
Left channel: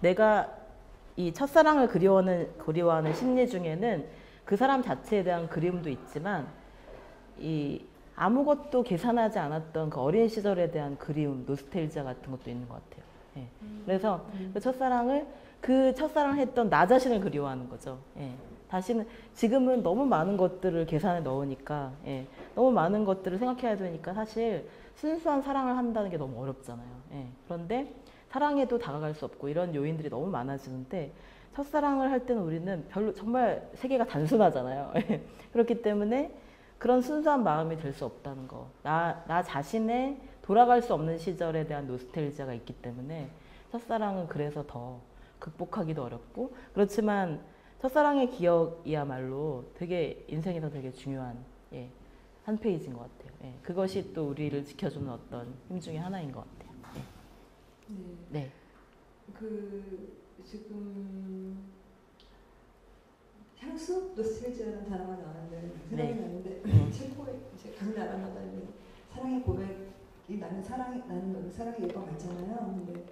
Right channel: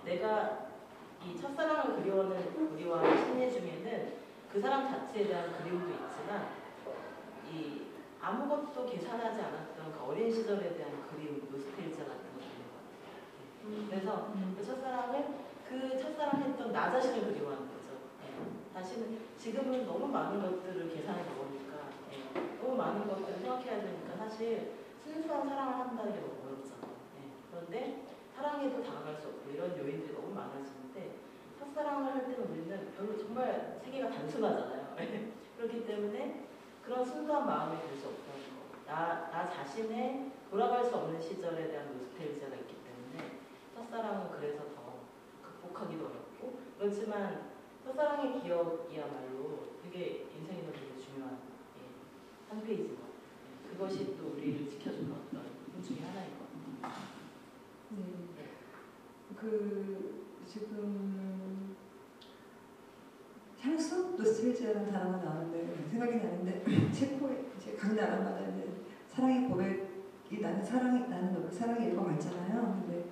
내가 이 첫사랑을 그리워하는 심리 중에는 그 사람 자체에 대한 그리움도 있지만 이 아무것도 계산하지 않았던 그 어린 시절에 대한 그리움, 노스텔지아 같은 것도 있는 것 같아요. 예. 그래서 그 첫사랑을 했던 나 자신을 그리워하는 거죠. 예. 지금은 너무 많은 것들을 계산에 넣으니까, 예. 너무 많은 것들을 생각해야 되니까 사실 순수한 사랑을 한다는 게 너무 어렵잖아요. 예. 그런데 사랑에도 다가갈 수 없고 이런 요인들이 너무 많아지는데 첫사랑을 할 때는 우리는 정말 세계가 단순하잖아요. 그렇기 때문에 그런 순수한 마음이 될 수 없다는 거. 나 자신의 돌아갈 수 없는 시절에 대한 노스텔지아가 있기 때문에 첫사랑은 그래서 더 극복하기도 어렵고 그렇지만 첫사랑의 기억이야말로 되게 인생에서 되게 중요한 한 페이지인 것 같아요. 그것이 또 우리를 지켜주는 어떤 힘 중에 하나인 것 같아요. 네. 지금 향수? 노스텔지아라는 단어가 나오는데 생각이 나는데 체코의 각 나라마다 사랑의 고백이 나는 사랑이 읽어봤잖아요. 근데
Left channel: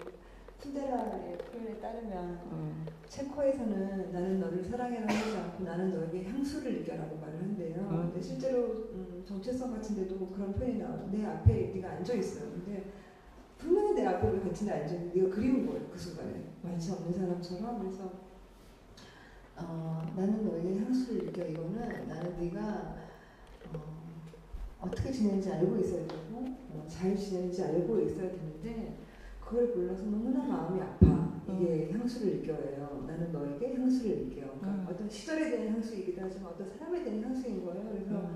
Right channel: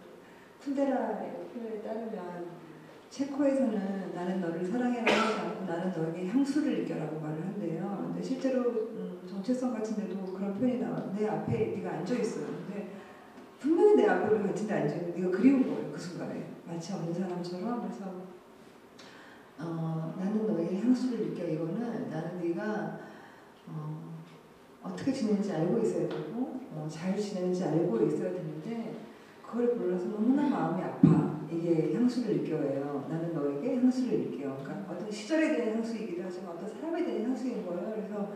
푼데라의 표현에 따르면 체코에서는 나는 너를 사랑해라고 하지 않고 나는 너에게 향수를 느껴라고 말을 한대요. 근데 실제로 정체성 같은 데도 그런 표현이 나와. 내 앞에 네가 앉아있어요. 근데 분명히 내 앞에 같은데 앉아있는데 네가 그리운 거예요. 그 순간에. 마치 없는 사람처럼. 그래서 나는 너에게 향수를 느껴. 이거는 나는 네가 어떻게 지내는지 알고 있어야 되고 잘 지내는지 알고 있어야 되는데 그걸 몰라서 너무나 마음이 아파. 이게 향수를 느껴요. 나는 너에게 향수를 느껴. 그러니까 어떤 시절에 대한 향수이기도 하지만 어떤 사람에 대한 향수인 거예요. 그래서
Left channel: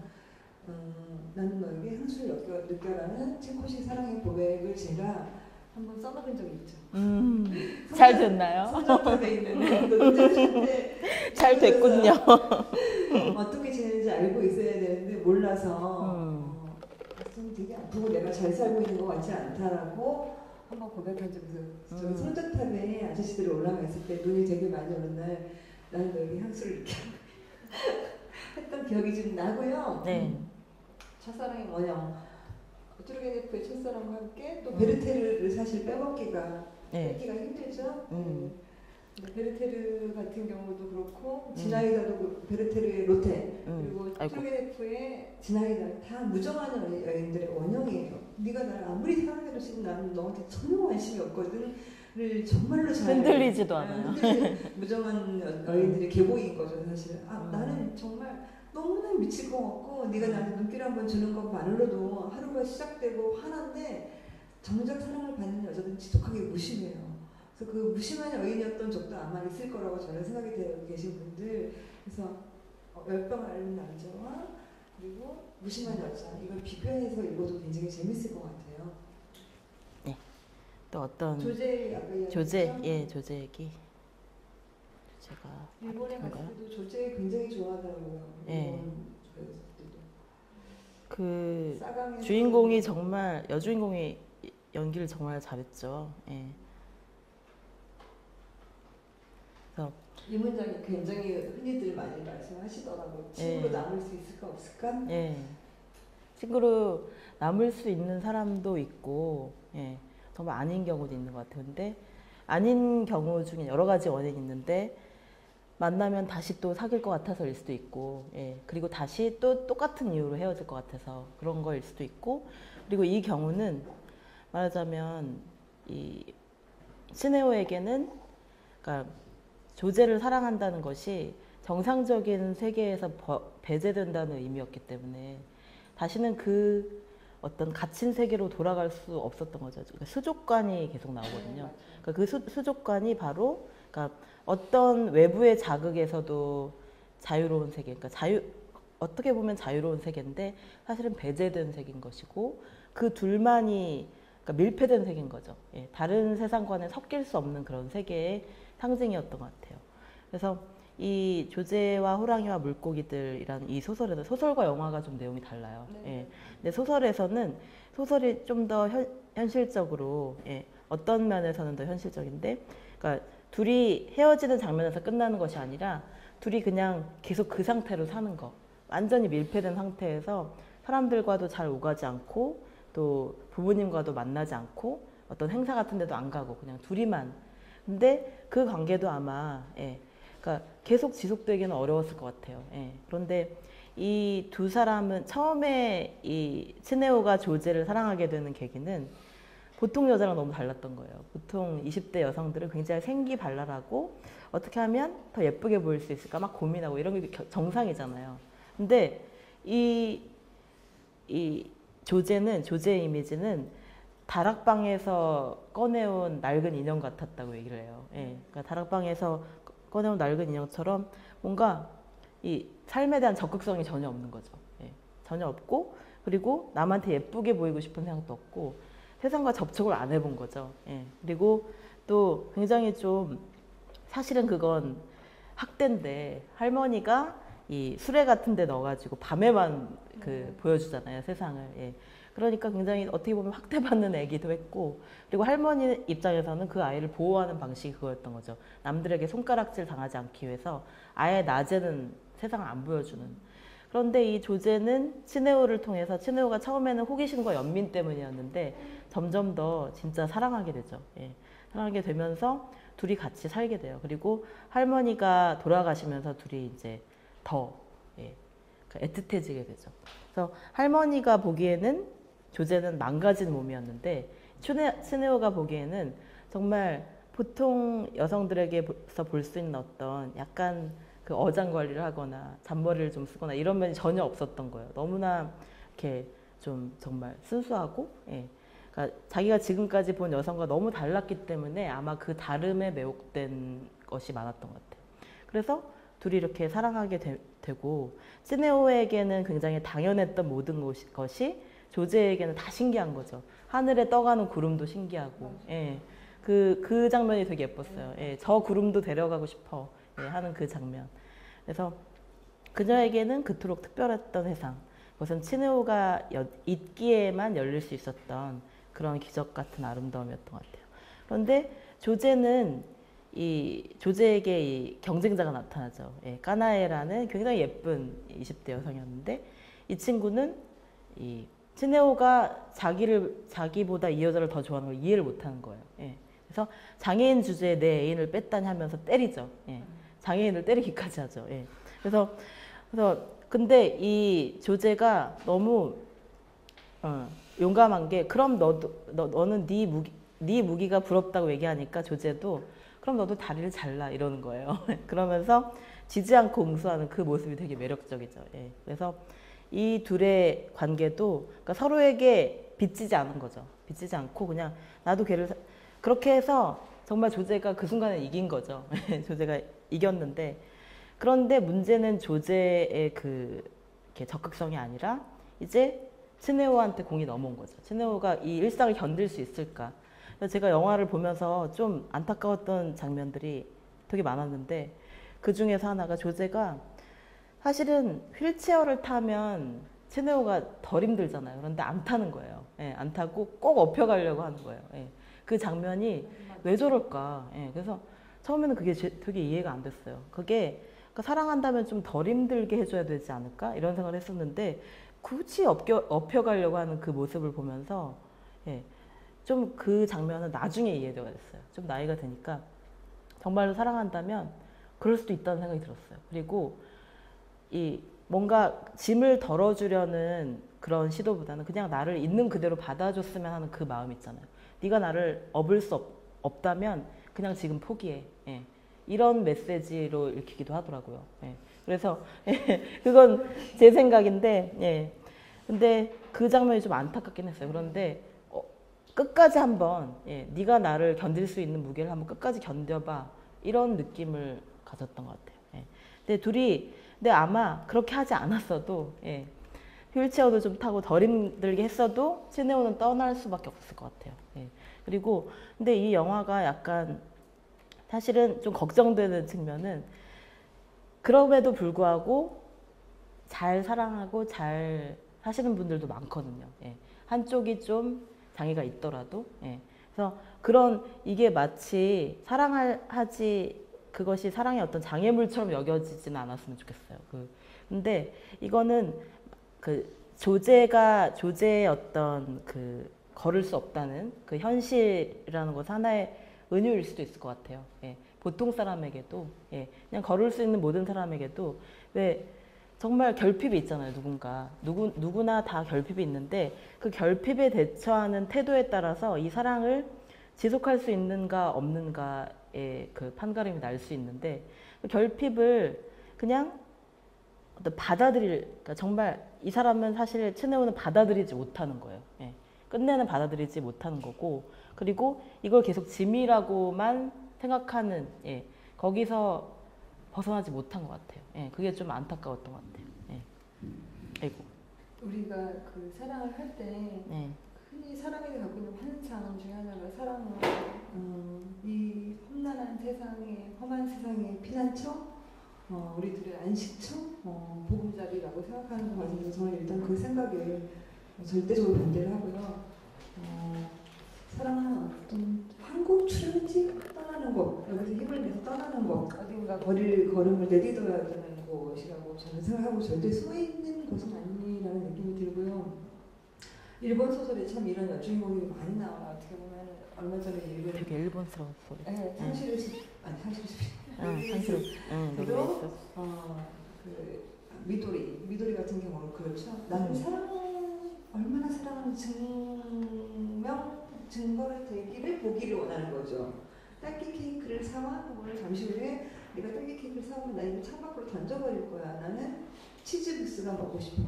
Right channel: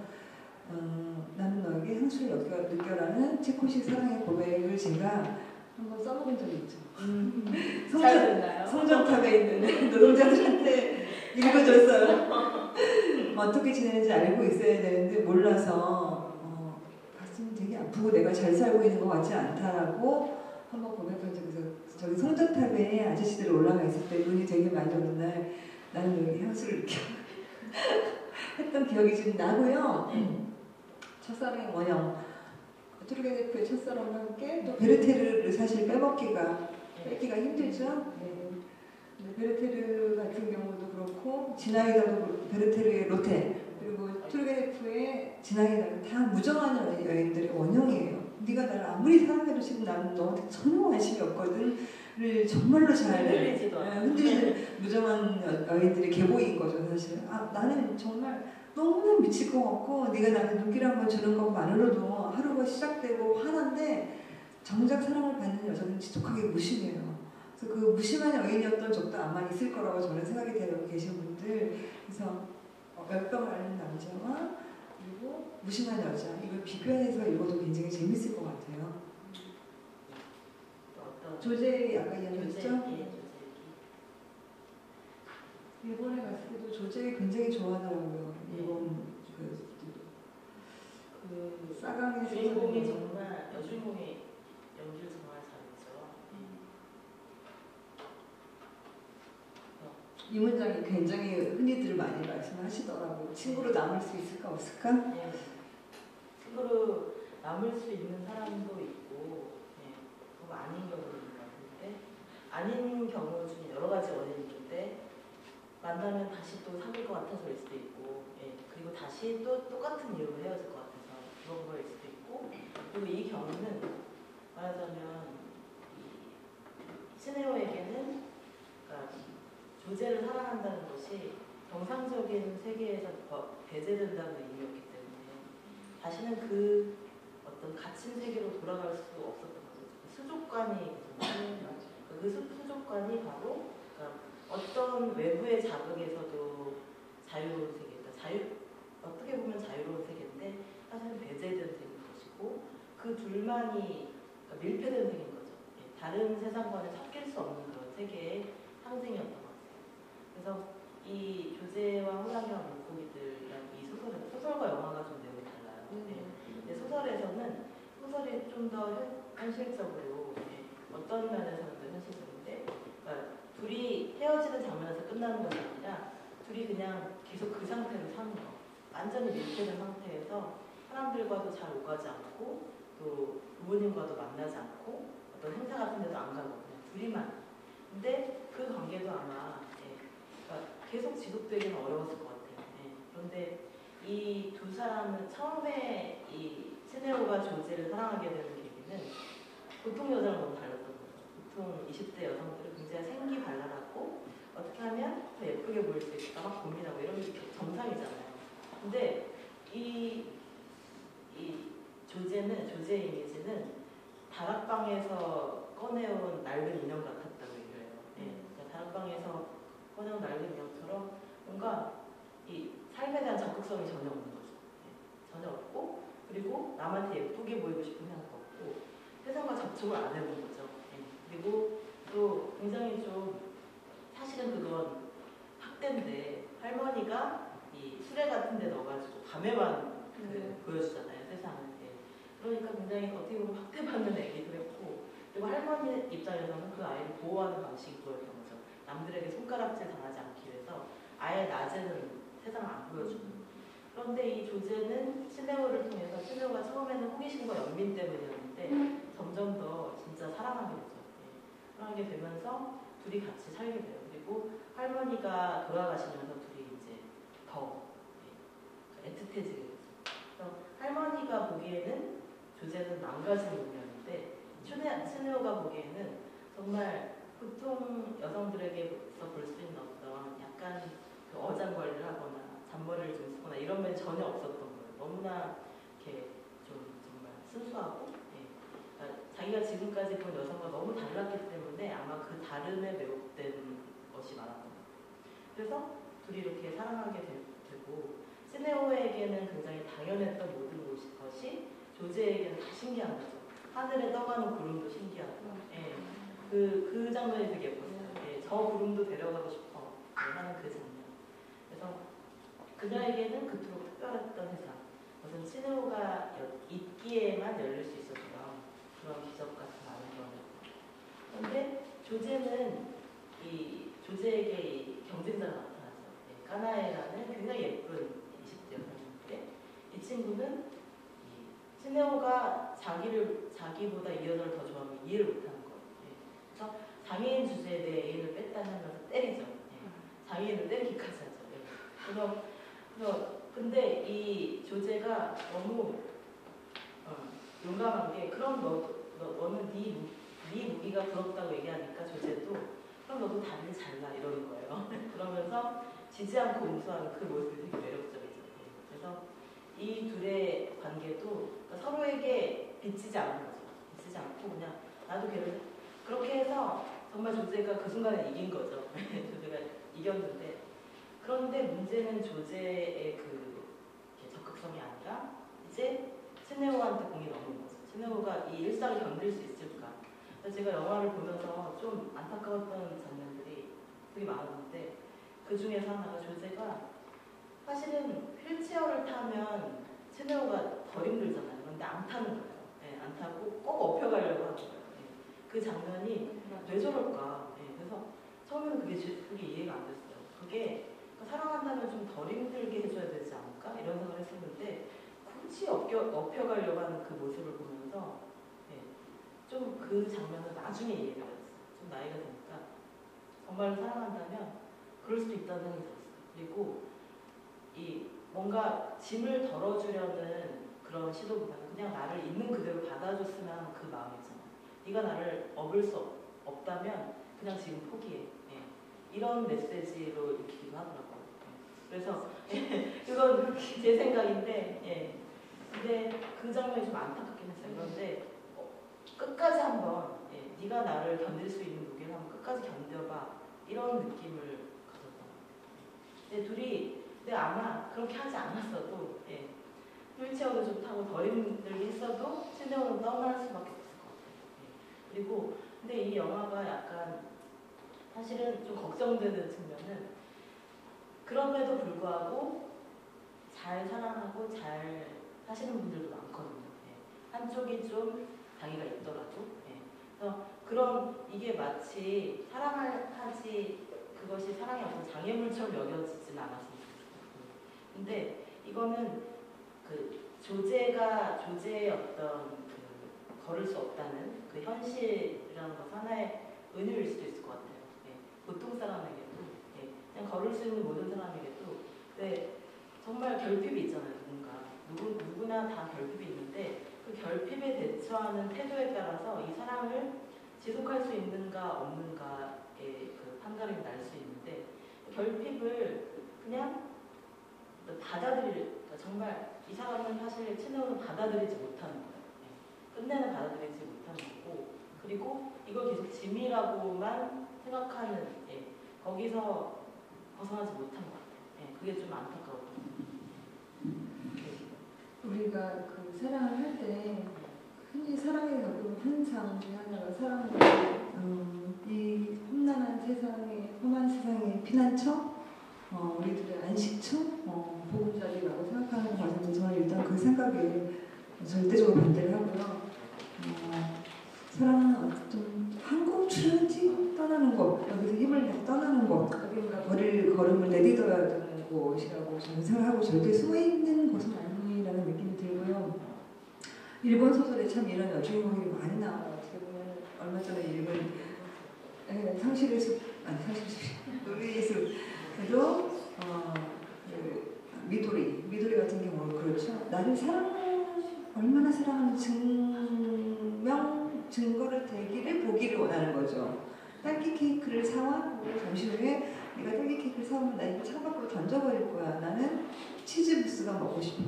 나는 너에게 향수를 느껴라는 체코식 사랑의 고백을 제가 한번 써먹은 적이 있죠. 잘 됐나요? 성적탑에 있는 노동자들한테 잘 됐군요. 어떻게 지내는지 알고 있어야 되는데 몰라서 가슴이 되게 아프고 내가 잘 살고 있는 것 같지 않다라고 한번 고백한 적이 있어요. 저희 성적탑에 아저씨들이 올라가 있을 때 눈이 되게 많이 오는 날 나는 너에게 향수를 느껴 했던 기억이 지금 나고요. 네. 첫사랑의 원형 트루게네프의 첫사랑과 함께 또 베르테르를 사실 빼기가 힘들죠. 베르테르 같은 경우도 그렇고 지나이다도 그렇고 베르테르의 로테 그리고 트루게네프의 지나이다는 다 무정한 여인들의 원형이에요. 네가 나를 아무리 사랑해도 지금 나는 너한테 전혀 관심이 없거든. 를 정말로 잘 흔들리지도 않아요. 무정한 여인들의 계보인 거죠 사실. 나는 정말 너무나 미칠 것 같고 네가 나한테 눈길 한번 주는 것만으로도 하루가 시작되고 화난데 정작 사랑을 받는 여자는 지독하게 무심해요. 그래서 그 무심한 여인이었던 적도 아마 있을 거라고 저는 생각이 되고 계신 분들. 그래서 몇병 앓는 남자와 그리고 무심한 여자 이걸 비교해서 읽어도 굉장히 재밌을 것 같아요. 네. 또 어떤 조제 아까 이야기했죠? 예, 조제 얘기. 제가 일본에 갔을 때도 조제 굉장히 좋아하더라고요. 예. 일본 그 싸강에서 주인공이 정말 여주인공이 연기를 정말 잘했죠. 예. 그래서 이 문장이 굉장히 흔히들 많이 말씀하시더라고요. 친구로 남을 수 있을까 없을까? 예. 친구로 남을 수 있는 사람도 있고, 예. 정말 아닌 경우도 있는 것 같아요. 근데 아닌 경우 중에 여러 가지 원인이 있는데 만나면 다시 또 사귈 것 같아서일 수도 있고, 예. 그리고 다시 또 똑같은 이유로 헤어질 것 같아서 그런 거일 수도 있고, 그리고 이 경우는 말하자면 이 스네오에게는 그러니까 조제를 사랑한다는 것이 정상적인 세계에서 배제된다는 의미였기 때문에 다시는 그 어떤 갇힌 세계로 돌아갈 수 없었던 거죠. 그러니까 수족관이 계속 나오거든요. 그러니까 그 수족관이 바로 그러니까 어떤 외부의 자극에서도 자유로운 세계, 그러니까 어떻게 보면 자유로운 세계인데 사실은 배제된 세계인 것이고 그 둘만이 그러니까 밀폐된 세계인 거죠. 예, 다른 세상과는 섞일 수 없는 그런 세계의 상징이었던 것 같아요. 그래서 이 조제와 호랑이와 물고기들이라는 이 소설에서 소설과 영화가 좀 내용이 달라요. 예. 근데 소설에서는 소설이 좀 더 현실적으로 예, 어떤 면에서는 더 현실적인데 그러니까 둘이 헤어지는 장면에서 끝나는 것이 아니라 둘이 그냥 계속 그 상태로 사는 거. 완전히 밀폐된 상태에서 사람들과도 잘 오가지 않고 또 부모님과도 만나지 않고 어떤 행사 같은 데도 안 가고 그냥 둘이만. 근데 그 관계도 아마 예, 그러니까 계속 지속되기는 어려웠을 것 같아요. 예. 그런데 이 두 사람은 처음에 이 스네오가 조제를 사랑하게 되는 계기는 보통 여자랑 너무 달랐던 거예요. 보통 20대 여성들은 굉장히 생기발랄하고 어떻게 하면 더 예쁘게 보일 수 있을까 막 고민하고 이런 게 정상이잖아요. 근데 이 조제의 이미지는 다락방에서 꺼내온 낡은 인형 같았다고 얘기를 해요. 예. 그러니까 다락방에서 꺼내온 낡은 인형처럼 뭔가 이 삶에 대한 적극성이 전혀 없는 거죠. 예. 전혀 없고 그리고 남한테 예쁘게 보이고 싶은 생각도 없고 세상과 접촉을 안 해본 거죠. 예. 그리고 또 굉장히 좀 사실은 그건 학대인데 할머니가 이 수레 같은 데 넣어가지고 밤에만 보여주잖아요, 세상을. 예. 그러니까 굉장히 어떻게 보면 학대받는 애기도 했고 그리고 할머니 입장에서는 그 아이를 보호하는 방식이 그거였던 거죠. 남들에게 손가락질 당하지 않기 위해서 아예 낮에는 세상을 안 보여주는. 그런데 이 조제는 츠네오를 통해서 츠네오가 처음에는 호기심과 연민 때문이었는데 점점 더 진짜 사랑하게 되죠. 예. 사랑하게 되면서 둘이 같이 살게 돼요. 그리고 할머니가 돌아가시면서 둘이 이제 더 예, 애틋해지게 되죠. 그래서 할머니가 보기에는 조제는 망가진 몸이었는데 츠네오가 보기에는 정말 보통 여성들에게서 볼 수 있는 어떤 약간 그 어장 관리를 하거나 잔머리를 좀 쓰거나 이런 면이 전혀 없었던 거예요. 너무나 이렇게 좀 정말 순수하고 예. 그러니까 자기가 지금까지 본 여성과 너무 달랐기 때문에 아마 그 다름에 매혹된 것이 많았던 것 같아요. 그래서 둘이 이렇게 사랑하게 되고 스네오에게는 굉장히 당연했던 모든 것이 조제에게는 다 신기한 거죠. 하늘에 떠가는 구름도 신기하고 예. 그 장면이 되게 예뻤어요. 예. 저 구름도 데려가고 싶어 예. 하는 그 장면. 그래서 그녀에게는 그토록 특별했던 세상. 그것은 츠네오가 있기에만 열릴 수 있었던 그런 기적 같은 아름다움이었던 것 같아요. 그런데 조제에게 이 경쟁자가 나타나죠. 예, 까나에라는 굉장히 예쁜 20대 여성이었는데 이 친구는 이 츠네오가 자기보다 이 여자를 더 좋아하는 걸 이해를 못하는 거예요. 예, 그래서 장애인 주제에 내 애인을 뺐다니 하면서 때리죠. 예, 장애인을 때리기까지 하죠. 예, 그래서 근데 이 조제가 너무 용감한 게 그럼 너는 네 무기가 부럽다고 얘기하니까 조제도 그럼 너도 다리를 잘라 이러는 거예요. 그러면서 지지 않고 응수하는 그 모습이 되게 매력적이죠. 예. 그래서 이 둘의 관계도 그러니까 서로에게 빚지지 않은 거죠. 빚지지 않고 그냥 나도 걔를 그렇게 해서 정말 조제가 그 순간에 이긴 거죠. 조제가 이겼는데 그런데 문제는 조제의 그 이렇게 적극성이 아니라 이제 스네오한테 공이 넘어온 거죠. 스네오가 이 일상을 견딜 수 있을까? 그래서 제가 영화를 보면서 좀 안타까웠던 장면들이 되게 많았는데 그 중에서 하나가 조제가 사실은 휠체어를 타면 스네오가 덜 힘들잖아요. 그런데 안 타는 거예요. 예, 안 타고 꼭 업혀가려고 하는 거예요. 예. 그 장면이 왜 저럴까? 예, 그래서 처음에는 그게 되게 이해가 안 됐어요. 그게 그러니까 사랑한다면 좀 덜 힘들게 해줘야 되지 않을까? 이런 생각을 했었는데 굳이 업혀가려고 하는 그 모습을 보면서 예, 좀 그 장면은 나중에 이해가 됐어요. 좀 나이가 드니까 정말 사랑한다면 그럴 수도 있다는 생각이 들었어요. 그리고 이 뭔가 짐을 덜어주려는 그런 시도보다는 그냥 나를 있는 그대로 받아줬으면 하는 그 마음 있잖아요. 네가 나를 업을 수 없다면 그냥 지금 포기해. 예. 이런 메시지로 읽히기도 하더라고요. 예. 그래서 그건 제 생각인데, 예. 근데 그 장면이 좀 안타깝긴 했어요. 그런데 끝까지 한번, 예. 네가 나를 견딜 수 있는 무게를 한번 끝까지 견뎌봐. 이런 느낌을 가졌던 것 같아요. 예. 근데 아마 그렇게 하지 않았어도, 예. 휠체어도 좀 타고 덜 힘들게 했어도 스네오는 떠날 수밖에 없을 것 같아요. 예. 그리고 근데 이 영화가 약간 사실은 좀 걱정되는 측면은 그럼에도 불구하고 잘 사랑하고 잘 사시는 분들도 많거든요. 예. 한쪽이 좀 장애가 있더라도. 예. 그래서 이게 마치 사랑하지 그것이 사랑의 어떤 장애물처럼 여겨지지는 않았으면 좋겠어요. 근데 이거는 조제의 어떤 걸을 수 없다는 그 현실이라는 것 하나의 은유일 수도 있을 것 같아요. 예. 보통 사람에게도, 예. 그냥 걸을 수 있는 모든 사람에게도, 왜, 정말 결핍이 있잖아요, 누구나 다 결핍이 있는데, 그 결핍에 대처하는 태도에 따라서 이 사랑을 지속할 수 있는가, 없는가의 그 판가름이 날 수 있는데, 결핍을 그냥 그러니까 정말 이 사람은 사실 스네오는 받아들이지 못하는 거예요. 예. 끝내는 받아들이지 못하는 거고, 그리고 이걸 계속 짐이라고만 생각하는, 예. 거기서 벗어나지 못한 것 같아요. 예. 그게 좀 안타까웠던 것 같아요. 예. 우리가 그 사랑을 할 때 예. 흔히 사랑에 겪는 환상 중에 하나가 사랑은 이 험한 세상의 피난처, 우리들의 안식처, 보금자리라고 생각하는 과정에서 저는 일단 그 생각에 절대적으로 반대를 하고요. 사랑은 좀 한국 출연지 떠나는 것, 여기서 힘을 내서 떠나는 것, 어딘가 걸음을 내딛어야 되는 곳이라고 저는 생각하고 절대 숨어있는 곳은 아니라는 느낌이 들고요. 일본 소설에 참 이런 여주인공이 많이 나와요. 얼마 전에 일본스러웠어. 네, 상실의 집, 그리고 미도리 같은 경우는 그렇죠. 나를 얼마나 사랑하는 증거를 대기를 보기를 원하는 거죠. 딸기 케이크를 사와 오늘 점심 후에 네가 딸기 케이크를 사오면 나 이거 창밖으로 던져버릴 거야. 나는 치즈부스가 먹고 싶어.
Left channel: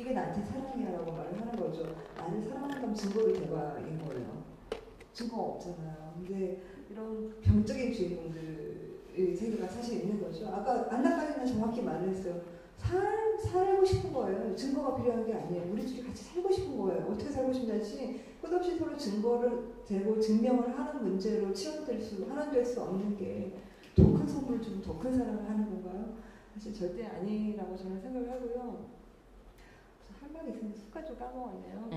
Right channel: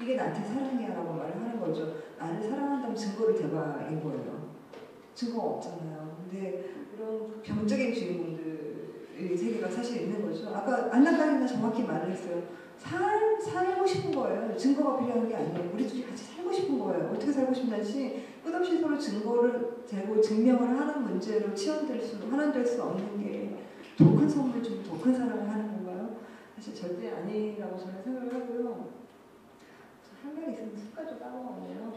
이게 나한테 사랑이야라고 말을 하는 거죠. 나를 사랑한다는 증거를 대봐인 거예요. 증거가 없잖아요. 근데 이런 병적인 주인공들의 세계가 사실 있는 거죠. 아까 안나까리나 정확히 말을 했어요. 살고 싶은 거예요. 증거가 필요한 게 아니에요. 우리 둘이 같이 살고 싶은 거예요. 어떻게 살고 싶냐지 끝없이 서로 증거를 대고 증명을 하는 문제로 하나될 수 없는 게 더 큰 선물 좀 더 큰 사랑을 하는 건가요? 사실 절대 아니라고 저는 생각을 하고요. 할 말이 있으면 습관적으로 까먹었네요. 네.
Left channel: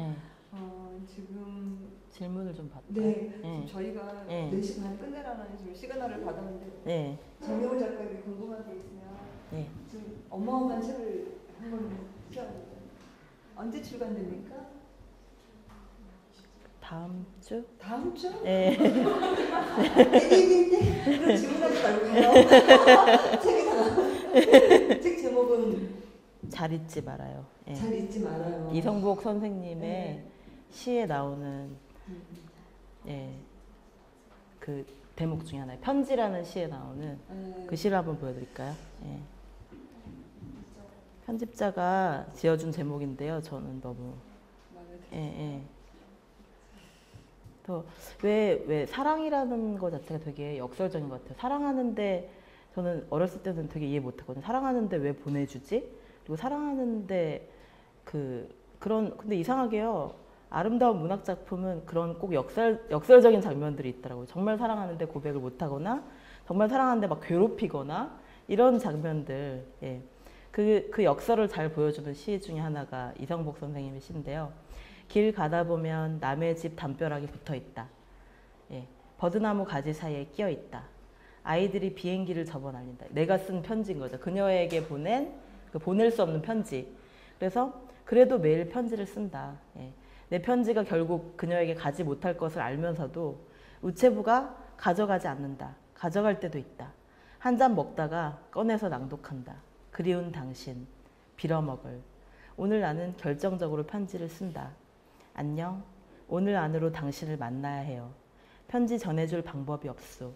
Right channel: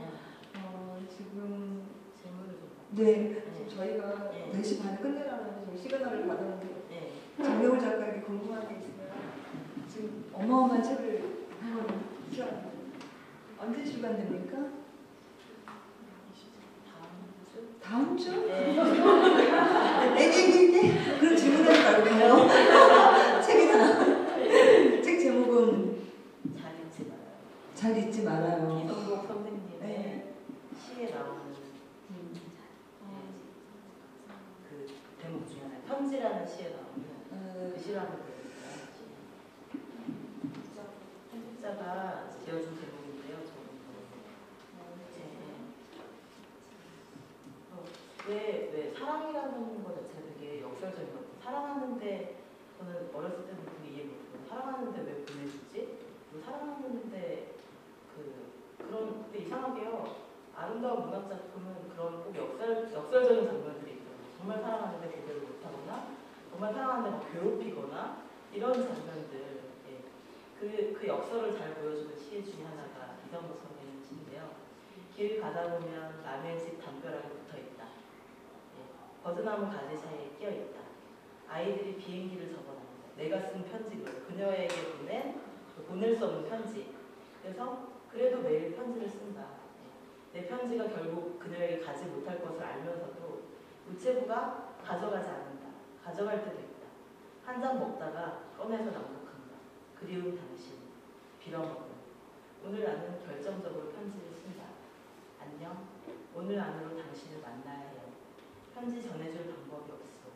지금 질문을 좀 받고. 네. 네. 저희가 네. 4시 반에 끝내라는 지금 시그널을 받았는데 네. 정경훈 작가에게 궁금한 게 있으면 네. 지금 어마어마한 책을 한번 언제 출간됩니까? 다음 주? 네. 네. 그런 질문하지 말고요. 책 제목은 잘 잊지 말아요. 네. 잘 잊지 말아요. 이성복 선생님의 네. 시에 나오는 예, 그 대목 중에 하나예요. 편지라는 시에 나오는 그 시를 한번 보여드릴까요? 예. 편집자가 지어준 제목인데요. 저는 너무 또 왜 사랑이라는 것 자체가 되게 역설적인 것 같아요. 사랑하는데 저는 어렸을 때는 되게 이해 못했거든요. 사랑하는데 왜 보내주지? 그리고 사랑하는데 근데 이상하게요. 아름다운 문학 작품은 그런 꼭 역설적인 장면들이 있더라고요. 정말 사랑하는데 고백을 못하거나, 정말 사랑하는데 막 괴롭히거나, 이런 장면들. 예. 그 역설을 잘 보여주는 시 중에 하나가 이성복 선생님의 시인데요. 길 가다 보면 남의 집 담벼락에 붙어 있다. 예. 버드나무 가지 사이에 끼어 있다. 아이들이 비행기를 접어다닌다. 내가 쓴 편지인 거죠. 그녀에게 보낼 수 없는 편지. 그래서 그래도 매일 편지를 쓴다. 예. 내 편지가 결국 그녀에게 가지 못할 것을 알면서도 우체부가 가져가지 않는다. 가져갈 때도 있다. 한 잔 먹다가 꺼내서 낭독한다. 그리운 당신, 빌어먹을. 오늘 나는 결정적으로 편지를 쓴다. 안녕. 오늘 안으로 당신을 만나야 해요. 편지 전해줄 방법이 없소.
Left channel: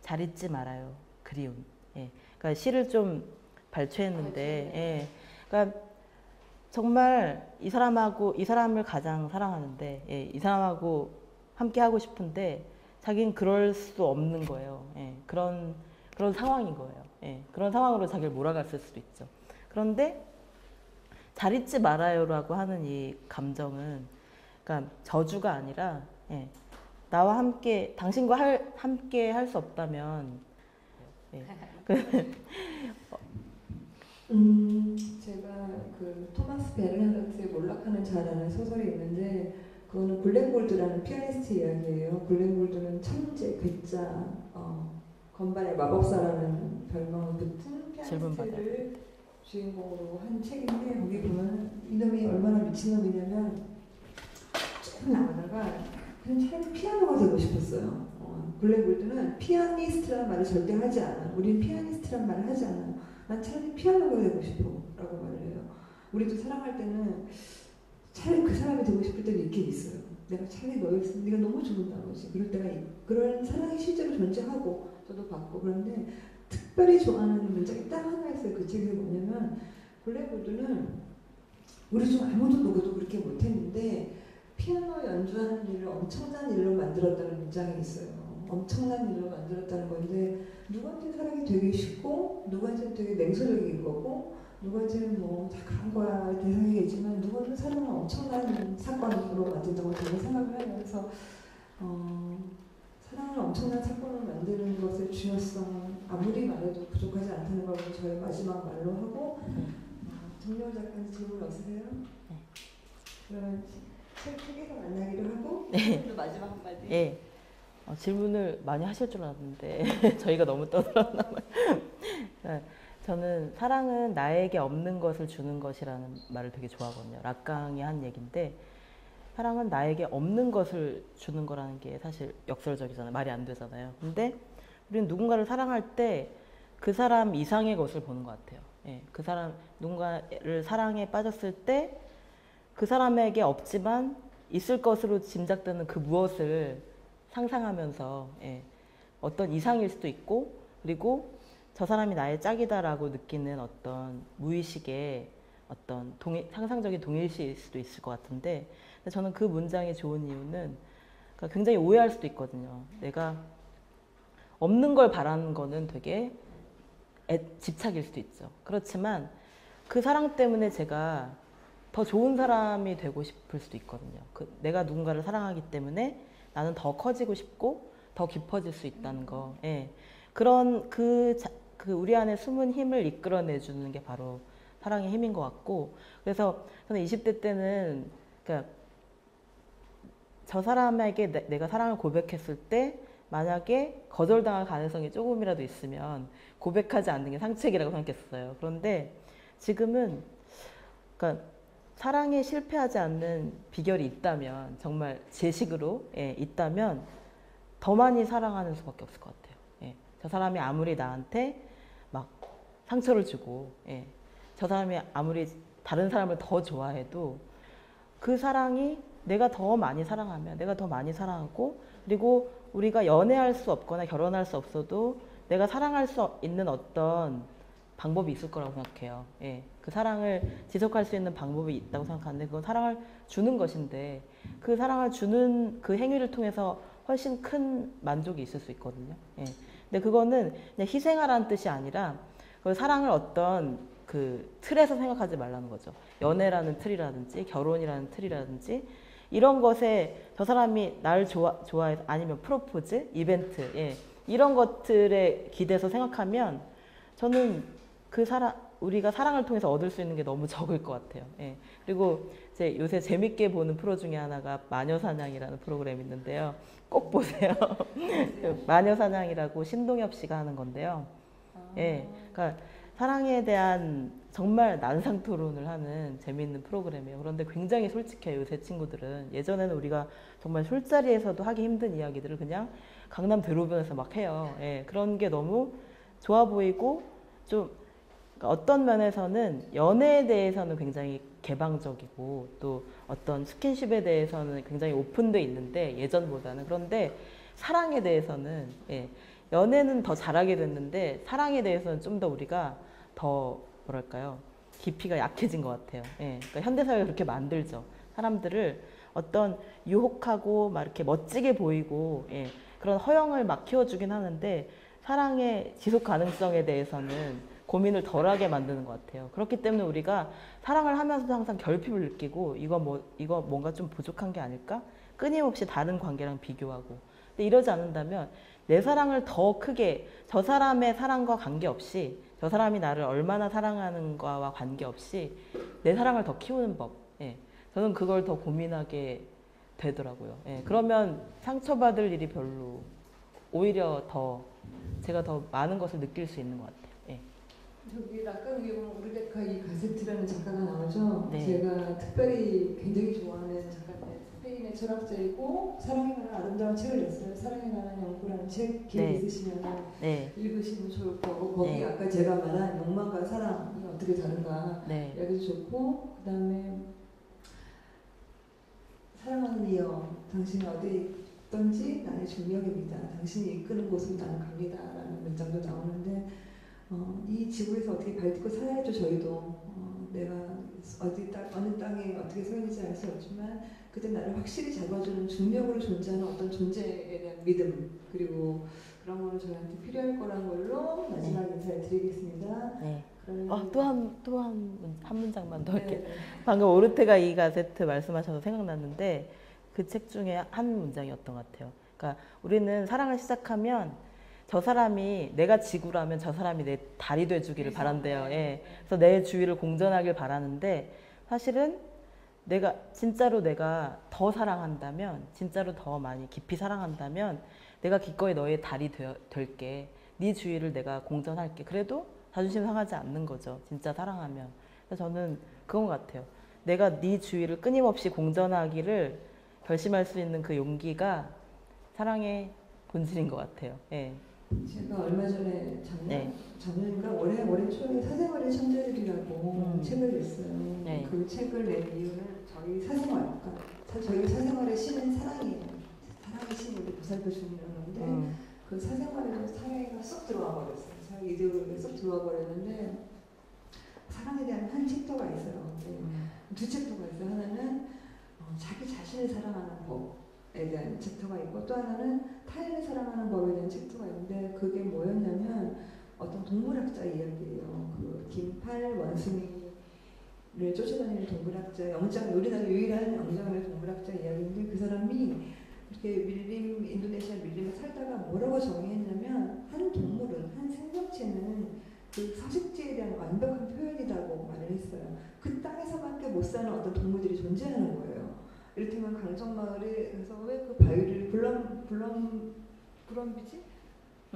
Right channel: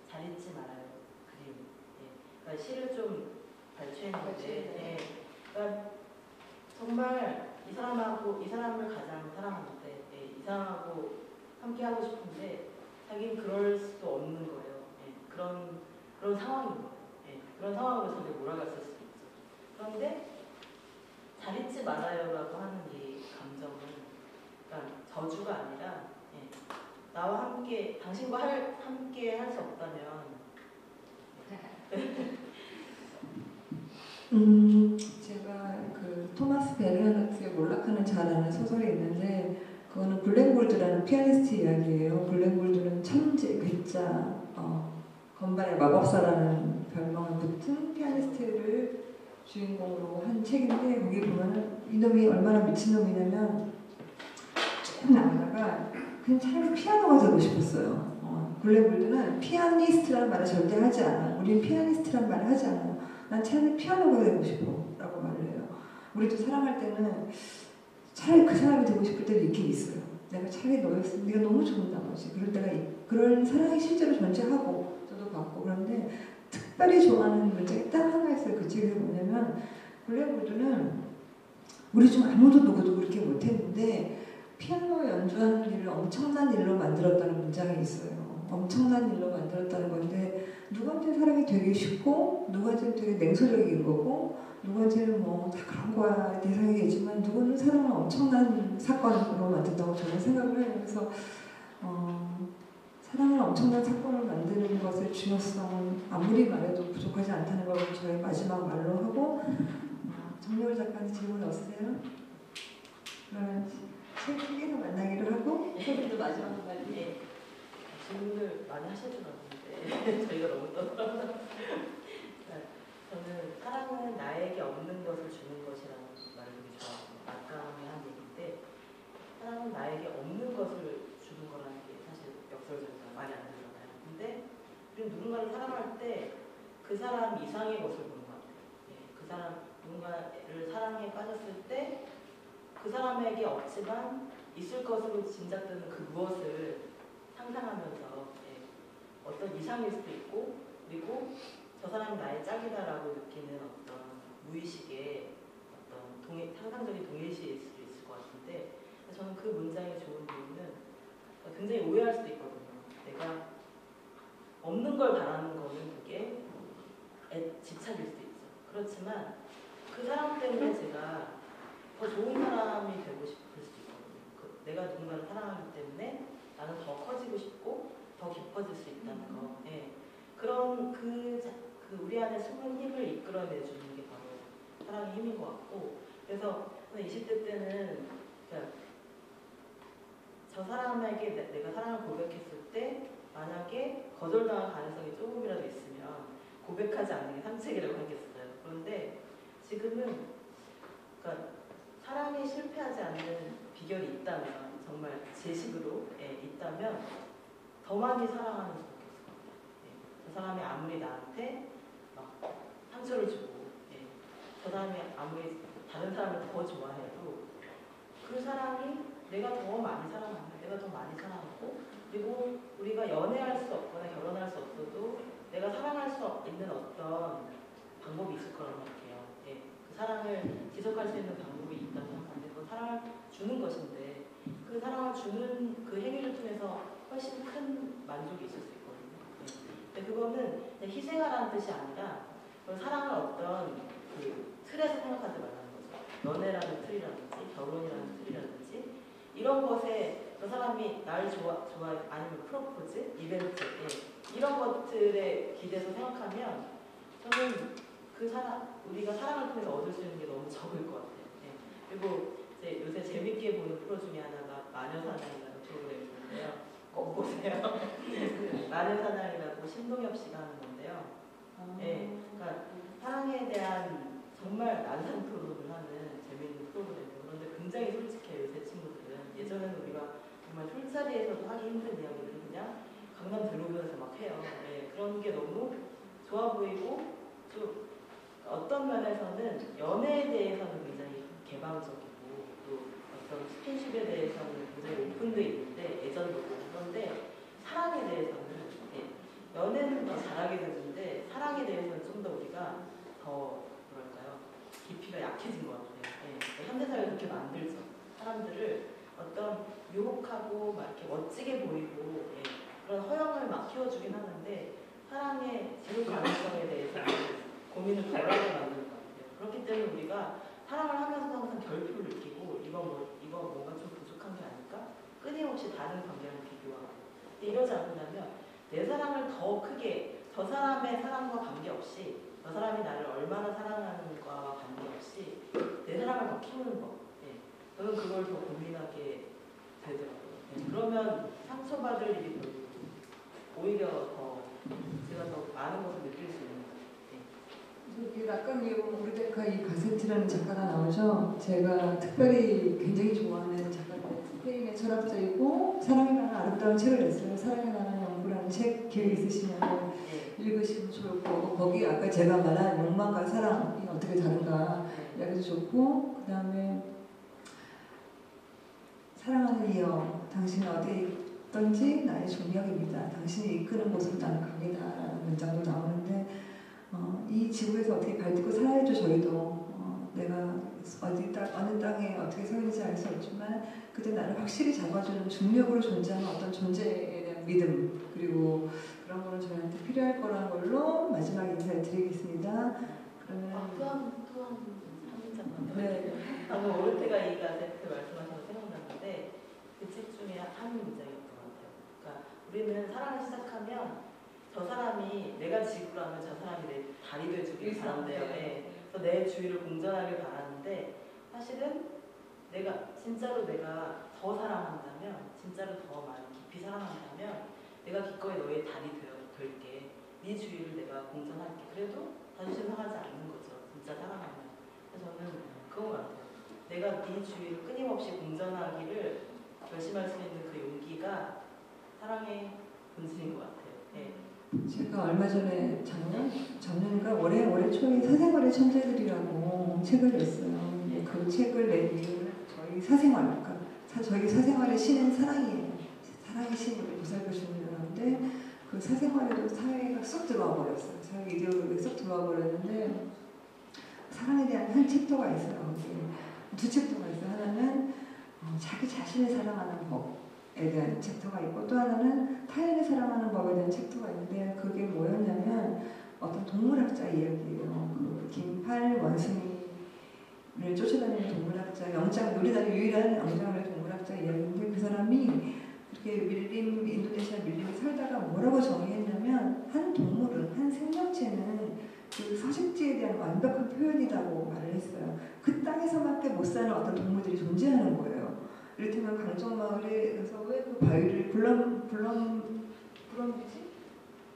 잘 잊지 말아요. 그리움. 예. 그러니까 시를 좀 발췌했는데, 예. 그러니까 정말 이 사람을 가장 사랑하는데, 예. 이 사람하고 함께 하고 싶은데, 자기는 그럴 수 없는 거예요. 예. 그런 상황인 거예요. 예. 그런 상황으로 자기를 몰아갔을 수도 있죠. 그런데 잘 잊지 말아요라고 하는 이 감정은, 그러니까 저주가 아니라, 예. 나와 함께, 당신과 함께 할 수 없다면, 예. 제가 그 토마스 베르나르트의 몰락하는 자라는 소설이 있는데 그거는 블랙골드라는 피아니스트 이야기예요. 블랙골드는 천재, 글자, 건반의 마법사라는 별명을 붙은 피아니스트를 주인공으로 한 책인데 거기 보면은 이놈이 얼마나 미친놈이냐면 쭉 나가다가 그냥 차라리 피아노가 되고 싶었어요. 블랙골드는 피아니스트라는 말을 절대 하지 않아. 우린 피아니스트라는 말을 하지 않아. 난 차라리 피아노가 되고 싶어 라고 말을 해요. 우리도 사랑할 때는 차라리 그 사람이 되고 싶을 때도 있긴 있어요. 내가 차라리 너였으면 네가 너무 좋은 나머지 그럴 때가 그런 사랑이 실제로 존재하고 저도 봤고 그런데 특별히 좋아하는 문장이 딱 하나 있어요. 그 책에서 뭐냐면 블랙우드는 우리 중 아무도 누구도 그렇게 못했는데 피아노 연주하는 일을 엄청난 일로 만들었다는 문장이 있어요. 엄청난 일로 만들었다는 건데 누구한테는 사랑이 되게 쉽고 누구한테는 되게 냉소적인 거고 누구한테는 뭐 다 그런 거야 대상이겠지만 누구는 사랑을 엄청난 사건으로 만든다고 저는 생각을 해요. 그래서 사랑을 엄청난 사건을 만드는 것의 중요성은 아무리 말해도 부족하지 않다는 걸 저희 마지막 말로 하고 정리호 작가님 질문 없으세요? 그러면 책에서 만나기로 하고 오늘도 마지막 말로 예. 질문을 많이 하실 줄 알았는데 저희가 너무 떠들었나 봐요. 저는 사랑은 나에게 없는 것을 주는 것이라는 말을 되게 좋아하거든요. 락강이 한 얘기인데 사랑은 나에게 없는 것을 주는 거라는 게 사실 역설적이잖아요. 말이 안 되잖아요. 근데 우리는 누군가를 사랑할 때 그 사람 이상의 것을 보는 것 같아요. 예, 그 사람, 누군가를 사랑에 빠졌을 때 그 사람에게 없지만 있을 것으로 짐작되는 그 무엇을 상상하면서 예, 어떤 이상일 수도 있고 그리고 저 사람이 나의 짝이다라고 느끼는 어떤 무의식의 어떤 상상적인 동일시일 수도 있을 것 같은데 저는 그 문장이 좋은 이유는 그러니까 굉장히 오해할 수도 있거든요. 내가 없는 걸 바라는 거는 되게 집착일 수도 있죠. 그렇지만 그 사랑 때문에 제가 더 좋은 사람이 되고 싶을 수도 있거든요. 내가 누군가를 사랑하기 때문에 나는 더 커지고 싶고 더 깊어질 수 있다는 거. 예. 그런 그 우리 안에 숨은 힘을 이끌어내주는 게 바로 사랑의 힘인 것 같고 그래서 저는 20대 때는 그러니까 저 사람에게 내가 사랑을 고백했을 때 만약에 거절당할 가능성이 조금이라도 있으면 고백하지 않는 게 상책이라고 생각했어요. 그런데 지금은 그러니까 사랑에 실패하지 않는 비결이 있다면 정말 제 식으로 있다면 더 많이 사랑하는 수밖에 없을 것 같아요. 예. 저 사람이 아무리 나한테 막 상처를 주고 저 사람이 아무리 다른 사람을 더 좋아해도 그 사랑이 내가 더 많이 사랑하면 내가 더 많이 사랑하고 그리고 우리가 연애할 수 없거나 결혼할 수 없어도 내가 사랑할 수 있는 어떤 방법이 있을 거라고 생각해요. 예. 그 사랑을 지속할 수 있는 방법이 있다고 생각하는데 그건 사랑을 주는 것인데 그 사랑을 주는 그 행위를 통해서 훨씬 큰 만족이 있을 수 있거든요. 예. 근데 그거는 그냥 희생하라는 뜻이 아니라 그 사랑을 어떤 그 틀에서 생각하지 말라는 거죠. 연애라는 틀이라든지 결혼이라는 틀이라든지 이런 것에 저 사람이 나를 좋아해서 아니면 프로포즈, 이벤트 이런 것들에 기대서 생각하면 저는 우리가 사랑을 통해서 얻을 수 있는 게 너무 적을 것 같아요. 그리고 이제 요새 재밌게 보는 프로 중에 하나가 마녀사냥이라는 프로그램이 있는데요. 꼭 보세요. 그 마녀사냥이라고 신동엽 씨가 하는 건데요. 그러니까 사랑에 대한 정말 난상 토론을 하는 재미있는 프로그램이에요. 그런데 굉장히 솔직해요, 요새 친구들은. 예전에는 우리가 정말 술자리에서도 하기 힘든 이야기들을 그냥 강남 대로변에서 막 해요. 그런 게 너무 좋아 보이고 좀 그러니까 어떤 면에서는 연애에 대해서는 굉장히 개방적이고 또 어떤 스킨십에 대해서는 굉장히 오픈돼 있는데 예전보다는 그런데 사랑에 대해서는 연애는 더 잘하게 됐는데 사랑에 대해서는 좀 더 우리가 더 뭐랄까요 깊이가 약해진 것 같아요. 그러니까 현대사회가 그렇게 만들죠. 사람들을 어떤 유혹하고 막 이렇게 멋지게 보이고 그런 허영을 막 키워주긴 하는데 사랑의 지속 가능성에 대해서는 고민을 덜하게 만드는 것 같아요. 그렇기 때문에 우리가 사랑을 하면서도 항상 결핍을 느끼고 이거 뭔가 좀 부족한 게 아닐까? 끊임없이 다른 관계랑 비교하고. 근데 이러지 않는다면 내 사랑을 더 크게 저 사람의 사랑과 관계없이 저 사람이 나를 얼마나 사랑하는가와 관계없이 내 사랑을 더 키우는 법. 저는 그걸 더 고민하게 되더라고요. 그러면 상처받을 일이 별로 오히려 제가 더 많은 것을 느낄 수 있는 것 같아요. 여기 낙관기용 우리데카 이 가세트라는 작가가 나오죠. 네. 제가 특별히 굉장히 좋아하는 작가인데 스페인의 철학자이고 사랑에 관한 아름다운 책을 냈어요. 사랑에 관한 연구라는 책 기회 있으시면 읽으시면 좋을 거고 거기 아까 제가 말한 욕망과 사랑이 어떻게 다른가 이야기도 좋고 그 다음에 사랑하는 이여 당신은 어디 있던지 나의 중력입니다. 당신이 이끄는 곳으로 나는 갑니다. 라는 문장도 나오는데 이 지구에서 어떻게 발딛고 살아야죠. 저희도 내가 어느 땅에 어떻게 서 있는지 알 수 없지만 그때 나를 확실히 잡아주는 중력으로 존재하는 어떤 존재에 대한 믿음 그리고 그런 거는 저희한테 필요할 거라는 걸로 마지막 인사를 드리겠습니다. 또 한 문장만 더 이렇게. 방금 오르테가 이 가세트 말씀하셔서 생각났는데 그 책 중에 한 문장이었던 것 같아요. 그러니까 우리는 사랑을 시작하면 저 사람이 내가 지구라면 저 사람이 내 달이 돼주기를 바란대요. 그래서 내 주위를 공전하길 바라는데 사실은 진짜로 내가 더 사랑한다면 진짜로 더 많이 깊이 사랑한다면 내가 기꺼이 너의 달이 될게. 네 주위를 내가 공전할게. 그래도 자존심 상하지 않는 거죠. 진짜 사랑하면. 그래서 저는 그건 것 같아요. 내가 네 주위를 끊임없이 공전하기를 결심할 수 있는 그 용기가 사랑의 본질인 것 같아요. 제가 얼마 전에 작년인가 올해 초에 사생활의 천재들이라고 책을 냈어요. 그 책을 낸 이유는 저희 사생활, 그러니까 저희 사생활의 신은 사랑이에요. 사랑의 신이 보살펴주는데 그 사생활에도 사회가 쏙 들어와 버렸어요. 사회 이데올로기에 쏙 들어와 버렸는데 사랑에 대한 한 챕터가 있어요. 두 챕터가 있어요. 하나는 자기 자신을 사랑하는 법에 대한 챕터가 있고 또 하나는 타인을 사랑하는 법에 대한 챕터가 있는데 그게 뭐였냐면 어떤 동물학자 이야기예요. 그 긴팔 원숭이를 쫓아다니는 동물학자, 우리나라 유일한 영장의 동물학자 이야기인데 그 사람이 이렇게 인도네시아 밀림에 살다가 뭐라고 정의했냐면 한 동물은, 한 생명체는 그 서식지에 대한 완벽한 표현이라고 말을 했어요. 그 땅에서밖에 못 사는 어떤 동물들이 존재하는 거예요. 이를테면 강정마을에서 왜 그 바위를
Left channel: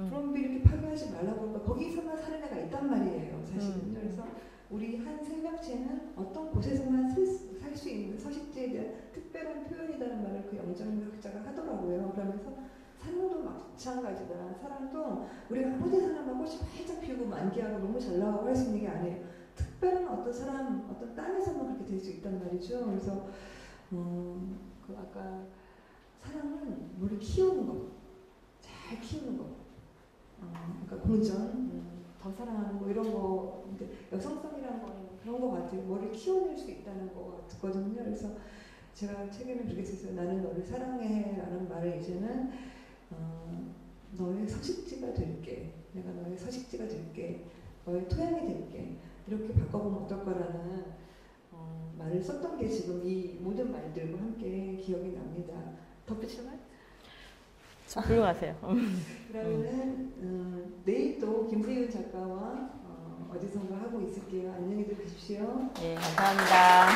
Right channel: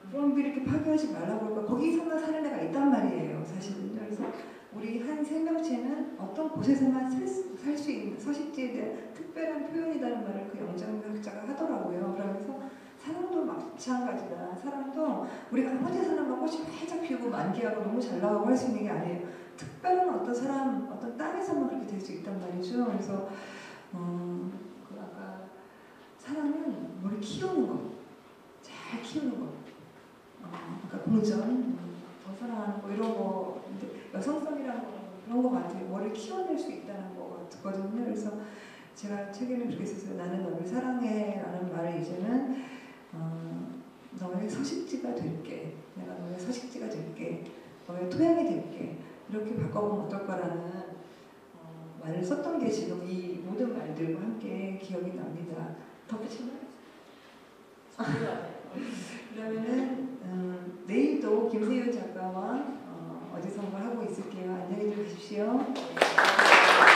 브럼비를 이렇게 파괴하지 말라고 그럴까? 거기서만 사는 애가 있단 말이에요, 사실은. 그래서 우리 한 생명체는 어떤 곳에서만 살 수 있는 서식지에 대한 특별한 표현이라는 말을 그 영장학자가 하더라고요. 그러면서 사랑도 마찬가지다. 사랑도 우리가 아무 데서나 막 꽃이 활짝 피우고 만개하고 너무 잘 나가고 할 수 있는 게 아니에요. 특별한 어떤 사람, 어떤 땅에서만 그렇게 될 수 있단 말이죠. 그래서 그 아까 사랑은 뭘 키우는 거, 잘 키우는 거. 그러니까 공전, 더 사랑하는 거 이런 거, 여성성이라는 거 그런 거 같아요. 머리를 키워낼 수 있다는 거 같거든요. 그래서 제가 책에는 그렇게 썼어요. 나는 너를 사랑해라는 말을 이제는 너의 서식지가 될게, 내가 너의 서식지가 될게, 너의 토양이 될게, 이렇게 바꿔보면 어떨 거라는 말을 썼던 게 지금 이 모든 말들과 함께 기억이 납니다. 덧붙이면? 훌륭하세요. 그러면은 내일도 김세윤 작가와 어디선가 하고 있을게요. 안녕히 계십시오. 네, 감사합니다.